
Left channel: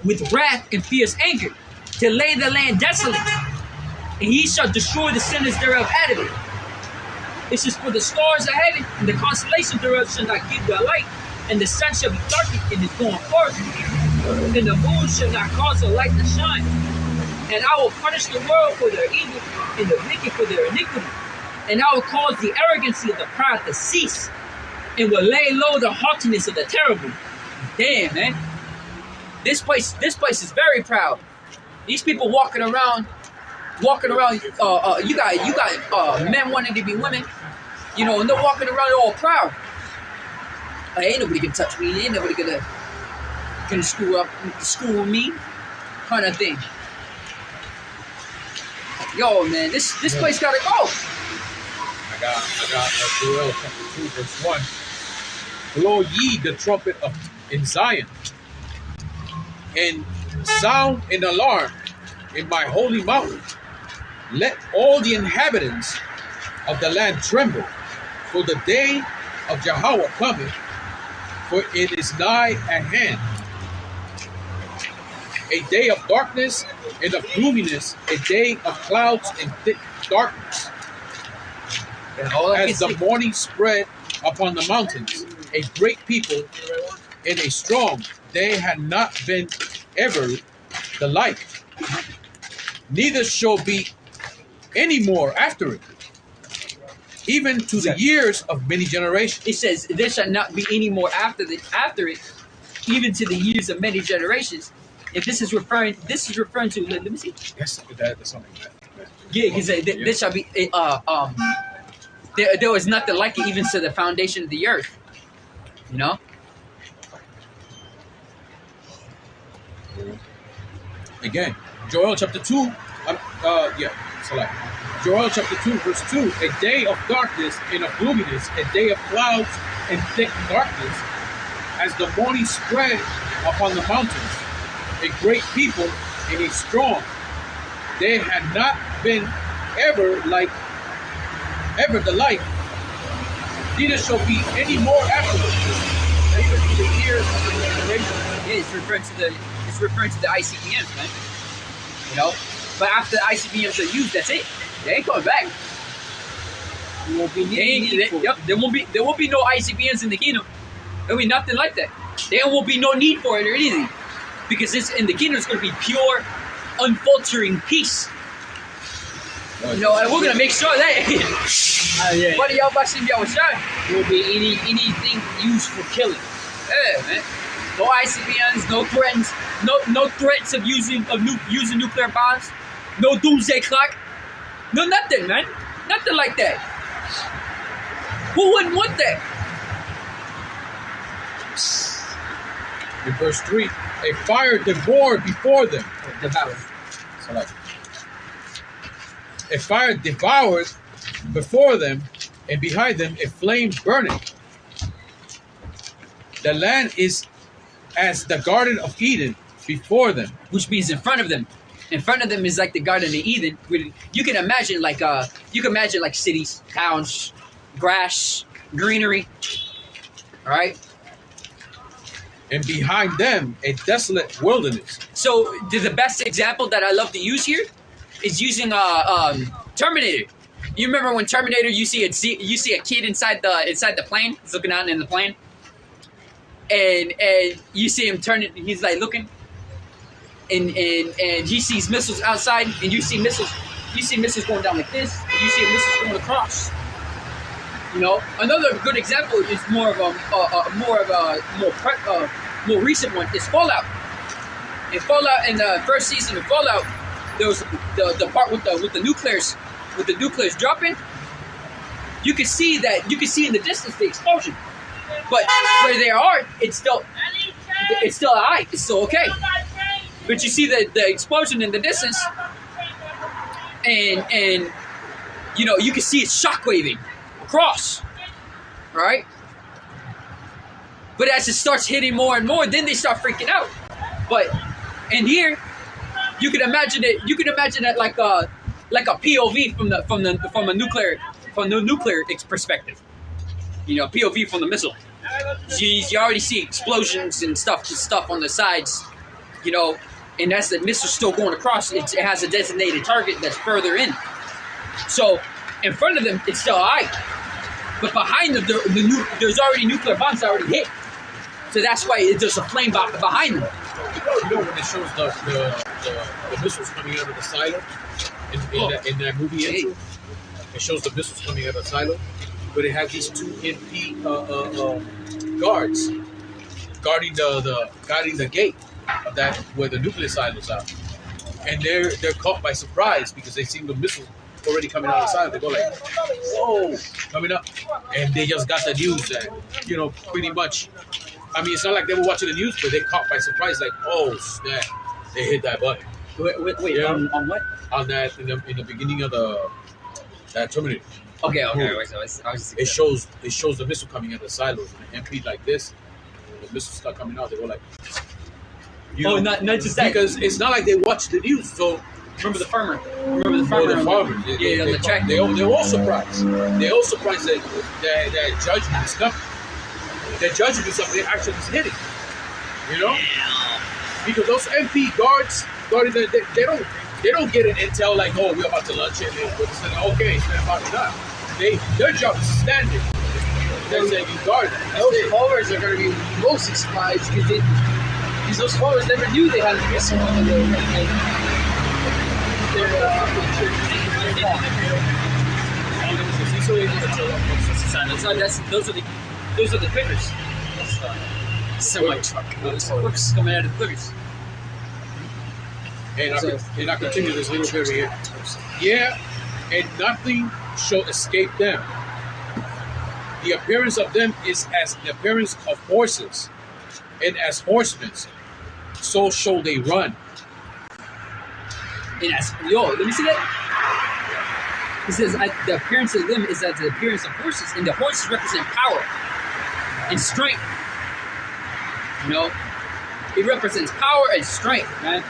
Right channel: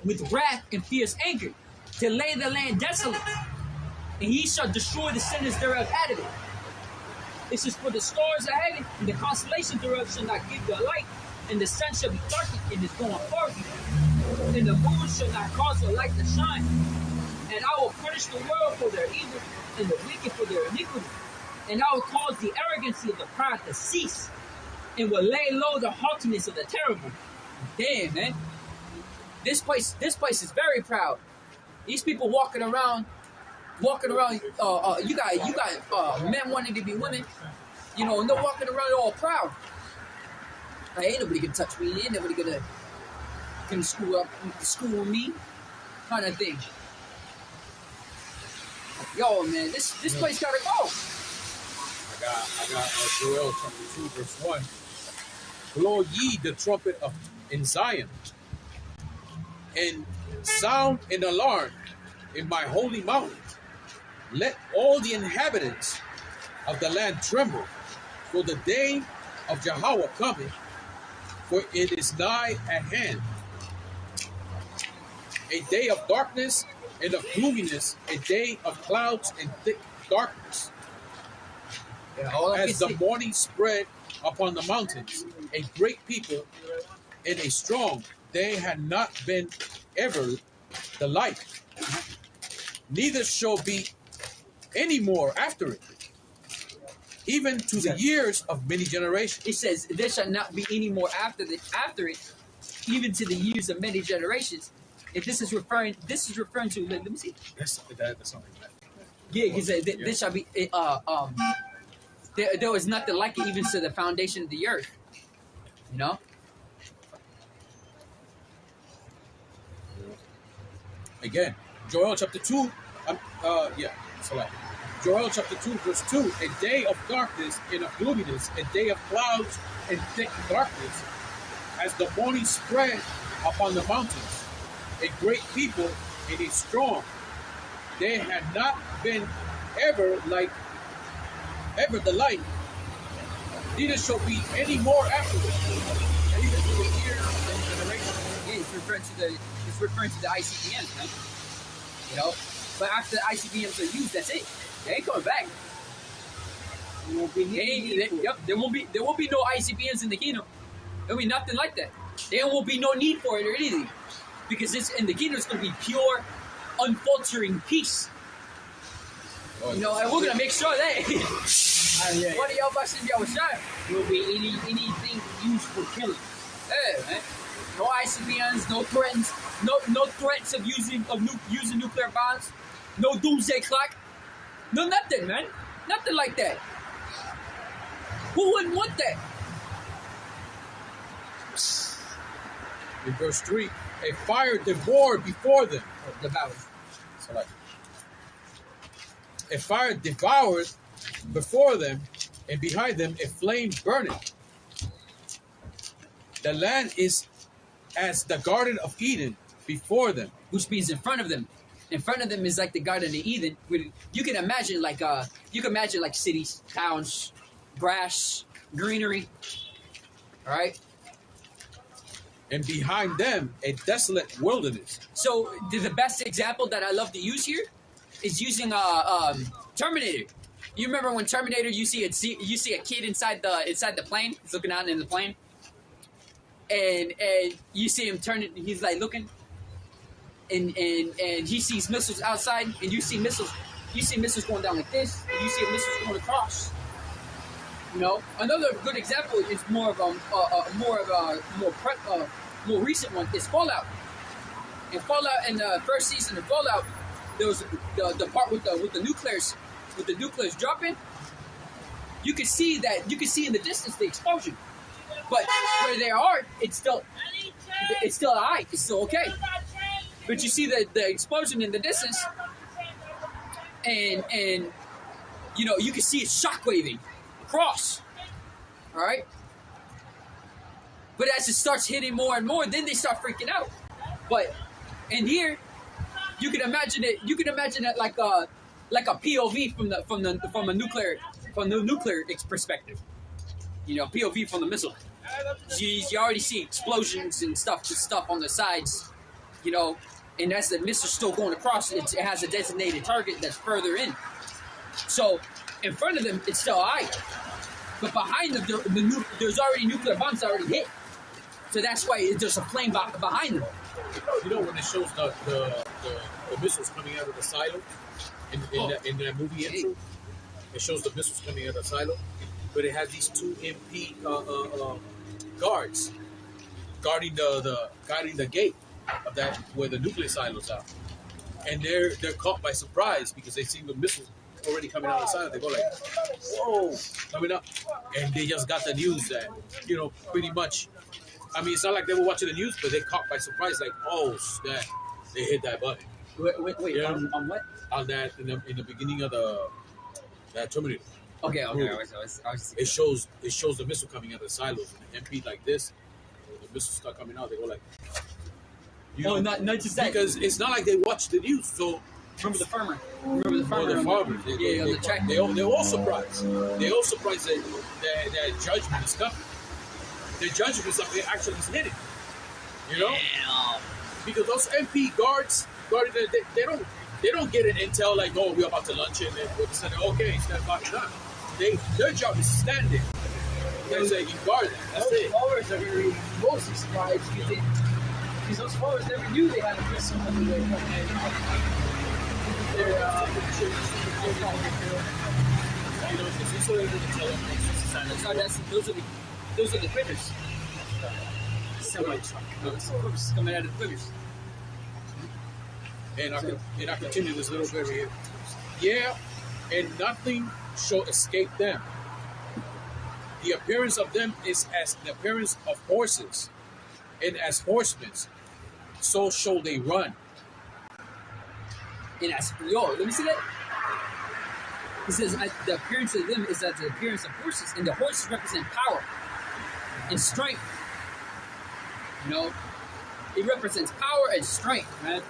with wrath and fierce anger, to lay the land desolate. And he shall destroy the sinners thereof out of it. It says, for the stars of heaven and the constellations thereof shall not give their light, and the sun shall be darkened in its going forth, and the moon shall not cause the light to shine. And I will punish the world for their evil, and the wicked for their iniquity. And I will cause the arrogancy of the proud to cease, and will lay low the haughtiness of the terrible." Damn, man. This place is very proud. These people walking around. You got men wanting to be women, you know, and they're walking around all proud. Like, ain't nobody gonna touch me. Ain't nobody gonna screw me, kind of thing. Yo, man, this place gotta go. I got Joel chapter 2, verse 1. "Blow ye the trumpet in Zion, and sound an alarm in my holy mountain. Let all the inhabitants of the land tremble, for the day of Yahawah cometh, for it is nigh at hand. A day of darkness and of gloominess, a day of clouds and thick darkness. As the morning spread upon the mountains, a great people and a strong, they had not been ever the like, neither shall be any more after it, even to the years of many generations." It says there shall not be any more after it, even to the years of many generations. If this is referring to, let me see. That's something like that. Yeah, because there shall be there was nothing like it even to the foundation of the earth. You know. Again, Joel chapter 2. Joel chapter 2, verse 2. "A day of darkness and of gloominess, a day of clouds and thick darkness, as the morning spread upon the mountains. A great people and a strong, they had not been ever the like, neither shall be any more afterwards, even to the years of the generation." Yeah, it's referring to the ICBMs, man. You know, but after the ICBMs are used, that's it. They ain't coming back. There won't be There won't be no ICBMs in the kingdom. There'll be nothing like that. There won't be no need for it or anything, because it's in the kingdom. It's going to be pure, unfaltering peace. You know, and we're gonna make sure that. What do Yahawashi and Yahawashi? There won't be anything used for killing. Yeah, man. No ICBMs, no threats, no threats of using nuclear bombs, no doomsday clock, no nothing, man. Nothing like that. Who wouldn't want that? In verse 3, "A fire devoured before them." Devour. "A fire devoured before them, and behind them a flame burning. The land is as the Garden of Eden before them. Which means in front of them. In front of them is like the Garden of Eden. You can imagine like cities, towns, grass, greenery. All right. And behind them, a desolate wilderness. So the best example that I love to use here is using Terminator. You remember when Terminator, you see a kid inside the plane. He's looking out in the plane, and you see him turning. He's like looking, and he sees missiles outside, and you see missiles going down like this, and you see missiles going across. You know, another good example is more recent one is Fallout. In Fallout, in the first season of Fallout, there was the part with the nuclears dropping. You can see in the distance the explosion, but where they are, it's still alright. It's still okay. But you see the explosion in the distance, and you know you can see it shockwaving across, right? But as it starts hitting more and more, then they start freaking out. But in here, you can imagine it. You can imagine it like a POV from the nuclear perspective. You know, POV from the missile. You already see explosions and stuff on the sides. You know, and that's the missile still going across. It has a designated target that's further in. So in front of them, it's still alright. But behind them, there's already nuclear bombs already hit. So that's why there's a flame behind them. You know when it shows the missiles coming out of the silo in that movie intro? It shows the missiles coming out of the silo, but it has these two MP guards guarding the gate of that where the nuclear silos are, and they're caught by surprise because they see the missiles already coming out of the silo. They go like, "Oh, coming up," and they just got the news that pretty much. I mean, it's not like they were watching the news, but they caught by surprise, like, "Oh snap!" They hit that button. Wait, Yeah. on what? On that in the beginning of that Terminator. Okay. I was It shows the missile coming out of the silos and MP like this. The missiles start coming out. They go like, not just that. because it's not like they watch the news. So Remember the farmer. the farmers, Yeah, the track. they're all surprised. They're all surprised that judgment is coming. That judgment is something actually is hitting. You know, because those MP guards guarding they don't get an intel like, oh, we're about to launch it. Okay, stand by that. Their job is standing. They're saying you guard that. Those followers are going to be mostly surprised because those followers never knew they had to get someone on their Those are the critters. Semi truck. Clips coming out of the critters. And I continue this little bit here. Yeah, and nothing shall escape them. The appearance of them is as the appearance of horses, and as horsemen, so shall they run. And let me see that. It says the appearance of them is as the appearance of horses, and the horses represent power and strength. You know, it represents power and strength, man.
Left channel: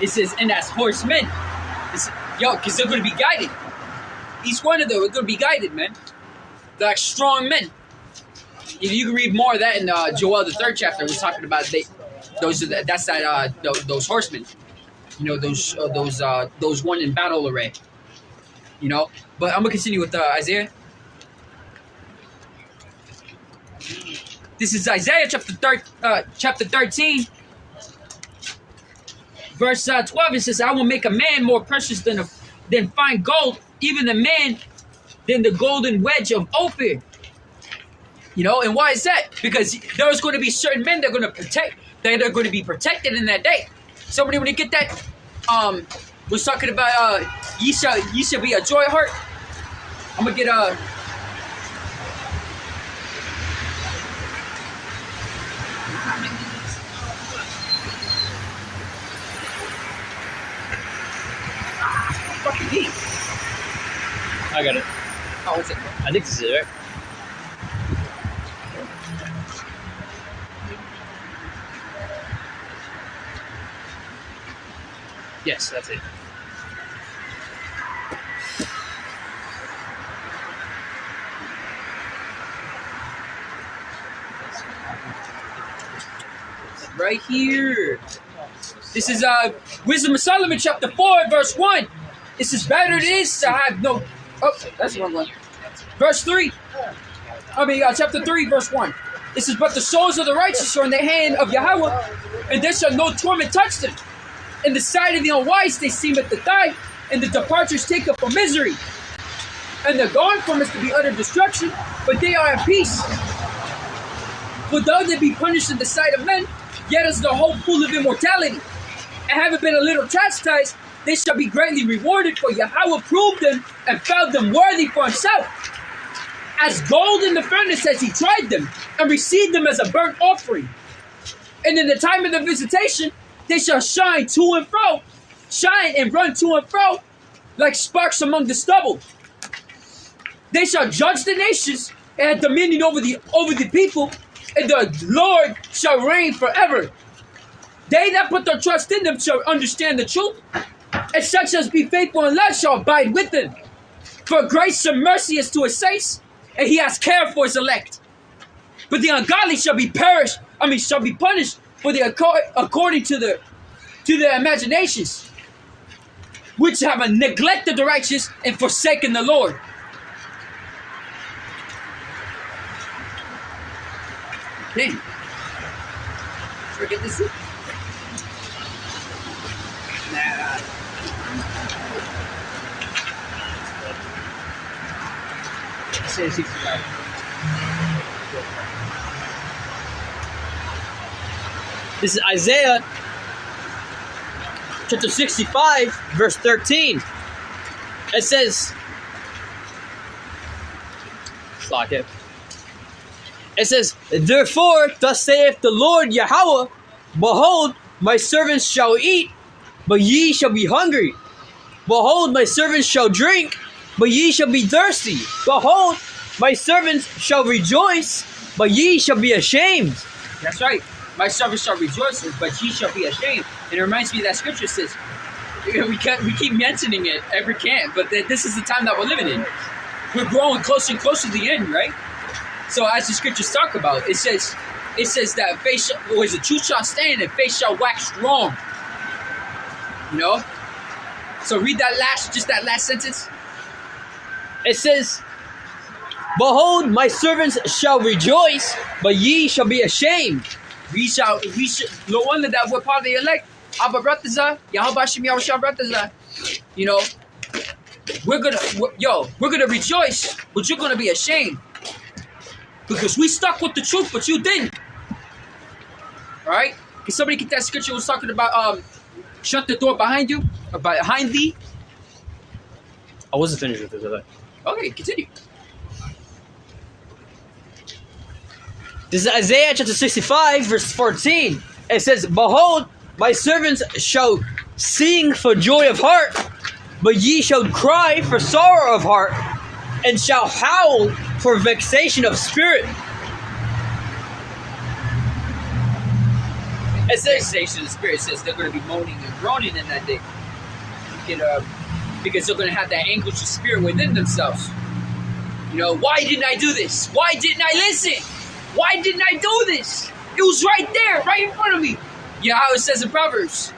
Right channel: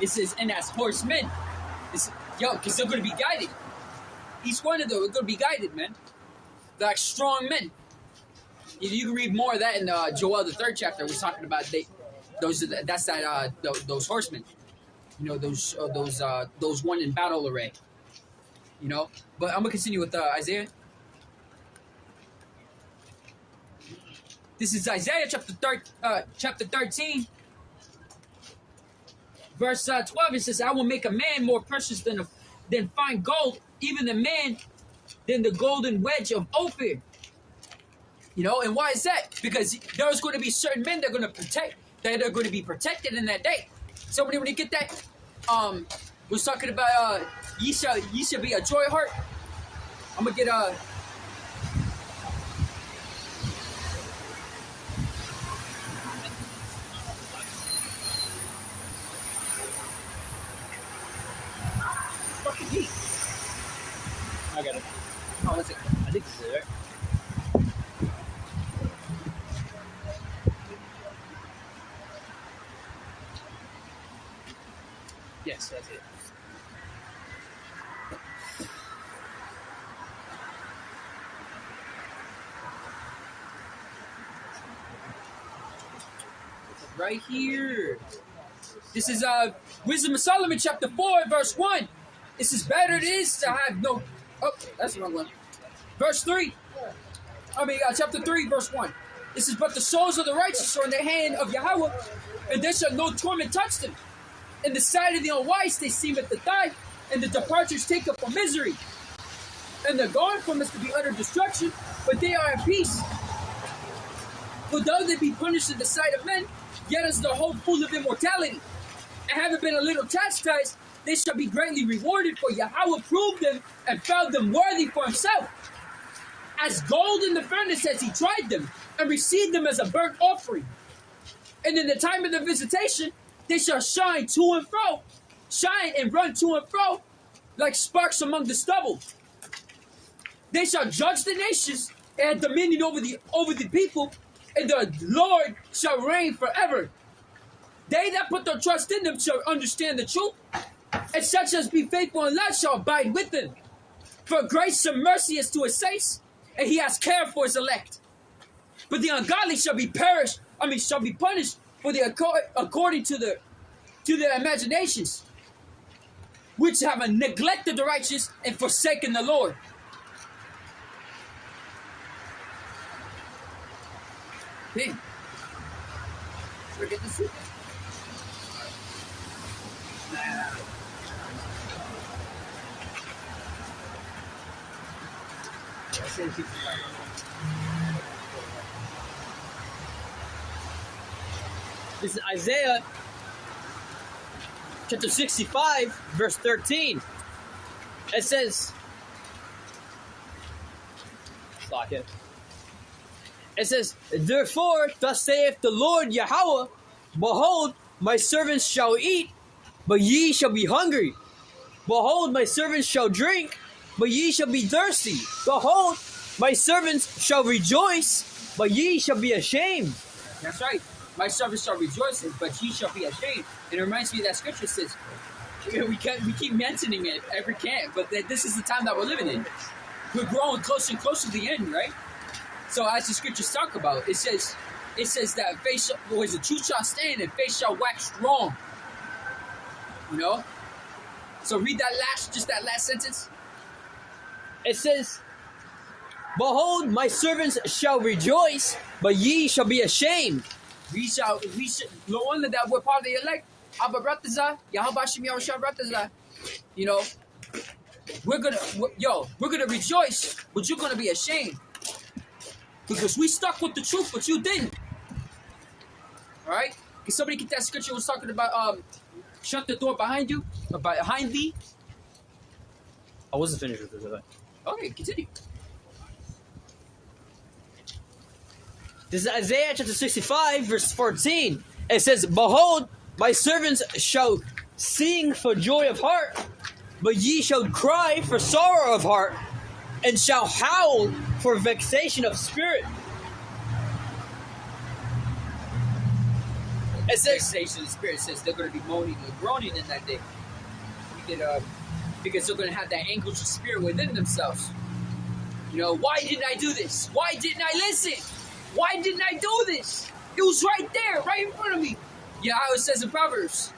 It says, and as horsemen, because they're going to be guided. Each one of them are going to be guided, man. They're like strong men. You can read more of that in Joel, the 3rd chapter. We're talking about those horsemen. You know, those one in battle array. You know, but I'm gonna continue with Isaiah. This is Isaiah chapter 13, verse 12. It says, "I will make a man more precious than fine gold, even the man than the golden wedge of Ophir." You know, and why is that? Because there's going to be certain men that are going to be protected in that day. Somebody want to get that? Was talking about ye shall be a joy heart. I'm gonna get fucking heat. I got it. Oh, what's it? I think this is it, right? Yes, that's it. Right here. This is Wisdom of Solomon, chapter 4, verse 1. It says, better it is to have no... Oh, that's the wrong one. Verse 3. Chapter 3, verse 1. It says, but the souls of the righteous are in the hand of Yahawah, and there shall no torment touch them. In the sight of the unwise they seemeth to die, and the departures take up for misery. And the gone from us to be utter destruction, but they are at peace. For though they be punished in the sight of men, yet is the hope full of immortality. And having been a little chastised, they shall be greatly rewarded, for Yahawah proved them and found them worthy for himself. As gold in the furnace as he tried them, and received them as a burnt offering. And in the time of their visitation, they shall shine to and fro, shine and run to and fro, like sparks among the stubble. They shall judge the nations and have dominion over the people, and the Lord shall reign forever. They that put their trust in them shall understand the truth, and such as be faithful in love shall abide with them. For grace and mercy is to his saints, and he has care for his elect. But the ungodly shall be punished for according to their imaginations, which have neglected the righteous and forsaken the Lord. Damn. Forget this. Nah. Say 65. This is Isaiah chapter 65, verse 13. It says, therefore, thus saith the Lord Yahawah, behold, my servants shall eat, but ye shall be hungry. Behold, my servants shall drink, but ye shall be thirsty. Behold, my servants shall rejoice, but ye shall be ashamed. That's right. My servants shall rejoice, but ye shall be ashamed. And it reminds me of that scripture says, we keep mentioning it every camp, but this is the time that we're living in. We're growing closer and closer to the end, right? So as the scriptures talk about, it says that faith the truth shall stand and faith shall wax strong. You know? So read that last sentence. It says, behold, my servants shall rejoice, but ye shall be ashamed. We shall, no wonder that we're part of the elect. Abba Brataza, Yahawashi, Yahawashi Brataza. You know, we're gonna rejoice, but you're gonna be ashamed. Because we stuck with the truth, but you didn't. Alright? Can somebody get that scripture was talking about shut the door behind you? Or behind thee? I wasn't finished with this, was I? Okay, continue. This is Isaiah chapter 65, verse 14. It says, behold, my servants shall sing for joy of heart, but ye shall cry for sorrow of heart, and shall howl for vexation of spirit. It says, vexation of spirit says they're going to be moaning and groaning in that day. Because they're going to have that anguish of spirit within themselves. You know, why didn't I do this? Why didn't I listen? Why didn't I do this? It was right there, right in front of me. You know how it says in Proverbs.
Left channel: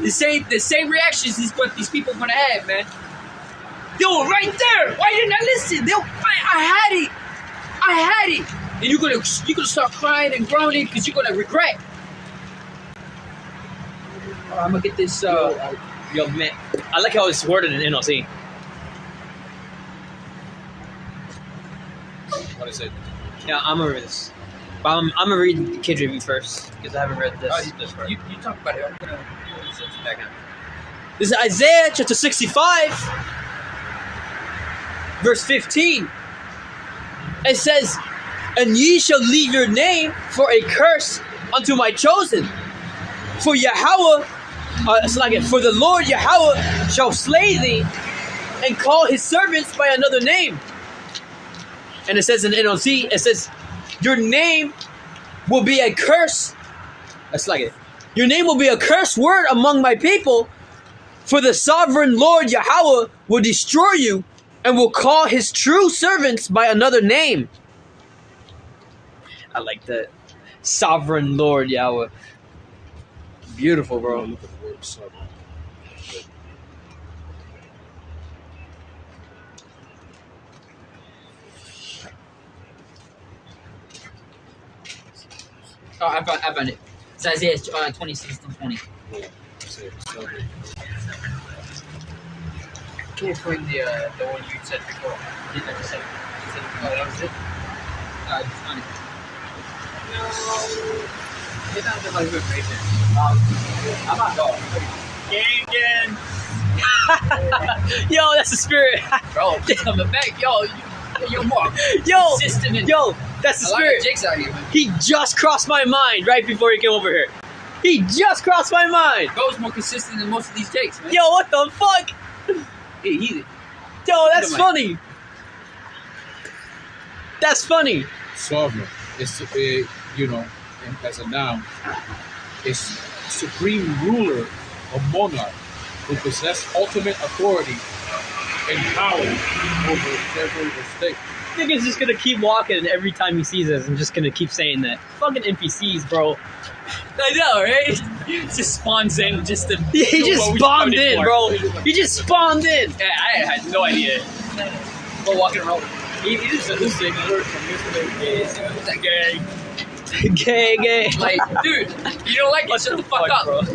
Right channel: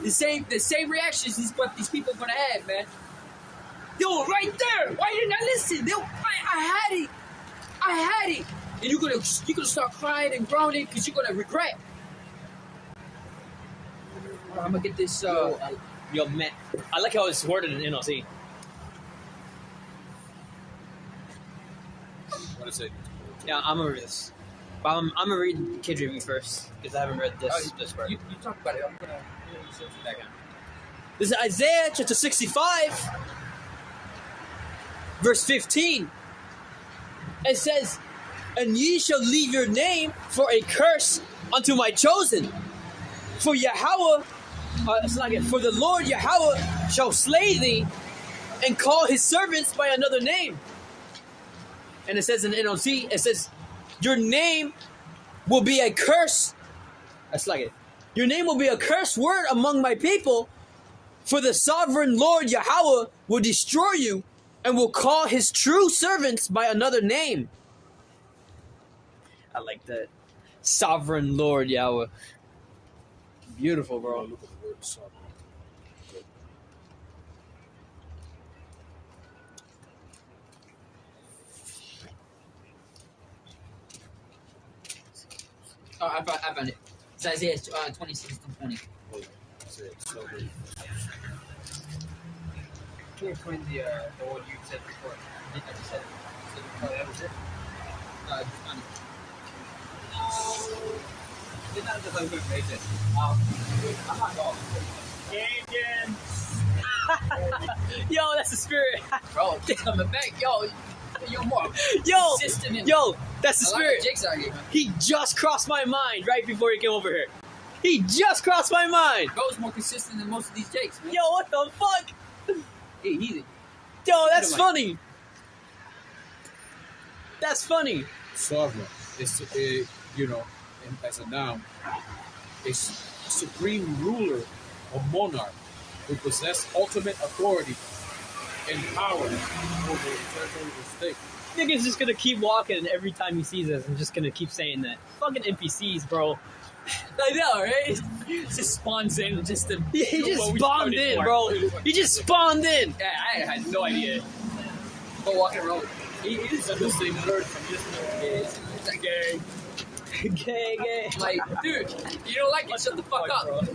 The same reactions is what these people are going to have, man. They were right there. Why didn't I listen? I had it. And you're gonna start crying and groaning because you're gonna regret. I'm gonna get this. Yo, man, I like how it's worded in NLT. What is it? Yeah, I'm gonna read this. But I'm gonna read the KJV first because I haven't read this. You talk about it. This is Isaiah chapter 65, verse 15. It says, and ye shall leave your name for a curse unto my chosen. For Yahawah, for the Lord Yahawah shall slay thee and call his servants by another name. And it says in NLT, it says, your name will be a curse. That's like it. Your name will be a curse word among my people, For the sovereign Lord Yahawah will destroy you and will call his true servants by another name. I like that. Sovereign Lord Yahweh. Beautiful, bro. Look at the word sovereign. Oh, I found it. It's Isaiah 26:20. Say sovereign. Can't find the one you said before. You never said. Oh, that was it. Just find it. It's not just like we're crazy. I'm not going. Gang. Yo, that's the spirit. Bro, coming back. Yo, more Yo, consistent. that's the A lot of spirit. jigs out here, man. He just crossed my mind right before he came over here. He just crossed my mind. Bro's more consistent than most of these jakes, man. Yo, what the fuck? Hey, he's Yo, that's Never mind. funny. That's funny. Sovereign. It's as a noun, is supreme ruler or monarch who possess ultimate authority and power over territory or state. Nigga's just gonna keep walking, and every time he sees us, I'm just gonna keep saying that. Fucking NPCs, bro. I know, right? He just spawns in just to. He do just what we spawned coded in, for. bro. He just spawned in. Yeah, I had no idea. Go walking around. He is the same word from yesterday. It's like, gang. Gay. Like, dude, you don't like it? Shut the fuck up. bro. You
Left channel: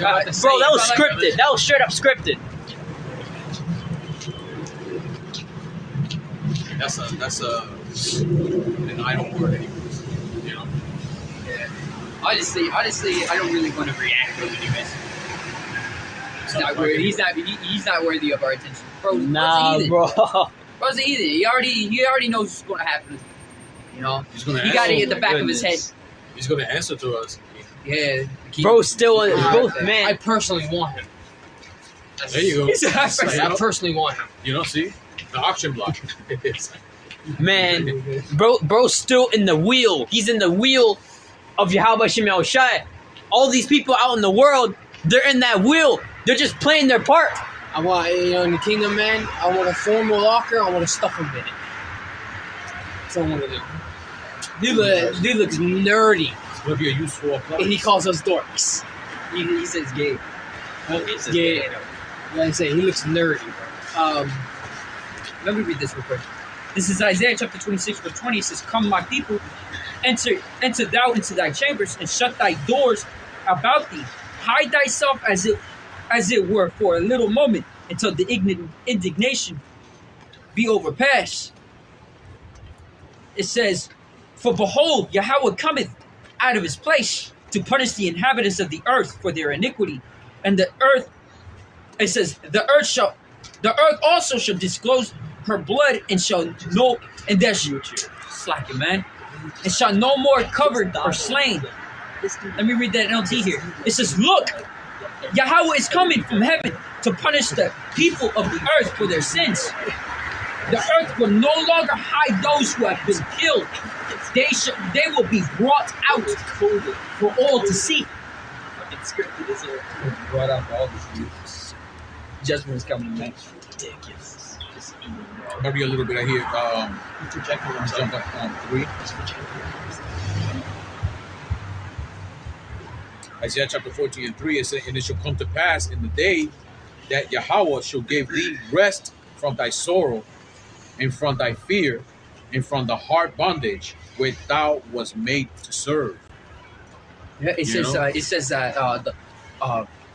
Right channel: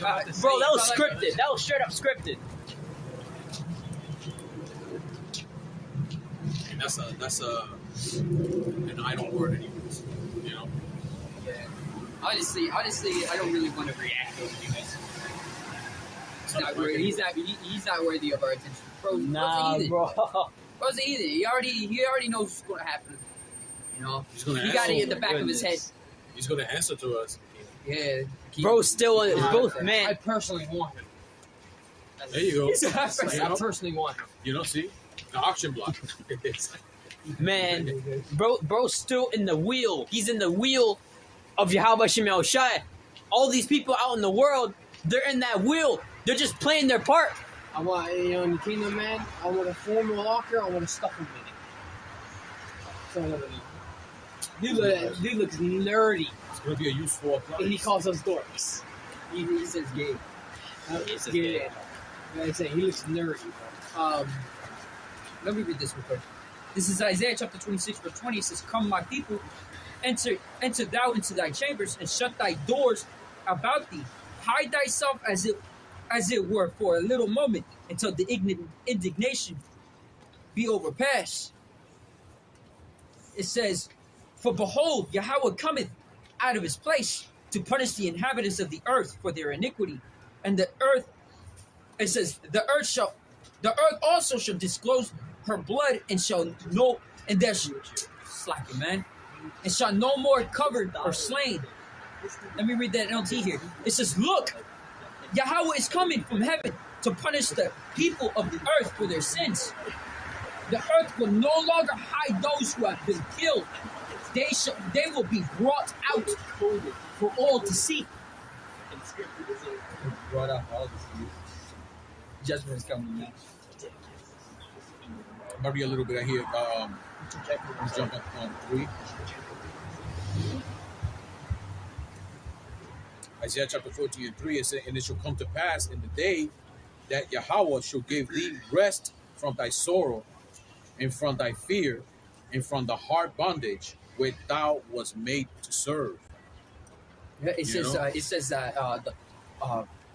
know what to say, Bro, that was you know, like, scripted. That was straight up scripted. That's an idle word anyways. You know. Yeah. Honestly, I don't really want to react to it anyways. He's not worthy of our attention. Bro, Nah, bro. Bro's an heathen. He already knows what's going to happen. You know, He's gonna he got it answer. in the back of his head. He's gonna answer to us. Yeah, Bro, still on both, I man. personally want him. There you go. I personally want him. You know, see the auction block. Man, bro's still in the wheel. He's in the wheel of Yahawashi. All these people out in the world, they're in that wheel. They're just playing their part. I want, in the kingdom, man, I want to form a locker. I want to stuff him in it. That's what I want to do. Dude looks nerdy, It's gonna be a useful appliance. and he calls us dorks. He says gay. Yeah, like I say, he looks nerdy, bro. Let me read this real quick. This is Isaiah chapter 26, verse 20. It says, "Come, my people, enter thou into thy chambers, and shut thy doors about thee. Hide thyself as it were for a little moment, until the indignation be overpassed." It says, "For behold, Yahawah cometh out of his place to punish the inhabitants of the earth for their iniquity, and the earth." It says, the earth also shall disclose her blood, and slacking, man, and shall no more covered or slain. Let me read that NLT here. It says, "Look, Yahawah is coming from heaven to punish the people of the earth for their sins. The earth will no longer hide those who have been killed. They will be brought out for all to see." Fucking scripted as it. Brought out for all to see. Judgment is coming, man. Ridiculous. Maybe a little bit right here. Projecting Jump up on 3. Isaiah chapter 14 and 3, it says, "And it shall come to pass in the day that Yahawah shall give thee rest from thy sorrow, and from thy fear, and from the hard bondage where thou was made to serve." Yeah, it You says. know? It says.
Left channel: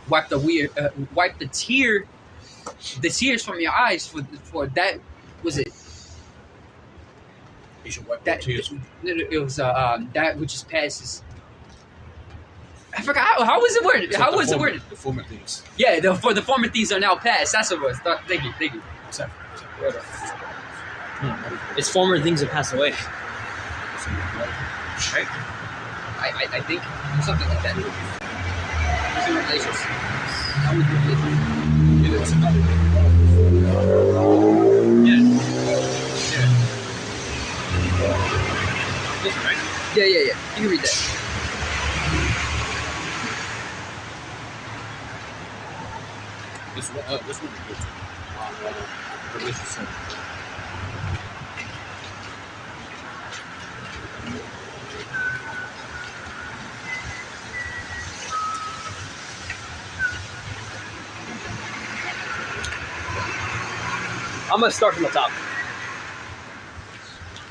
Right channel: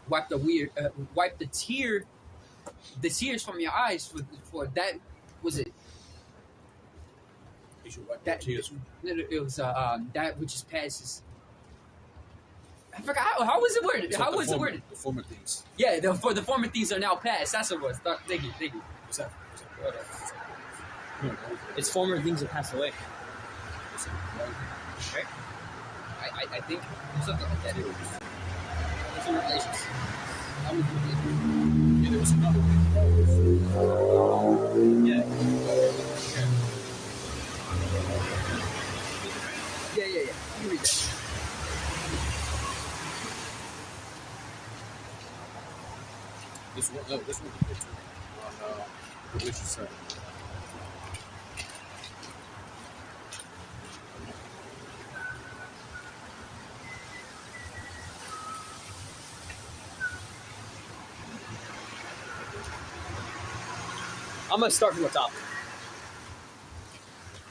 Wipe the tears from your eyes for that. Was it He shall wipe that? thy tears. It was that which is passes. I forgot how was it worded. How was it worded? The former things. Yeah, for the former things are now past. That's what it was. Thank you. Except It's former things that pass away. right? I think something like that. It's in relations. It is enough. This one, right? Yeah. You can read that. This one is good. Revelation 7. I'm gonna start from the top.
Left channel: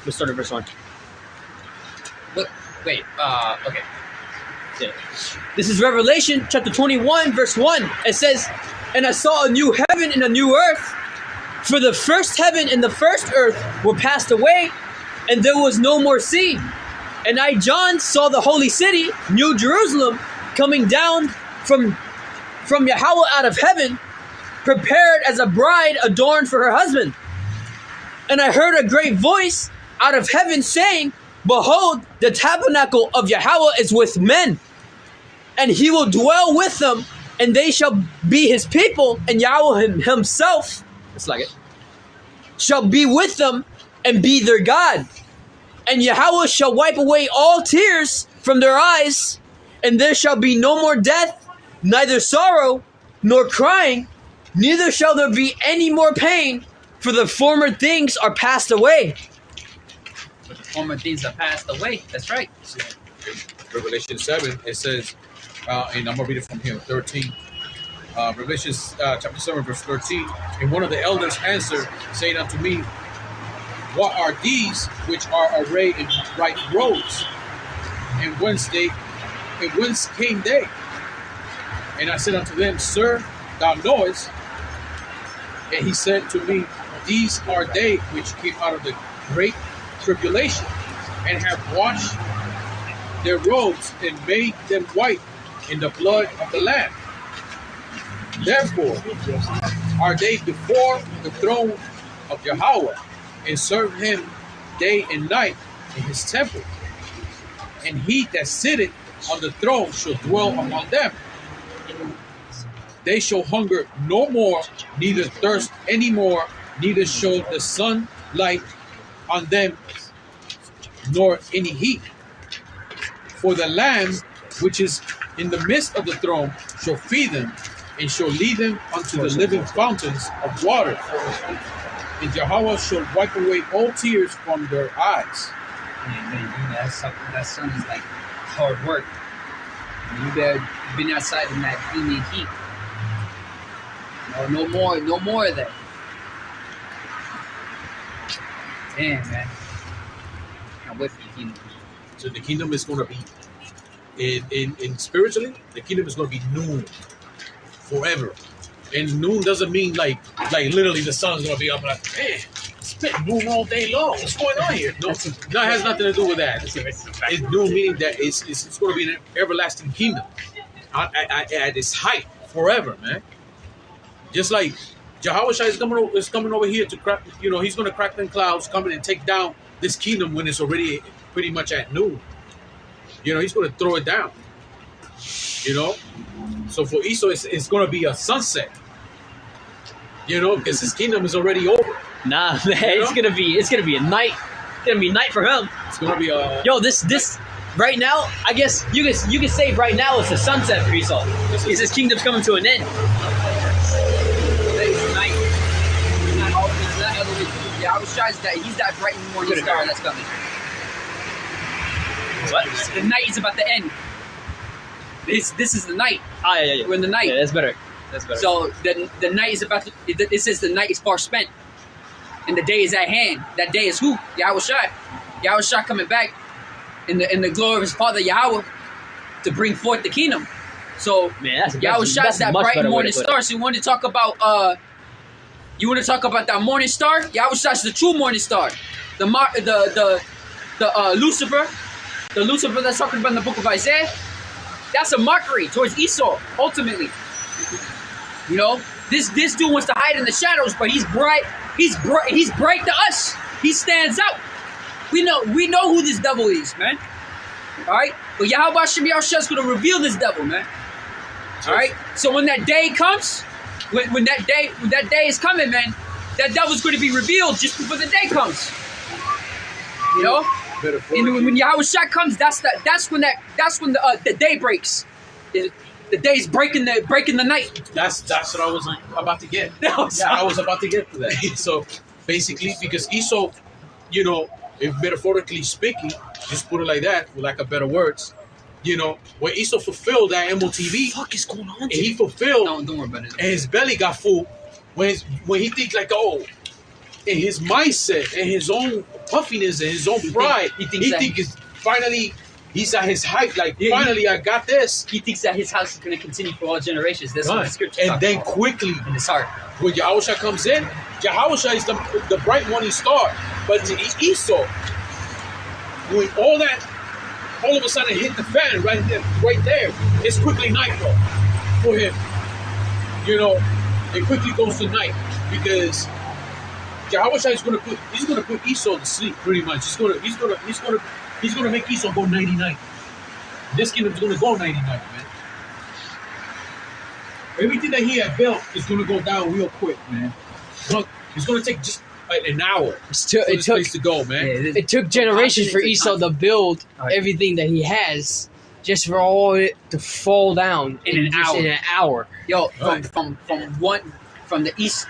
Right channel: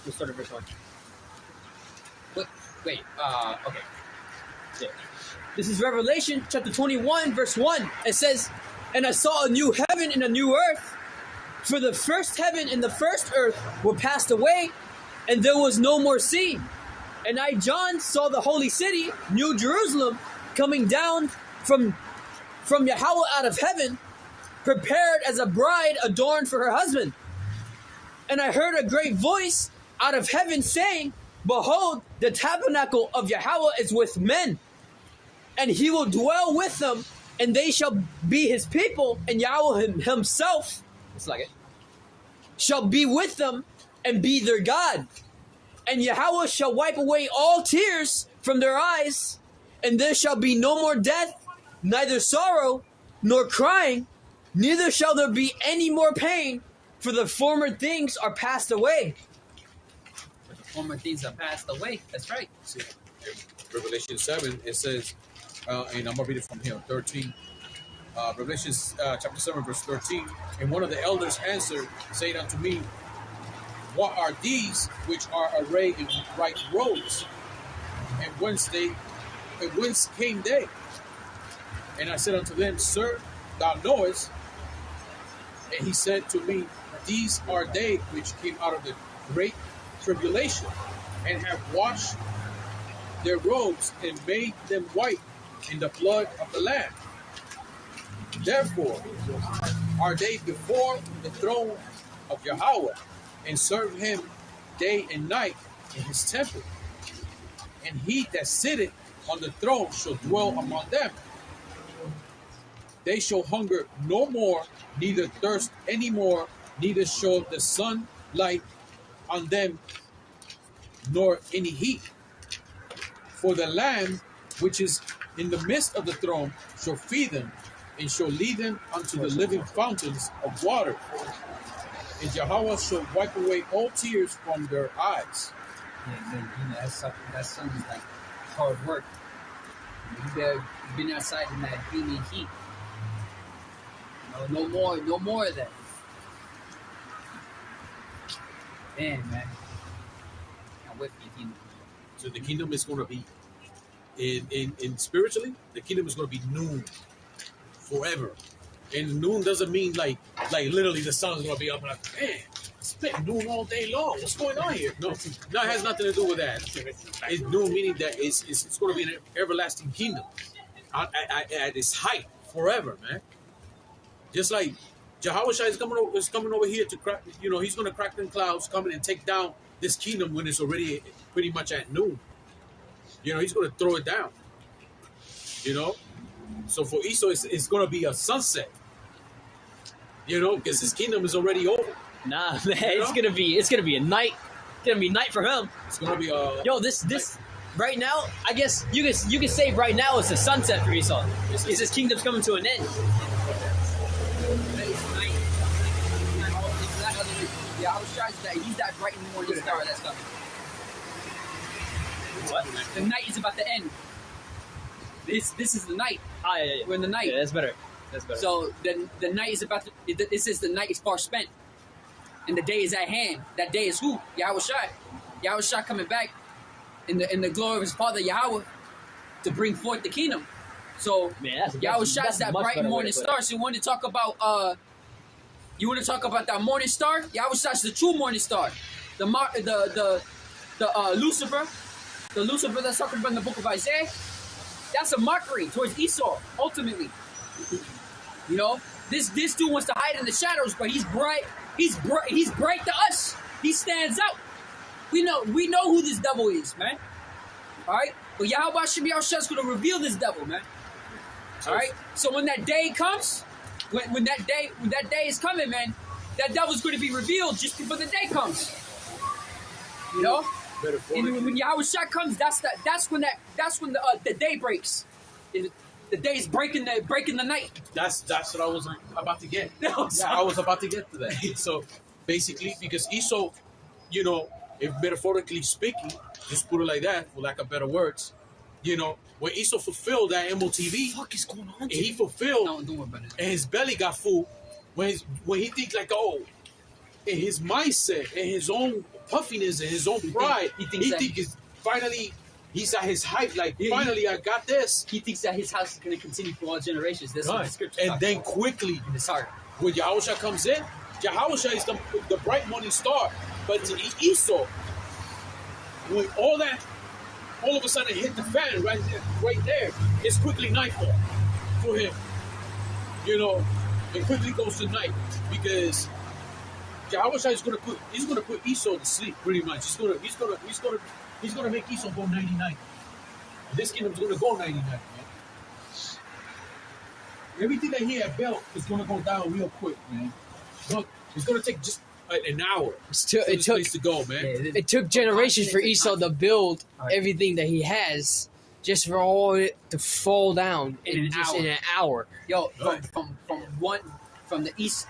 Let's start at verse 1. Wait, okay. Yeah. This is Revelation chapter 21, verse 1. It says, "And I saw a new heaven and a new earth, for the first heaven and the first earth were passed away, and there was no more sea. And I, John, saw the holy city, New Jerusalem, coming down from Yahawah out of heaven, prepared as a bride adorned for her husband. And I heard a great voice out of heaven saying, Behold, the tabernacle of Yahawah is with men, and he will dwell with them, and they shall be his people, and Yahweh himself, it's like it, shall be with them and be their God. And Yahawah shall wipe away all tears from their eyes, and there shall be no more death, neither sorrow nor crying, neither shall there be any more pain, for the former things are passed away." But the former things are passed away. That's right. So, in Revelation 7, it says, and I'm going to read it from here, 13. Revelation chapter 7, verse 13. "And one of the elders answered, saying unto me, What are these which are arrayed in bright robes? And whence came they? And I said unto them, Sir, thou knowest. And he said to me, These are they which came out of the great tribulation, and have washed their robes and made them white in the blood of the Lamb. Therefore are they before the throne of Yahawah, and serve him day and night in his temple. And he that sitteth on the throne shall dwell among them. They shall hunger no more, neither thirst any more, neither shall the sun light on them, nor any heat. For the Lamb which is in the midst of the throne shall feed them, and shall lead them unto the living fountains of water. And Yahawah shall wipe away all tears from their eyes." Man, that sounds like hard work. You've been outside in that humid heat. No more of that. Damn, man. Can't wait for the kingdom. So the kingdom is going to be, in spiritually, the kingdom is going to be noon forever. And noon doesn't mean like literally the sun's going to be up like, man, it's been noon all day long. What's going on here? No, that has nothing to do with that. It's noon meaning that it's going to be an everlasting kingdom at its height forever, man. Just like Yahawashi is coming over here to crack, he's going to crack them clouds, coming and take down this kingdom when it's already pretty much at noon. He's going to throw it down. So for Esau, it's going to be a sunset. Because his kingdom is already over. Nah, man, it's gonna be a night. It's gonna be night for him. It's going to be a... Yo, this right now, I guess you can say right now it's a sunset for Esau. Because his kingdom's coming to an end. It's night. It's not all the way through. Yahawashi, he's that bright morning star that's coming. What? The night is about to end. This is the night. Yeah. We're in the night. Yeah, that's better. So the night is about to. It says the night is far spent, and the day is at hand. That day is who? Yahawashi. Yahawashi coming back in the glory of his father Yahawah to bring forth the kingdom. So Yahawashi is that bright morning star. So you want to talk about that morning star? Yahawashi is the true morning star. The Lucifer, that's talking about in the book of Isaiah. That's a mockery towards Esau, ultimately. This dude wants to hide in the shadows, but he's bright. He's bright to us. He stands out. We know who this devil is, man. All right, but Yahawashi is going to reveal this devil, man. All right. So when that day comes, when that day is coming, man, that devil's going to be revealed just before the day comes. And when Yahawashi comes, that's when the day breaks. The day's breaking the night. That's what I was about to get. No, I was about to get to that. So basically, because Esau, you know, if metaphorically speaking, just put it like that, for lack of better words, you know, when Esau fulfilled that MOTV, What the fuck is going on? and he fulfilled, No, don't worry about it. and his belly got full, when he thinks like, oh, in his mindset and his own puffiness and his own pride, he he thinks is finally he's at his height. Like finally, I got this. He thinks that his house is going to continue for all generations. That's what the scripture And talks then about. quickly, In his heart. when Yahawashi comes in, Yahawashi is the bright morning star. But to Esau, when all of a sudden hit the fan right there, it's quickly nightfall for him. You know, it quickly goes to night because Yahawashi is gonna put Esau to sleep pretty much. He's gonna make Esau go 99. This kingdom's gonna go 99, man. Everything that he had built is gonna go down real quick, man. Look, it's gonna take just an hour for this place to go, man. Yeah, It took generations for Esau to build everything that he has, just for all it to fall down In an hour. In an hour. Yo, Right. from the east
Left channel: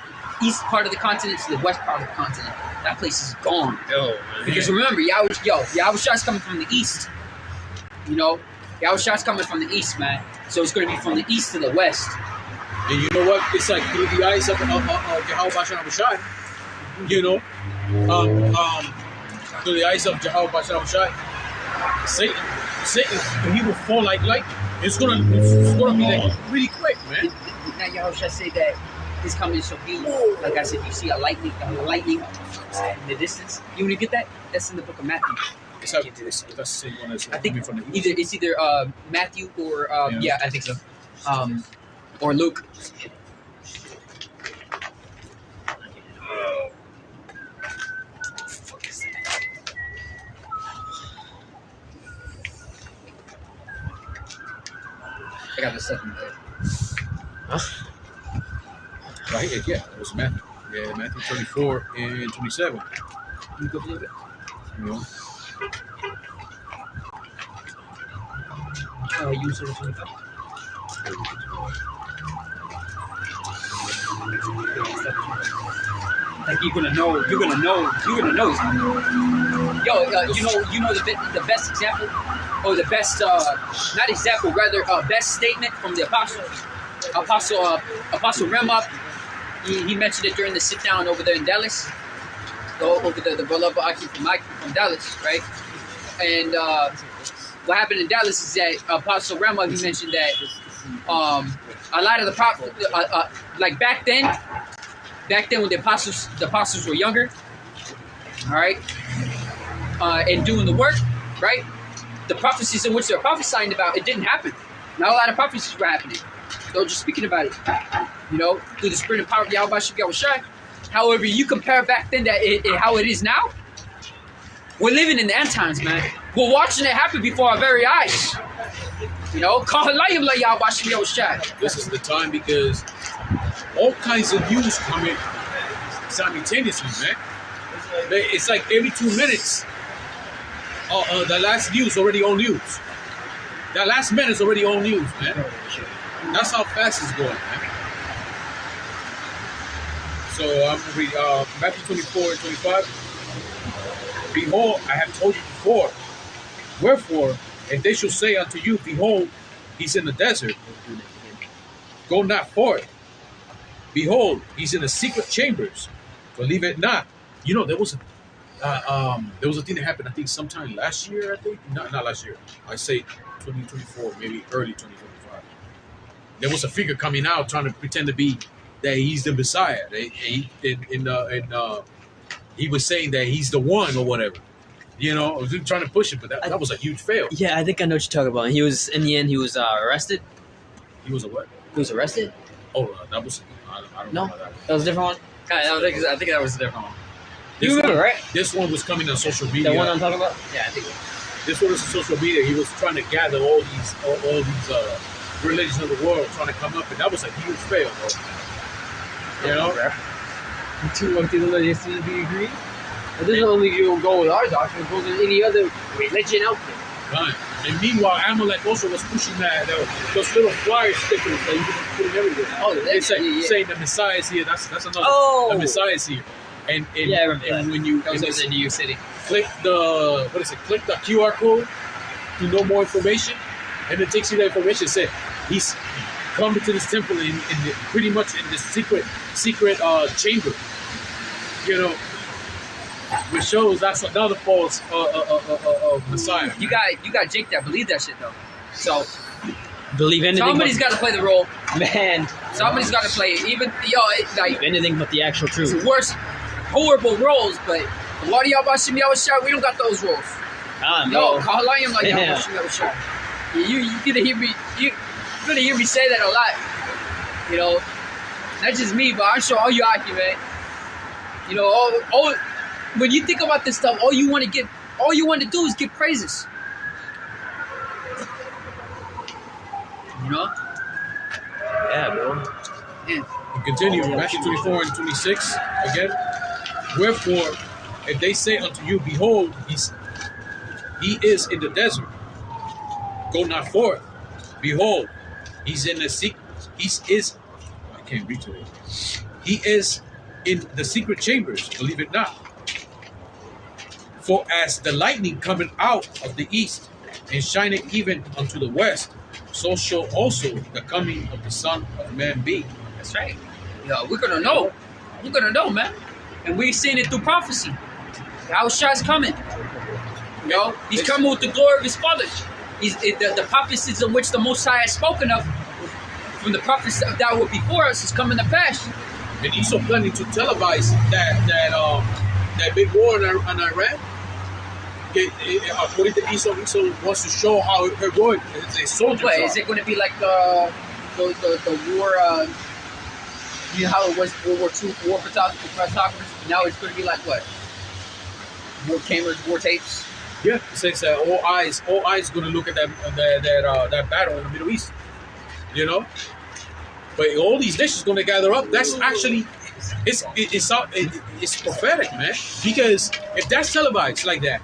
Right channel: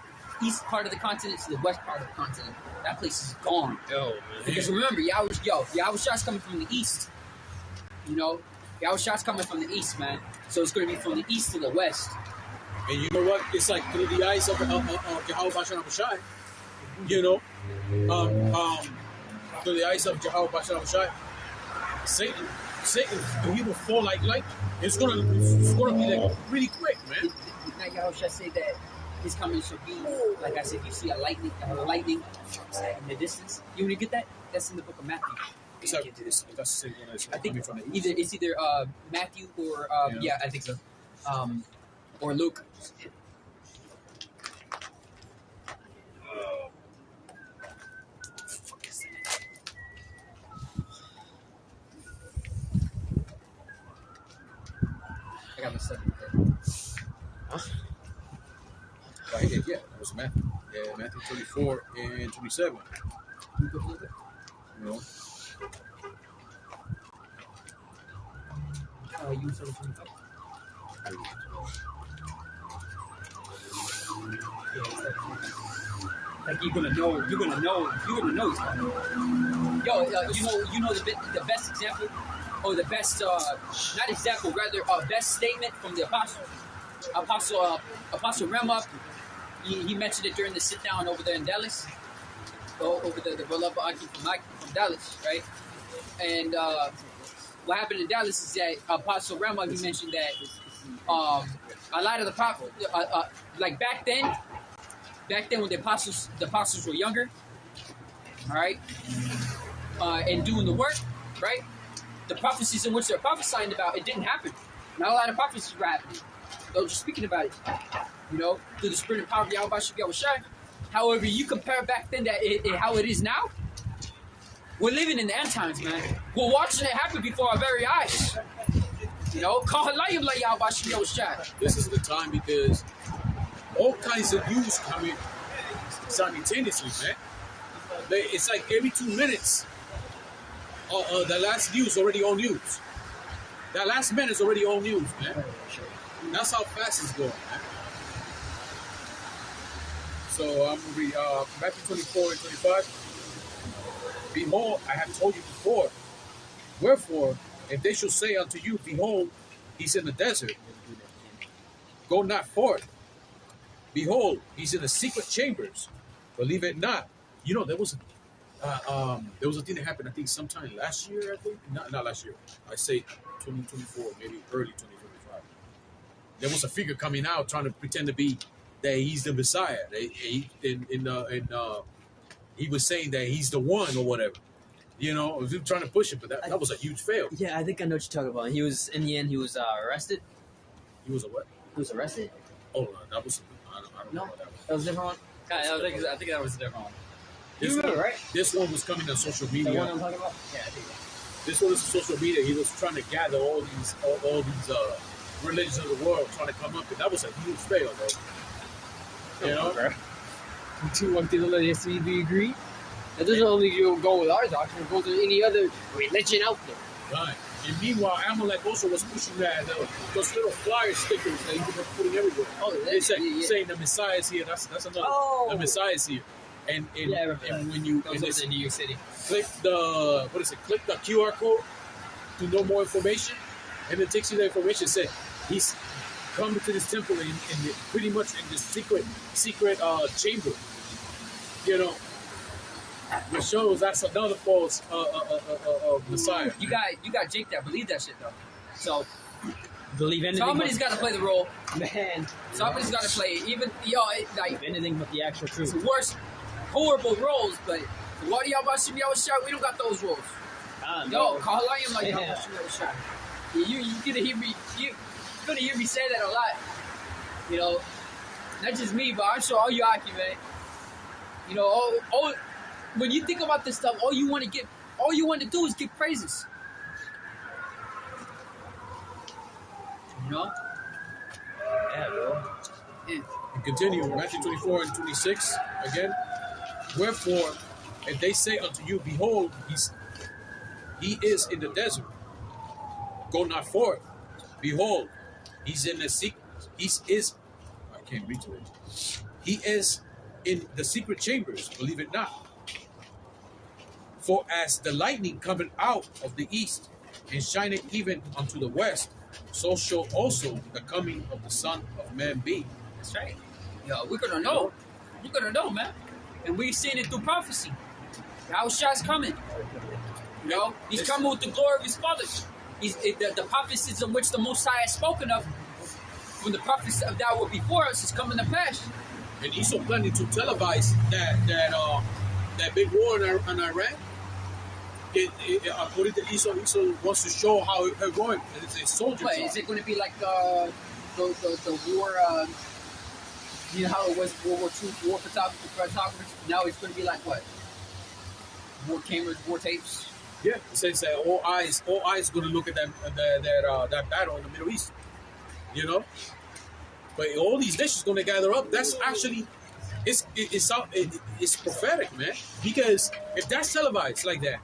part of the continent to the west part of the continent, that place is gone. Yo, Because remember, Yahawah's coming from the east. You know, Yahawah's coming from the east, man. So it's going to be from the east to the west. And you know what? It's like through the eyes of Yahawah and Shai. You know, through the eyes of Yahawah and Shai, Satan, he will fall like lightning. It's gonna be like really quick, man. Now Yahawashi say that his coming shall be like I said. You see a lightning in the distance. You want to get that? That's in the book of Matthew. That's the same one as I think coming from the east. it's either Matthew or Yeah. I think so, or Luke. I got the second. Right here, yeah, it was Matthew. Yeah, Matthew 24 and 27. You go flip it. You know, You said 25. Like you're gonna know. He's gonna know. Yo, you know the best example, or the best not example, rather best statement from the Apostle Ramah. He mentioned it during the sit down over there in Dallas, over the beloved Aki from Dallas, right? And what happened in Dallas is that Apostle Ramah, he mentioned that a lot of the prophets, like back then when the apostles were younger, all right, and doing the work, right, the prophecies in which they're prophesying about, it didn't happen. Not a lot of prophecies were happening. They were just speaking about it, you know, through the spirit and power of Yahawashi. However, you compare back then how it is now. We're living in the end times, man. We're watching it happen before our very eyes. You know, this is the time because all kinds of news come in simultaneously, man. It's like every 2 minutes, the last news already on news. That last minute's already on news, man. That's how fast it's going, man. So I'm going to read Matthew 24 and 25. Behold, I have told you before. Wherefore, if they shall say unto you, behold, he's in the desert, go not forth. Behold, he's in the secret chambers, believe it not. You know, there was a thing that happened, I think, sometime last year, I think. Not last year. I say 2024, maybe early 2025. There was a figure coming out trying to pretend to be that he's the Messiah. He was saying that he's the one or whatever. You know, I was trying to push it, but that was a huge fail. Yeah, I think I know what you're talking about. He was in the end. He was arrested. He was a what? He was arrested. Oh, that was. I don't know No, about that. that was a different one. I think that was a different one. You remember, right? This one was coming on social media. The one I'm talking about. Yeah, I think. This one was on social media. He was trying to gather all these religions of the world, trying to come up, and that was a huge fail, bro. You know? Do you agree? It doesn't only go with our doctrine, it goes with any other religion out there. Right. And meanwhile, Amalek also was pushing those little flyer stickers that you can put everywhere. Oh, They say, yeah. saying the Messiah is here. That's another. Oh. The Messiah is here. And Yeah, I remember and that. when you That was and in New York City. click the click the QR code to know more information, and it takes you that information. It said he's coming to this temple in pretty much in this secret chamber. You know, which shows that's another false Messiah. You got Jake that believe that shit though. So Believe anything. somebody's got to play the role. Man, Somebody's got to play it. Even like anything but the actual it's truth. the worst, horrible roles. But the Wadi Bahasham Yahawashi, we don't got those roles. No, Kahalayim like Yeah. Yahawashi. You gonna hear me? You gonna hear me say that a lot? You know, not just me, but I'm sure all you Aki, man. You know, all when you think about this stuff, all you want to do is give praises. You know? Yeah, bro. Yeah. We continue, Matthew 24 and 26 again. Wherefore, if they say unto you, behold, he is in the desert, go not forth. Behold, he's in the secret. I can't read today. He is in the secret chambers, believe it not. For as the lightning cometh out of the east, and shineth even unto the west, so shall also the coming of the Son of Man be. That's right. Yo, we're gonna know. We're gonna know, man. And we've seen it through prophecy. Yahawah's coming. You know, he's coming with the glory of his Father. The prophecies in which the Most High has spoken of from the prophets that were before us is coming to pass. And Esau planning to televise that big war in Iran. According to Esau wants to show how heroic his soldiers What are. is it going to be like the war? You know how it was World War II war photographers? Now it's going to be like what? War cameras, war tapes. Yeah, it says that all eyes going to look at that battle in the Middle East. You know, but all these nations going to gather up. That's actually it's prophetic, man. Because if that's televised like that,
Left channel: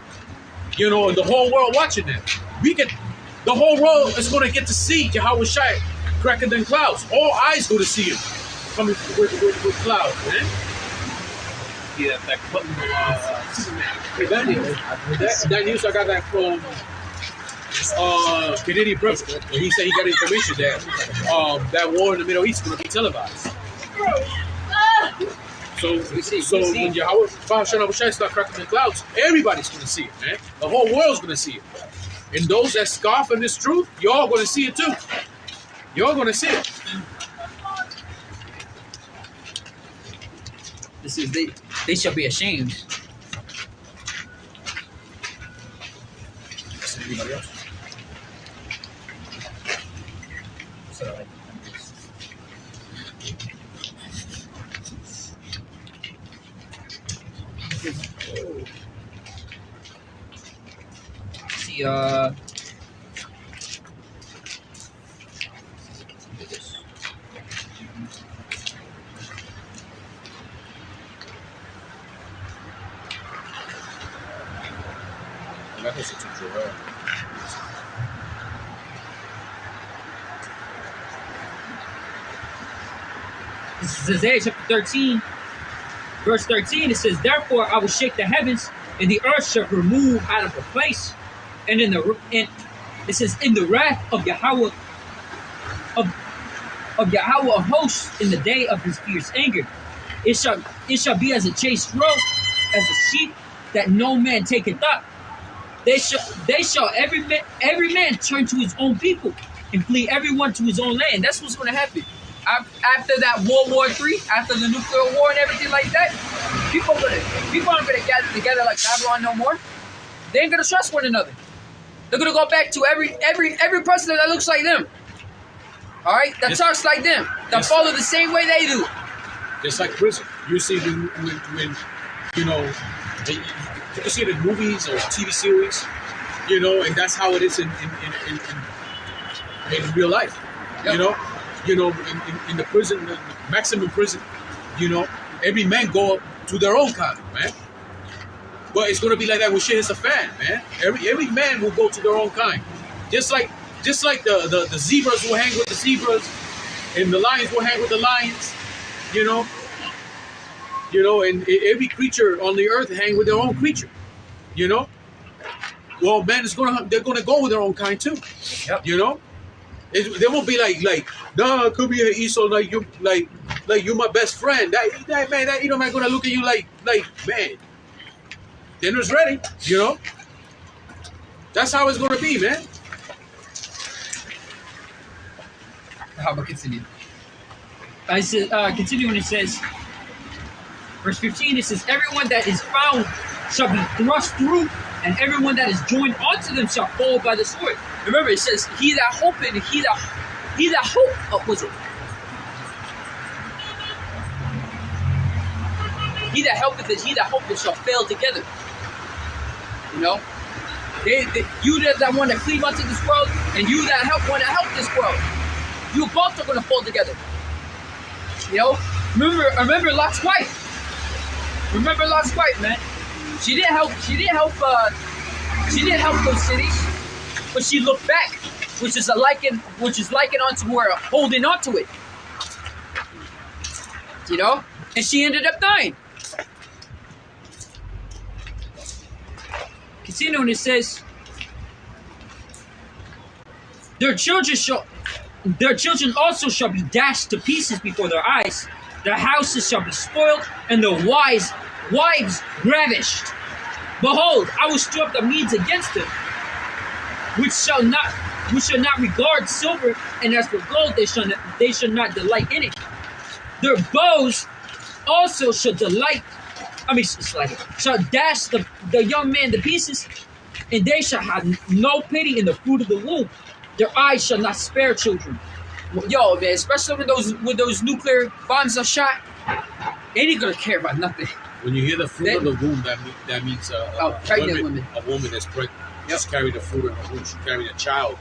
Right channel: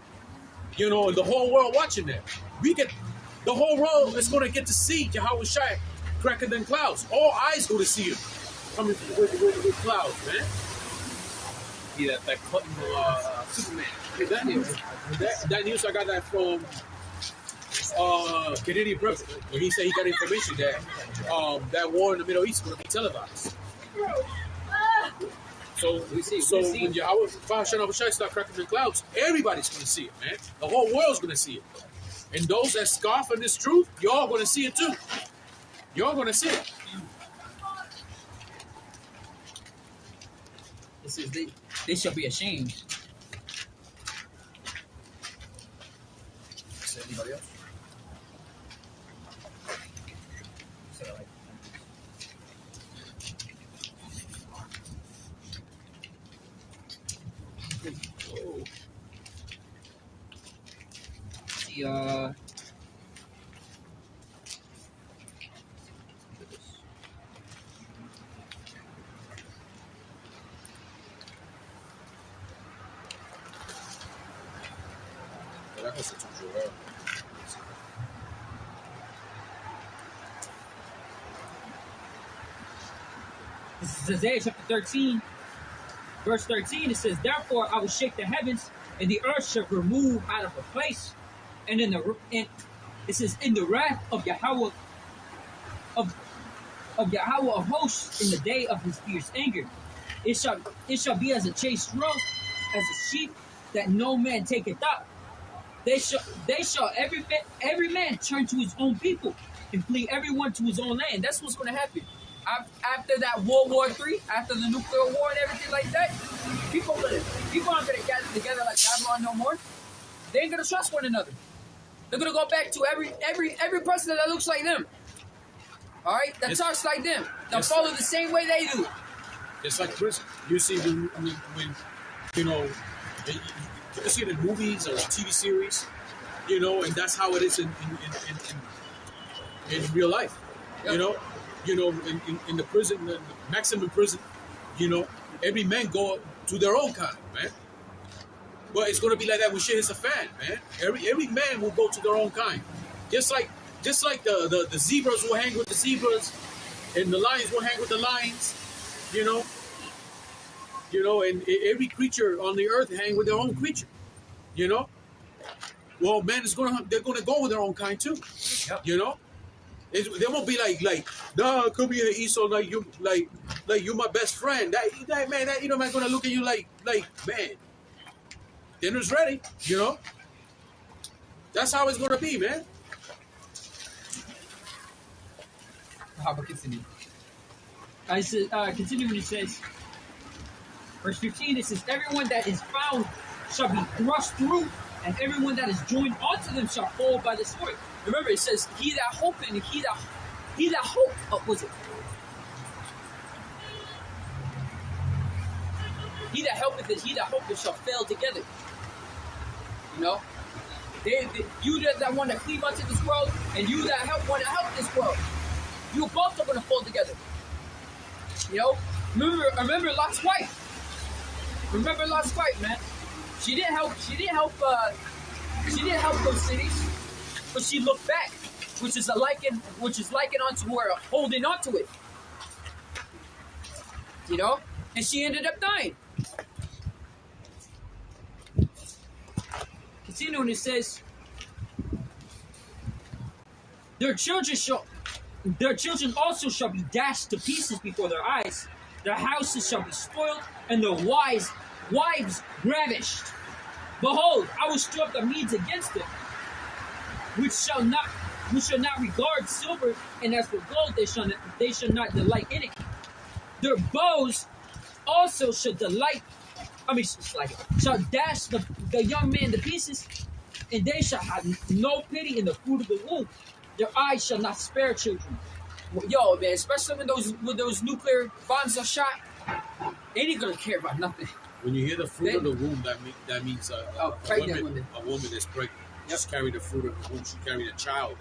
you know, and the whole world watching it, the whole world is going to get to see Yahawashi cracking them clouds. All eyes going to see him coming with clouds, man. Yeah, that clip from that news I got that from Canadian president. He said he got information that that war in the Middle East is going to be televised. So when Yahawashi start cracking the clouds, everybody's going to see it, man. The whole world's going to see it. And those that scoff at this truth, y'all going to see it too. Y'all going to see it. This is they shall be ashamed. Anybody else? See, This is Isaiah chapter 13, verse 13. It says, "Therefore I will shake the heavens, and the earth shall remove out of her place, and it says, in the wrath of Yahawah of Yahawah of hosts, in the day of his fierce anger, it shall be as a chased roe, as a sheep that no man taketh up. They shall every man turn to his own people, and flee everyone to his own land." That's what's going to happen. After that World War III, after the nuclear war and everything like that, people aren't gonna gather together like Babylon no more. They ain't gonna trust one another. They're gonna go back to every person that looks like them. All right, that talks like them, that follow the same way they do. It's like prison. You see when you know you can see the movies or TV series, you know, and that's how it is in real life. Yep. You know, in the prison, the maximum prison, you know, every man go to their own kind, man. But it's gonna be like that when shit hits a fan, man. Every man will go to their own kind. Just like the zebras will hang with the zebras, and the lions will hang with the lions. You know, and every creature on the earth hang with their own creature. You know. Well, man, they're gonna go with their own kind too. Yep. You know. They won't be like, nah, come here, Esau, like you my best friend. That man, that man gonna look at you like, man, dinner's ready, you know? That's how it's gonna be, man. How about continue? I said, continuing, it says, verse 15, it says, everyone that is found shall be thrust through, and everyone that is joined unto them shall fall by the sword. Remember, it says, he that hopeth, what was it? He that helpeth and he that hopeth shall fail together. You know? You that want to cleave unto this world, and you that want to help this world, you both are going to fall together. You know? Remember Lot's wife. Remember Lot's wife, man. She didn't help those cities, but she looked back, which is likened onto her holding on to it. You know? And she ended up dying. Continuing, it says, their children also shall be dashed to pieces before their eyes. Their houses shall be spoiled, and their wives ravished. Behold, I will stir up the Medes against them, which shall not regard silver, and as for gold, they shall not delight in it. Their bows also shall shall dash the young man to pieces, and they shall have no pity in the fruit of the womb. Their eyes shall not spare children. Yo, man, especially when those nuclear bombs are shot, ain't gonna care about nothing. When you hear the fruit of the womb, that means pregnant women. A woman that's pregnant. Just carry the fruit of the womb. She carry a child.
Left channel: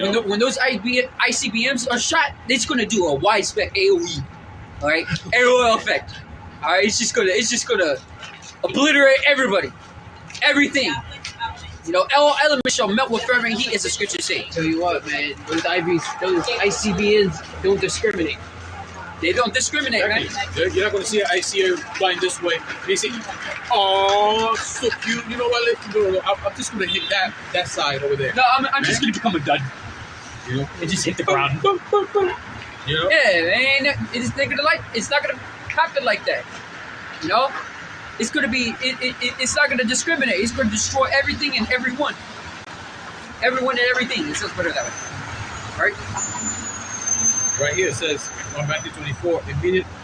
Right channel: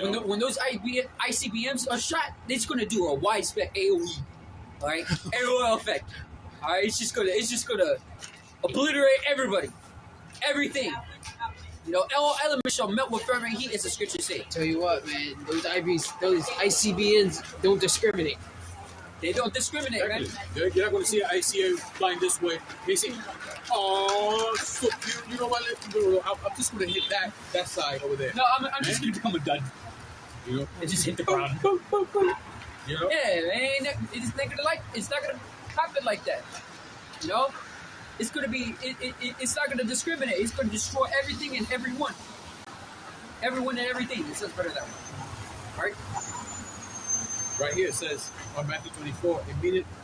When those ICBMs are shot, it's gonna do a wide spec AOE. All right, AOE effect. All right, it's just gonna obliterate everybody, everything. You know, all elements shall melt with fervent heat, as the scriptures say. Tell you what, man, those ICBMs don't discriminate. They don't discriminate, man. You're not going to see an ICA flying this way. They say, oh, so cute. You know what? I'm just going to hit that side over there. No, I'm just going to become a dud. You know? And just hit the ground. You know? Yeah, man. It's not gonna happen like that. You know? It's gonna be. It's not gonna discriminate. It's gonna destroy everything and everyone. Everyone and everything. It says better that way. Right? Right here it says on Matthew 24,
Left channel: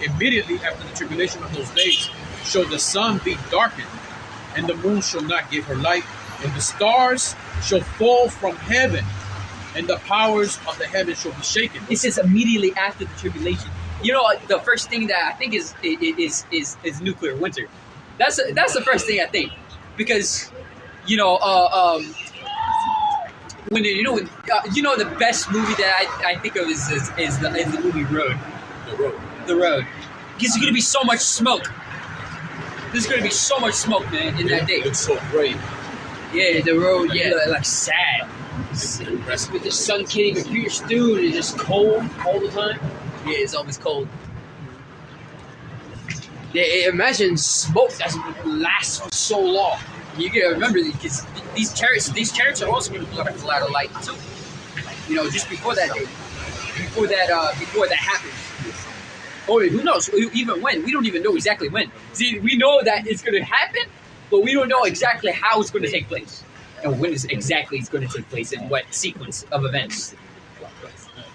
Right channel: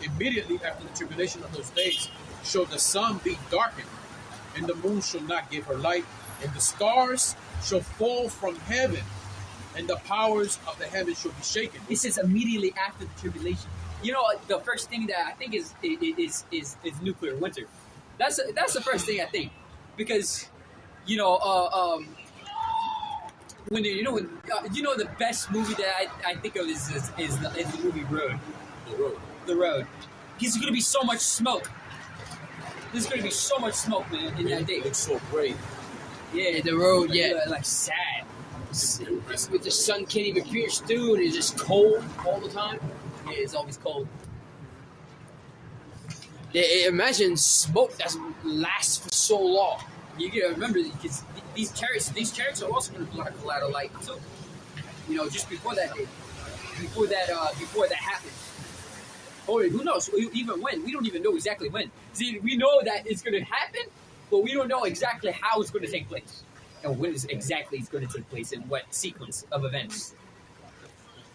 immediately after the tribulation of those days, shall the sun be darkened, and the moon shall not give her light, and the stars shall fall from heaven, and the powers of the heaven shall be shaken. It says immediately after the tribulation. You know, the first thing that I think is nuclear winter. That's the first thing I think, because when the best movie that I think of is the movie Road. The Road. Because there's gonna be so much smoke. There's gonna be so much smoke, man, in that day. It's so great. Yeah, the road. Yeah, like sad. With the sun can't even pierce through, it's just cold all the time. Yeah, it's always cold. Yeah, imagine smoke that lasts for so long. You gotta remember, because these chariots are also gonna blow a lot of light too. You know, just before that day, before that happens. Or who knows? Even when? We don't even know exactly when. See, we know that it's gonna happen, but we don't know exactly how it's gonna take place, and when exactly it's gonna take place, and what sequence of events.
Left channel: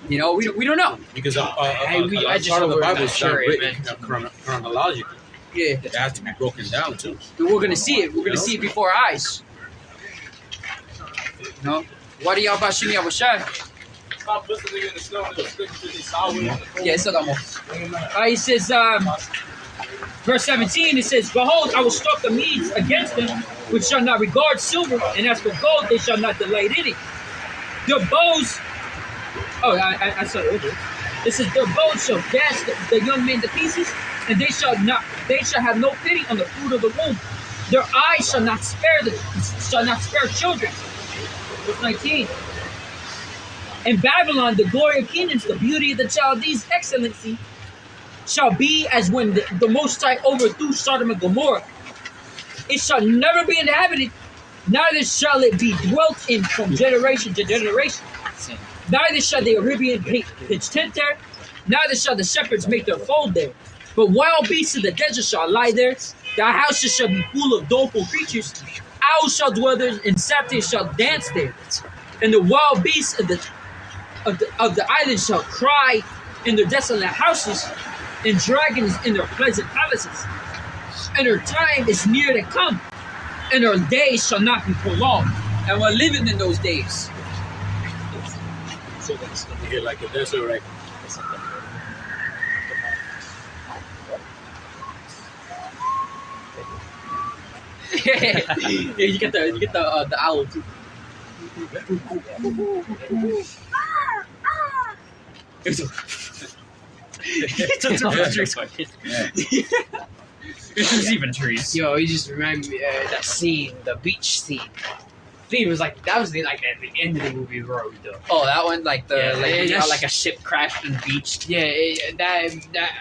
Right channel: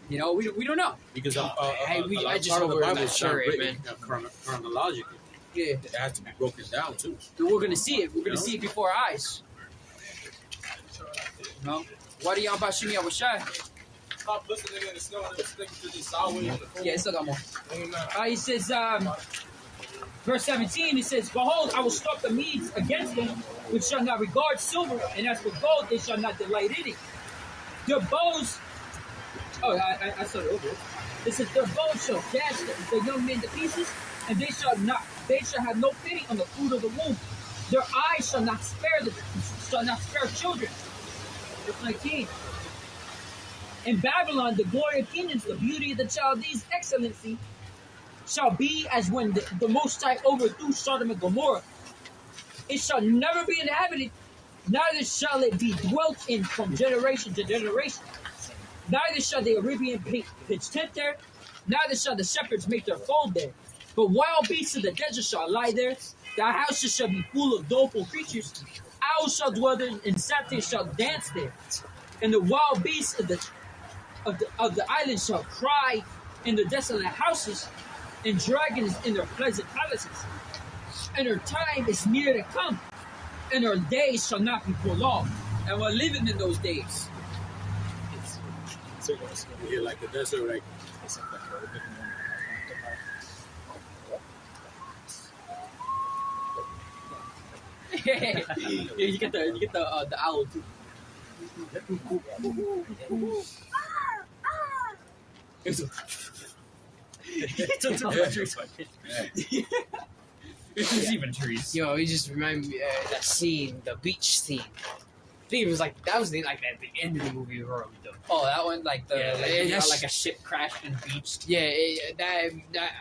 You know, we don't know. Because I just part of the don't Bible know is sure, not written chronologically. Yeah, It has to be broken down too. but we're gonna see it. We're gonna see it before our eyes. No. What do y'all bahasham Yahawashi? Stop listening in the snow and sticking to the sour. Yeah, it's not more. It says, verse 17, it says, behold, I will stalk the Medes against them, which shall not regard silver, and as for gold, they shall not delight in it. Their bows, I saw it over. It says, their bows shall dash the young men to pieces, and they shall have no pity on the fruit of the womb. Their eyes shall not spare children. Verse 19. In Babylon, the glory of kingdoms, the beauty of the Chaldees' excellency, shall be as when the Most High overthrew Sodom and Gomorrah. It shall never be inhabited, neither shall it be dwelt in from generation to generation. Neither shall the Arabian pitch tent there, neither shall the shepherds make their fold there. But wild beasts of the desert shall lie there. Their houses shall be full of doleful creatures. Owls shall dwell there, and satyrs shall dance there. And the wild beasts of the island shall cry in their desolate houses, and dragons in their pleasant palaces. And her time is near to come, and her days shall not be prolonged. And we're living in those days. So that's here like a desert, right? Yeah, you get the owl too. It's just even trees. Yo, you just remind me that scene, the beach scene. I think it was like that was at the end of the movie, bro. Oh, that one, like that's- like a ship crashed on the beach. Yeah, that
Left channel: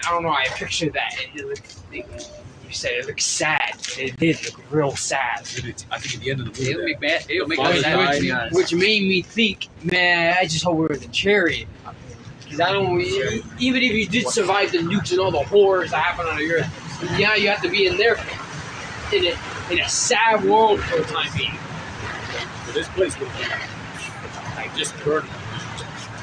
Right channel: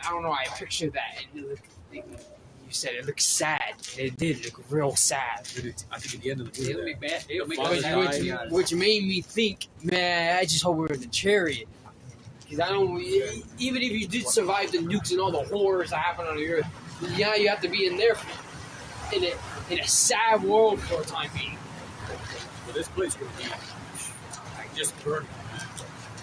I don't know. I pictured that. You said it looked sad. It did look real sad. I think at the end of the movie, It'll make Fine, me sad, to be fine. honest. Which made me think, man, I just hope we're in the chariot. Because I don't, even if you did survive the nukes and all the horrors that happen on the earth, yeah, you have to be in there in a sad world for a time being. but this place will be like just burning.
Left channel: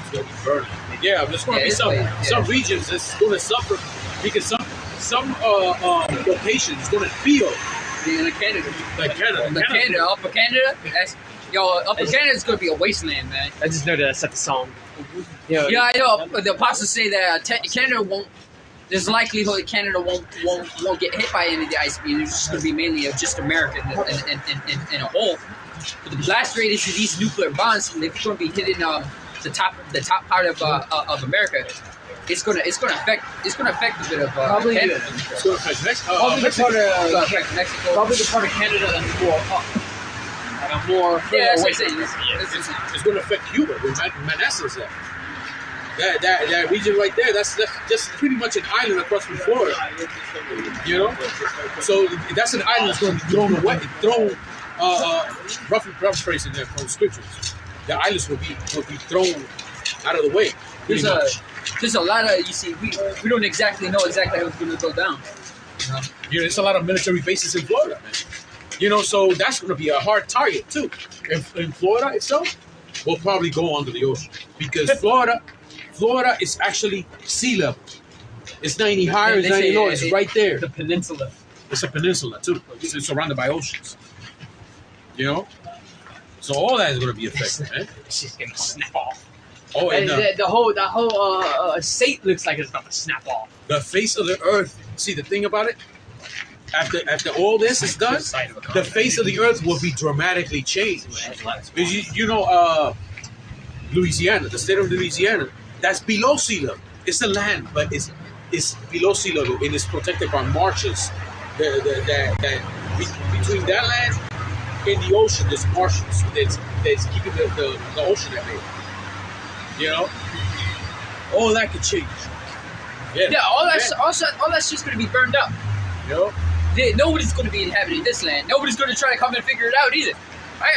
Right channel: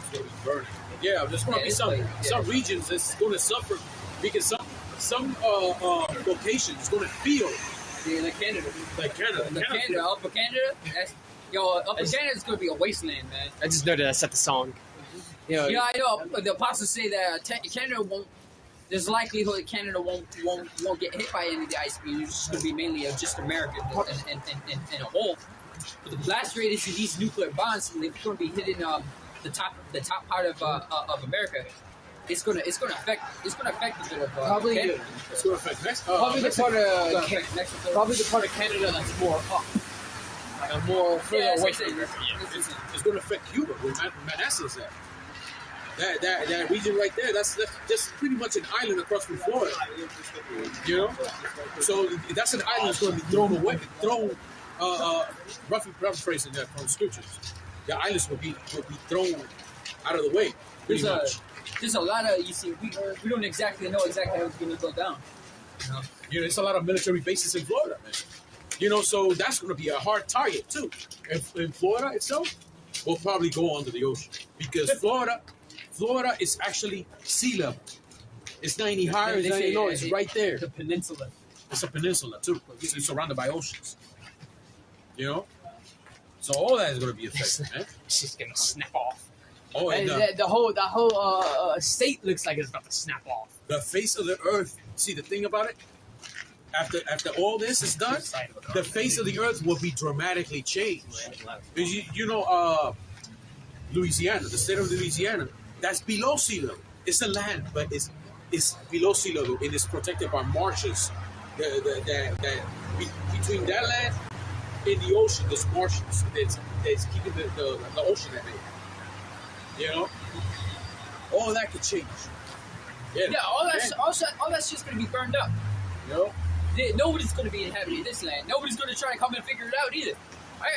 It's gonna be burning. Yeah, there's gonna Yeah, be this some place, yeah. regions that's gonna suffer because some locations is gonna feel Yeah, like Canada. like Canada. Upper Canada. Upper Canada is gonna be a wasteland, man. I just know that I set the song. Yeah, I know. But the apostles say that Canada won't. There's likelihood Canada won't get hit by any of the ice beams. It's just gonna be mainly of just America in a whole. But the blast radius of these nuclear bombs, they're gonna be hitting the top part of America. It's gonna affect a bit of Probably- It's Canada. gonna affect Probably the Mexico. part It's gonna of affect Mexico. probably the part of Canada that's more up, and a more further Yeah, that's away what I'm from saying. us. It's gonna affect Cuba. Where Manassas at. That region right there, that's just pretty much an island across from Florida. You know? So that's an island that's going to be rough phrasing there from scriptures. The islands will be thrown out of the way. There's pretty a much. there's a lot of we don't exactly know exactly how it's gonna go down. You know? There's a lot of military bases in Florida, man. You know, so that's going to be a hard target too. In Florida itself, will probably go under the ocean because Florida is actually sea level. It's not any higher, it's They not any say lower. It's right there. The peninsula. It's a peninsula too. It's surrounded by oceans. You know, so all that is going to be affected, man. It's just gonna snap off. Oh, and The whole state looks like it's about to snap off. the face of the earth. See, the thing about it, after all this is done, the face of the earth will be dramatically changed. Because you know, Louisiana, the state of Louisiana, that's below sea level. It's a land, but it's below sea level and it's protected by marshes. Between that land and the ocean, there's marshes that's keeping the ocean at bay. You know, all that could change. Yeah, all that's just gonna be burned up. You know, Nobody's gonna be inhabiting this land. Nobody's gonna try to come and figure it out either.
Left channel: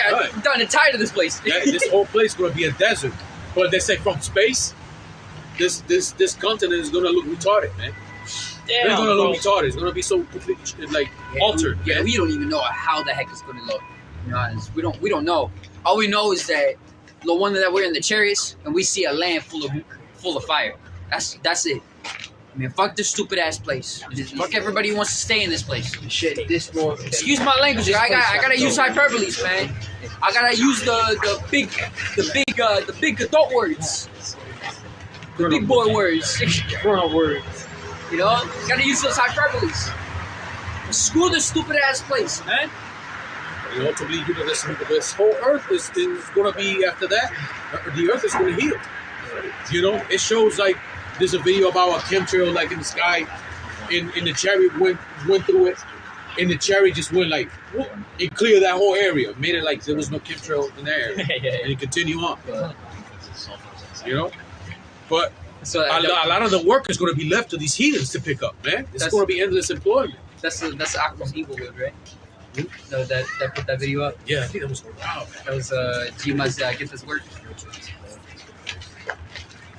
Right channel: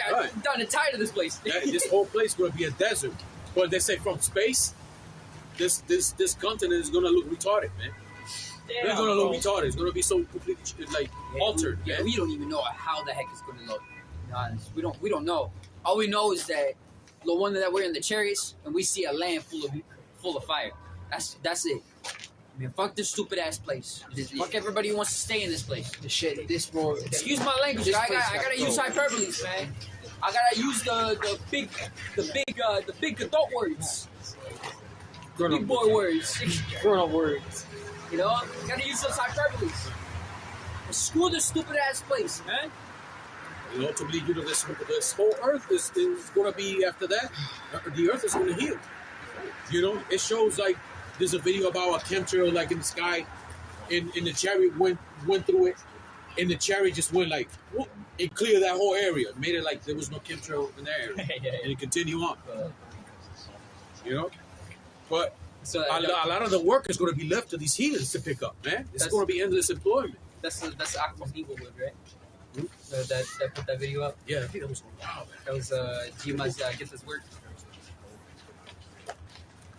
I'm Right. done and tired of this place. this whole place is going to be a desert. But they say from space, this continent is going to look retarded, man. It's going to look retarded. It's going to be so completely like altered. Yeah, man. we don't even know how the heck it's gonna look. To be honest, we don't know. All we know is that the one that we're in the chariots and we see a land full of fire. That's it. I mean, fuck this stupid ass place. Fuck everybody who wants to stay in this place. Shit, this more. Excuse my language. I gotta use hyperboles, man. I gotta use the big adult words, the big boy words. Colonel words. You know, gotta use those hyperboles. Screw this stupid ass place, man. And ultimately, you know, this whole earth is going to be after that. The earth is going to heal. You know, it shows like there's a video about a chemtrail like in the sky, and the chariot went through it, and the chariot just went like, whoop, it cleared that whole area, made it like there was no chemtrail in there, and it continued on. You know, but So a lot of the work is going to be left to these heathens to pick up, man. It's going to be endless employment. that's Aqua's evil word, right? That put that video up. Yeah, I think that was wow, man. That was Jima's get this word.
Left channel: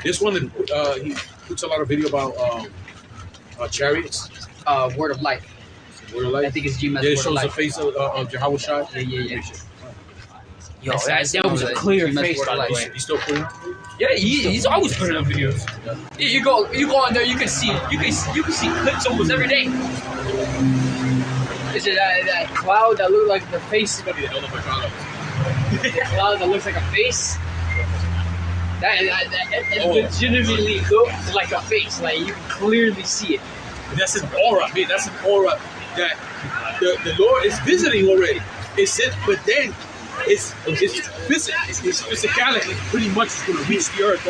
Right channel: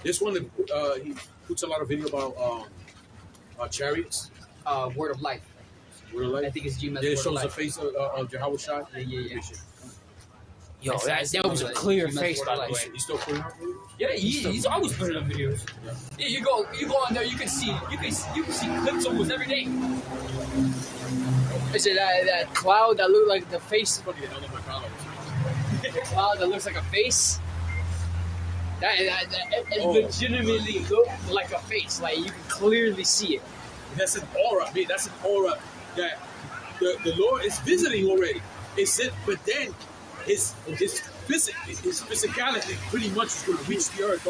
This one, he puts a lot of video about chariots. Word of life. Word of I life. think it's Jima's Yeah, it word shows of the life. face of Yahawashi. Yeah. Yo, that was a clear Jima's face, word by of the life. way. He's still putting up. Yeah, he's always putting up videos. Yeah, you go on there, you can see clips almost every day. Is it that cloud that looked like the face? The cloud that looks like a face? It legitimately looked like a face. Like you can clearly see it. That's an aura, man. That's an aura that the Lord is visiting already. It's it, but then it's physicality pretty much is going to reach the earth.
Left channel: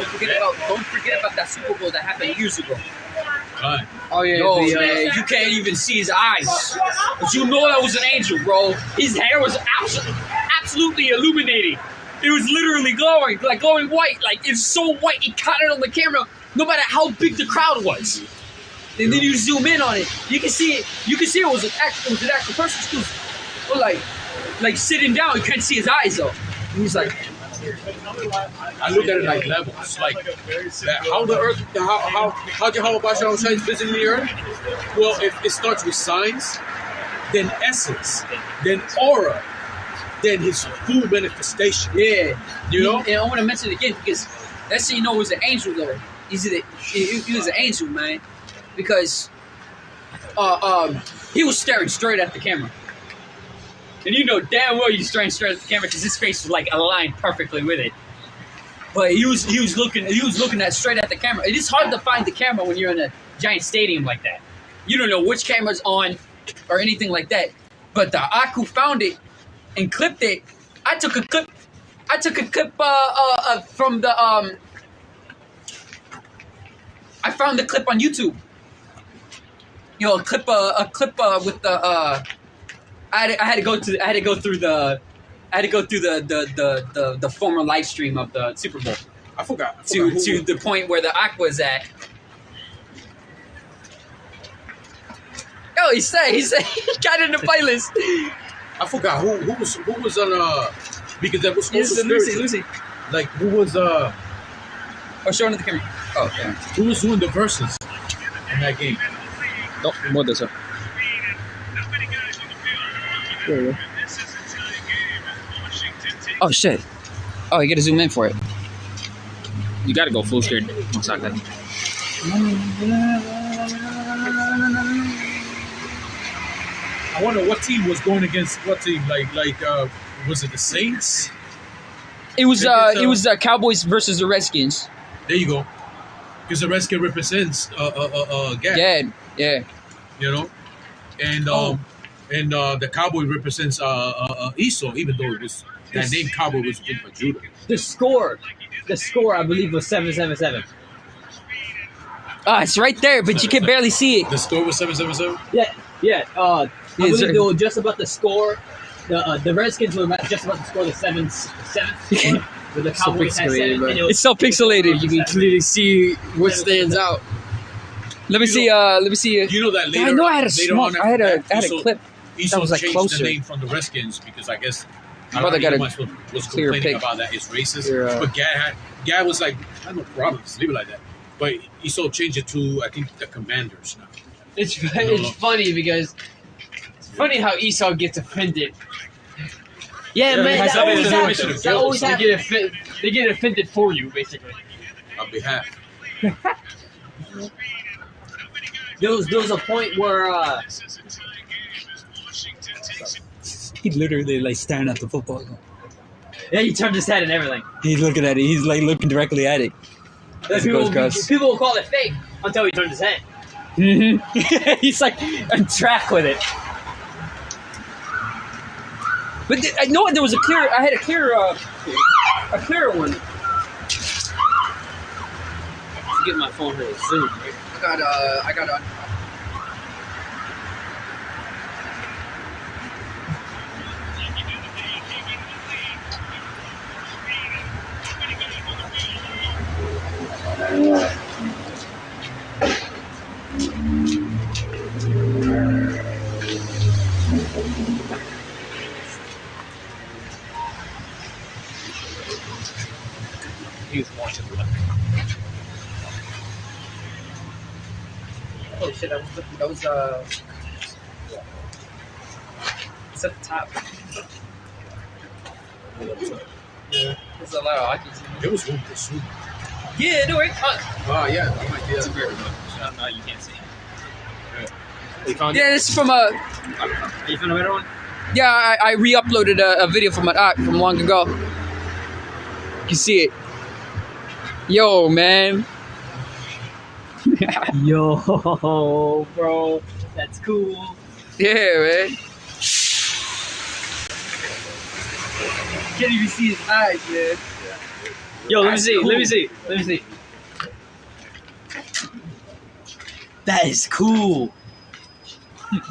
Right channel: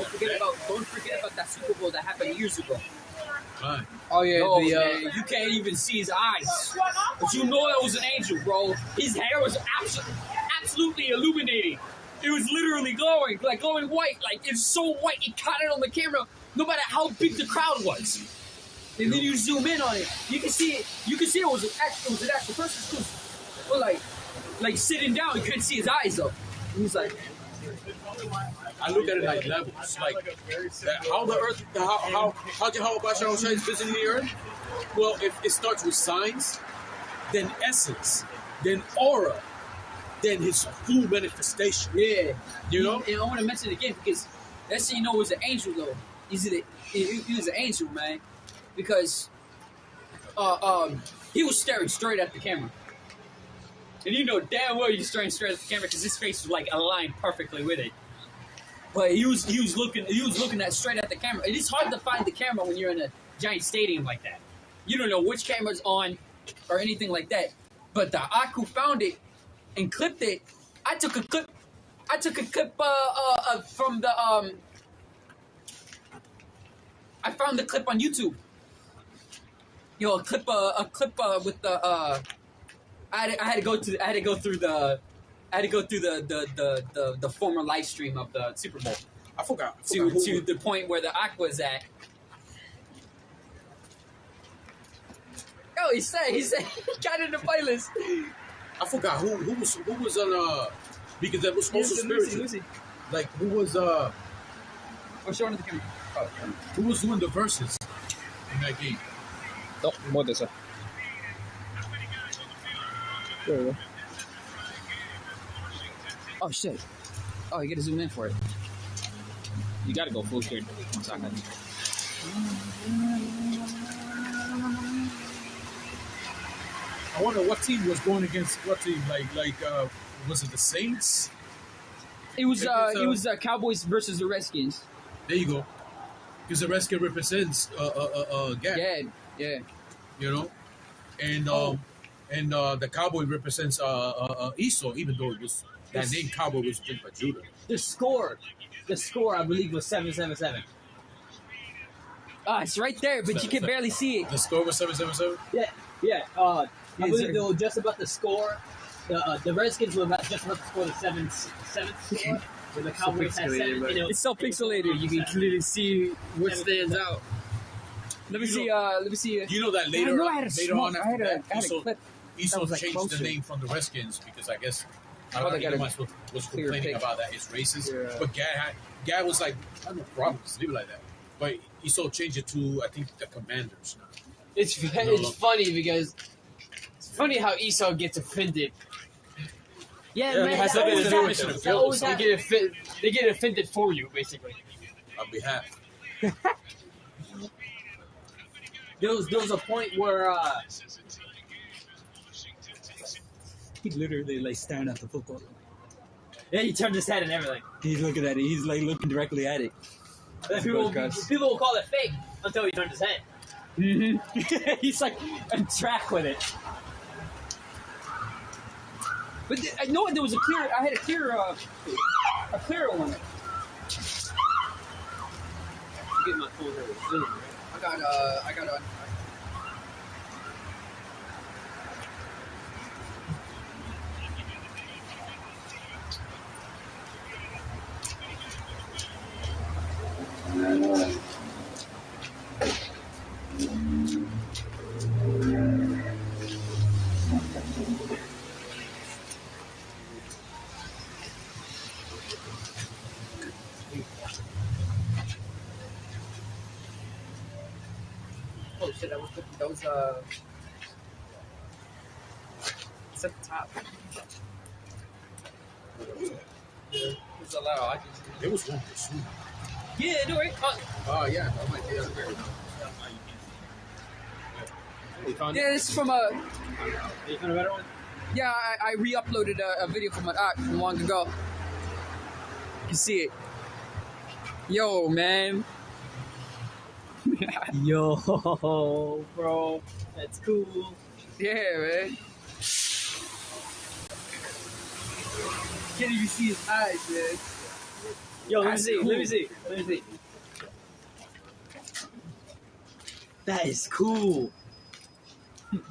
Don't forget about that Super Bowl that happened years ago. Right. Oh yeah, Yo, man, you can't even see his eyes, but you know that was an angel, bro. His hair was absolutely illuminating. It was literally glowing white. Like it's so white, it caught it on the camera, no matter how big the crowd was. And then you zoom in on it, you can see it. You can see it was an actual person. But like sitting down, you can't see his eyes though. And he's like, I look at it like levels, like that, how the earth, how Yahawashi is visiting the earth. Well, if it starts with signs, then essence, then aura, then his full manifestation. yeah, You know? And I want to mention it again because that's how you know it was an angel though. He was an angel, man, because he was staring straight at the camera. And you know damn well he's staring straight at the camera because his face was like aligned perfectly with it. But he was looking at straight at the camera. It is hard to find the camera when you're in a giant stadium like that. You don't know which camera's on or anything like that. But the Aku found it and clipped it. I took a clip from the I found the clip on YouTube. You know, a clip with the I had to go through the former live stream of the Super Bowl I forgot to who- the point where the Aqua's at. Oh, he said he got in the playlist. I forgot who was on because that was supposed to Lucy. Like who was Oh, showing it the camera. Oh, yeah. who was doing the verses in that game? Oh, more this one. Oh shit! Oh, you gotta zoom in for it. You gotta go full screen. One second. I wonder what team was going against what team. Like was it the Saints? It was Cowboys versus the Redskins. There you go. Because the Redskin represents Gad. Yeah. You know, and the Cowboy represents Esau, even though it was that name Cowboy was given by Judah. The score, I believe, was 7-7-7. It's right there, but you can barely see it. The score was 7-7-7. Yeah. I Is believe there- they were just about to score. The Redskins were just about to score the seventh score. But the Cowboys had 7, and it was It's so pixelated. You can clearly see what stands out. Let me see. You know that later. I know I had a later smoke. on I had a Esau- clip. Esau that was, like, changed closer. the name from the Redskins because I guess Brother got a was clear complaining pic. about that it's racist. Here, But Gad was like, I have no problem, just leave it like that. But Esau changed it to I think the Commanders now. It's funny because it's funny how Esau gets offended. yeah, man. it has That always something to do happens. with That always They happens. they get offended for you, basically. On behalf. There was a point where He literally like staring at the football. yeah, he turned his head and everything. He's looking at it. He's like looking directly at it. As it goes across. People will call it fake until he turned his head. He's like on track with it. But I know there was a clear. I had a clearer one. Get my phone here. Zoom. Right? I got he was born to the left. Oh shit, that was it's at the top. Yeah, there's a lot of icons in There was room for soup. Yeah, no, right? Yeah, I might get it. No, you can't see. You found Yeah, this is from Are you found a better one? Yeah, I re-uploaded a video from from long ago. You can see it. Yo, man. Yo, bro, that's cool. Yeah, man. Can't even see his eyes, man. Yo, let me That's see. cool. Let me see. Let me see. That is cool.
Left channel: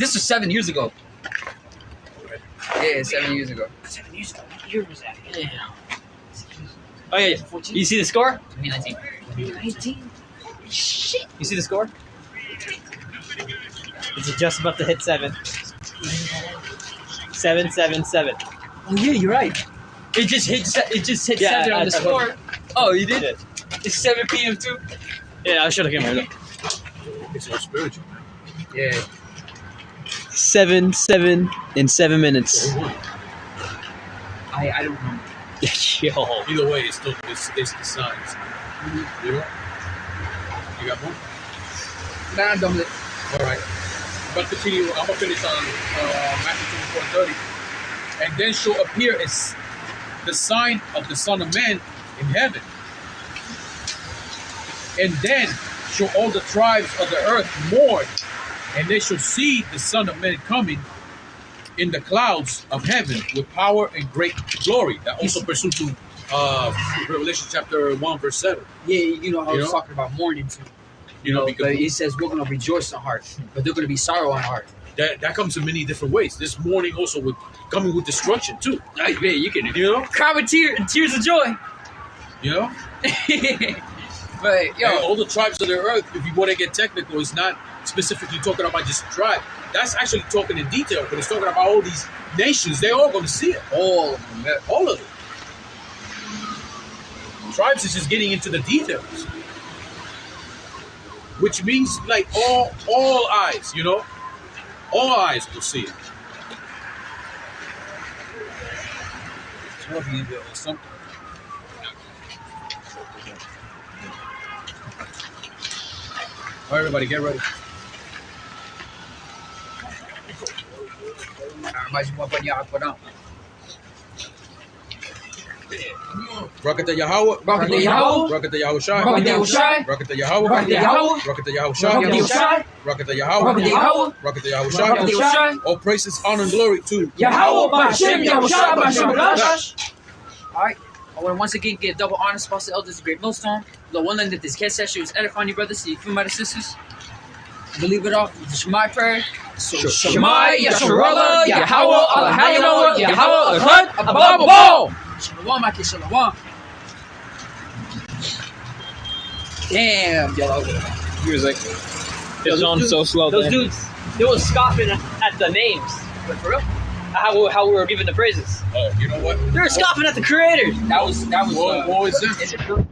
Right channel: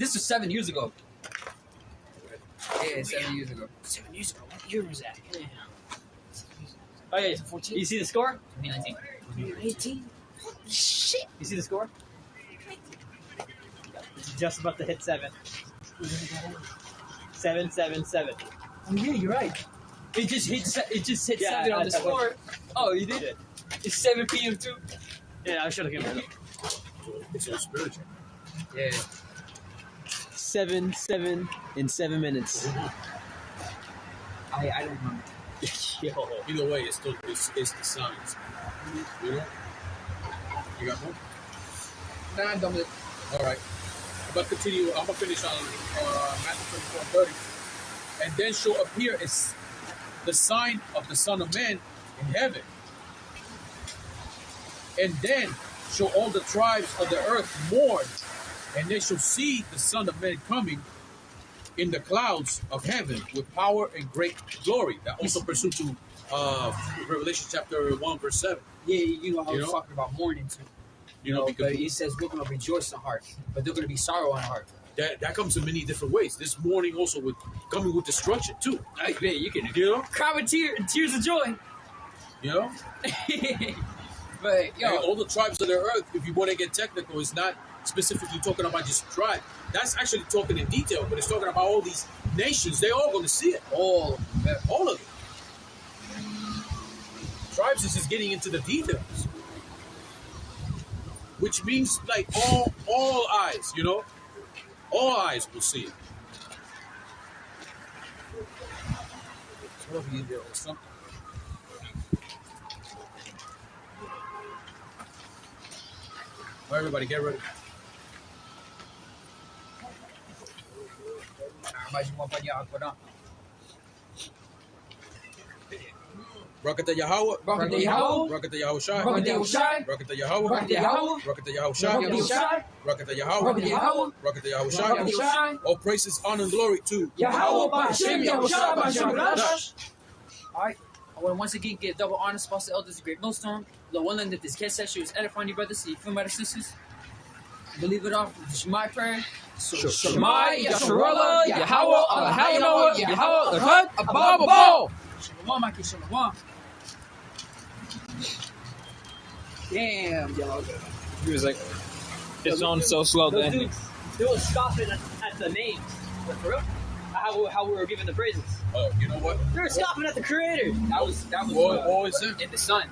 This was 7 years ago. Yeah, 7 years ago. 7 years ago. What year was that? Yeah. Oh yeah. You see the score? 2019. 2019. Shit. You see the score? It's just about to hit 7. 777. Oh yeah, you're right. It just hit. It just hit 7 on the score. Oh, you did? Shit. It's 7 p.m. too. Yeah, I should have came over. It's all spiritual. Yeah. 7 in 7 minutes. I don't remember. Yo. Either way, it's still it's the signs. You know? You got more? Nah, I'm done with it. All right. I'm gonna continue. I'm gonna finish on Matthew 24:30, and then shall appear as the sign of the Son of Man in heaven, and then shall all the tribes of the earth mourn, and they shall see the Son of Man coming in the clouds of heaven with power and great glory. That also pursuant to Revelation chapter 1 verse 7. Yeah, you know, I You was know? talking about mourning too. You know, But because it says we're gonna rejoice in heart, but they're gonna be sorrow in heart. that comes in many different ways. This mourning also with coming with destruction too. Like, man, you can, You know? cry with tears of joy. You know? But And yo, all the tribes of the earth, if you want to get technical, it's not specifically talking about just a tribe. That's actually talking in detail, but it's talking about all these nations. They're all going to see it. All of it. Tribes is just getting into the details, which means like all eyes, you know, all eyes will see it. So if you do something. All right, everybody, get ready. mais uma banhada por não. Rocket the Yahawah. Rocket the Yahawah. Rocket the Yahawashi. Rocket the Yahawashi. Rocket the Yahawah. Rocket the Yahawah. Rocket the Rocket the Yahawashi. Yahawashi. Rocket the Rocket Yahawah. the Yahawah. Rocket the Rocket the Yahawashi. Yahawashi. All praises, honor, and glory to Yahawah, bahasham, Yahawashi, bahasham. Alright, I want to once again give double honor spots to elders of Great Millstone. The one thing that this cat session was edifying you brothers, you feel my sisters. Believe it off with the Shemai prayer. So Shemai, Yasharallah, Yahawah, Allahayanoah, Yahawah, Ahad, Abba, Shalom, my kid, Shalom. Damn, yellow. He was like, It's on so slow. those dudes, they were scoffing at the names. But for real, How we were given the praises. you know what? They were scoffing at the creators. that was What was that? in the sun.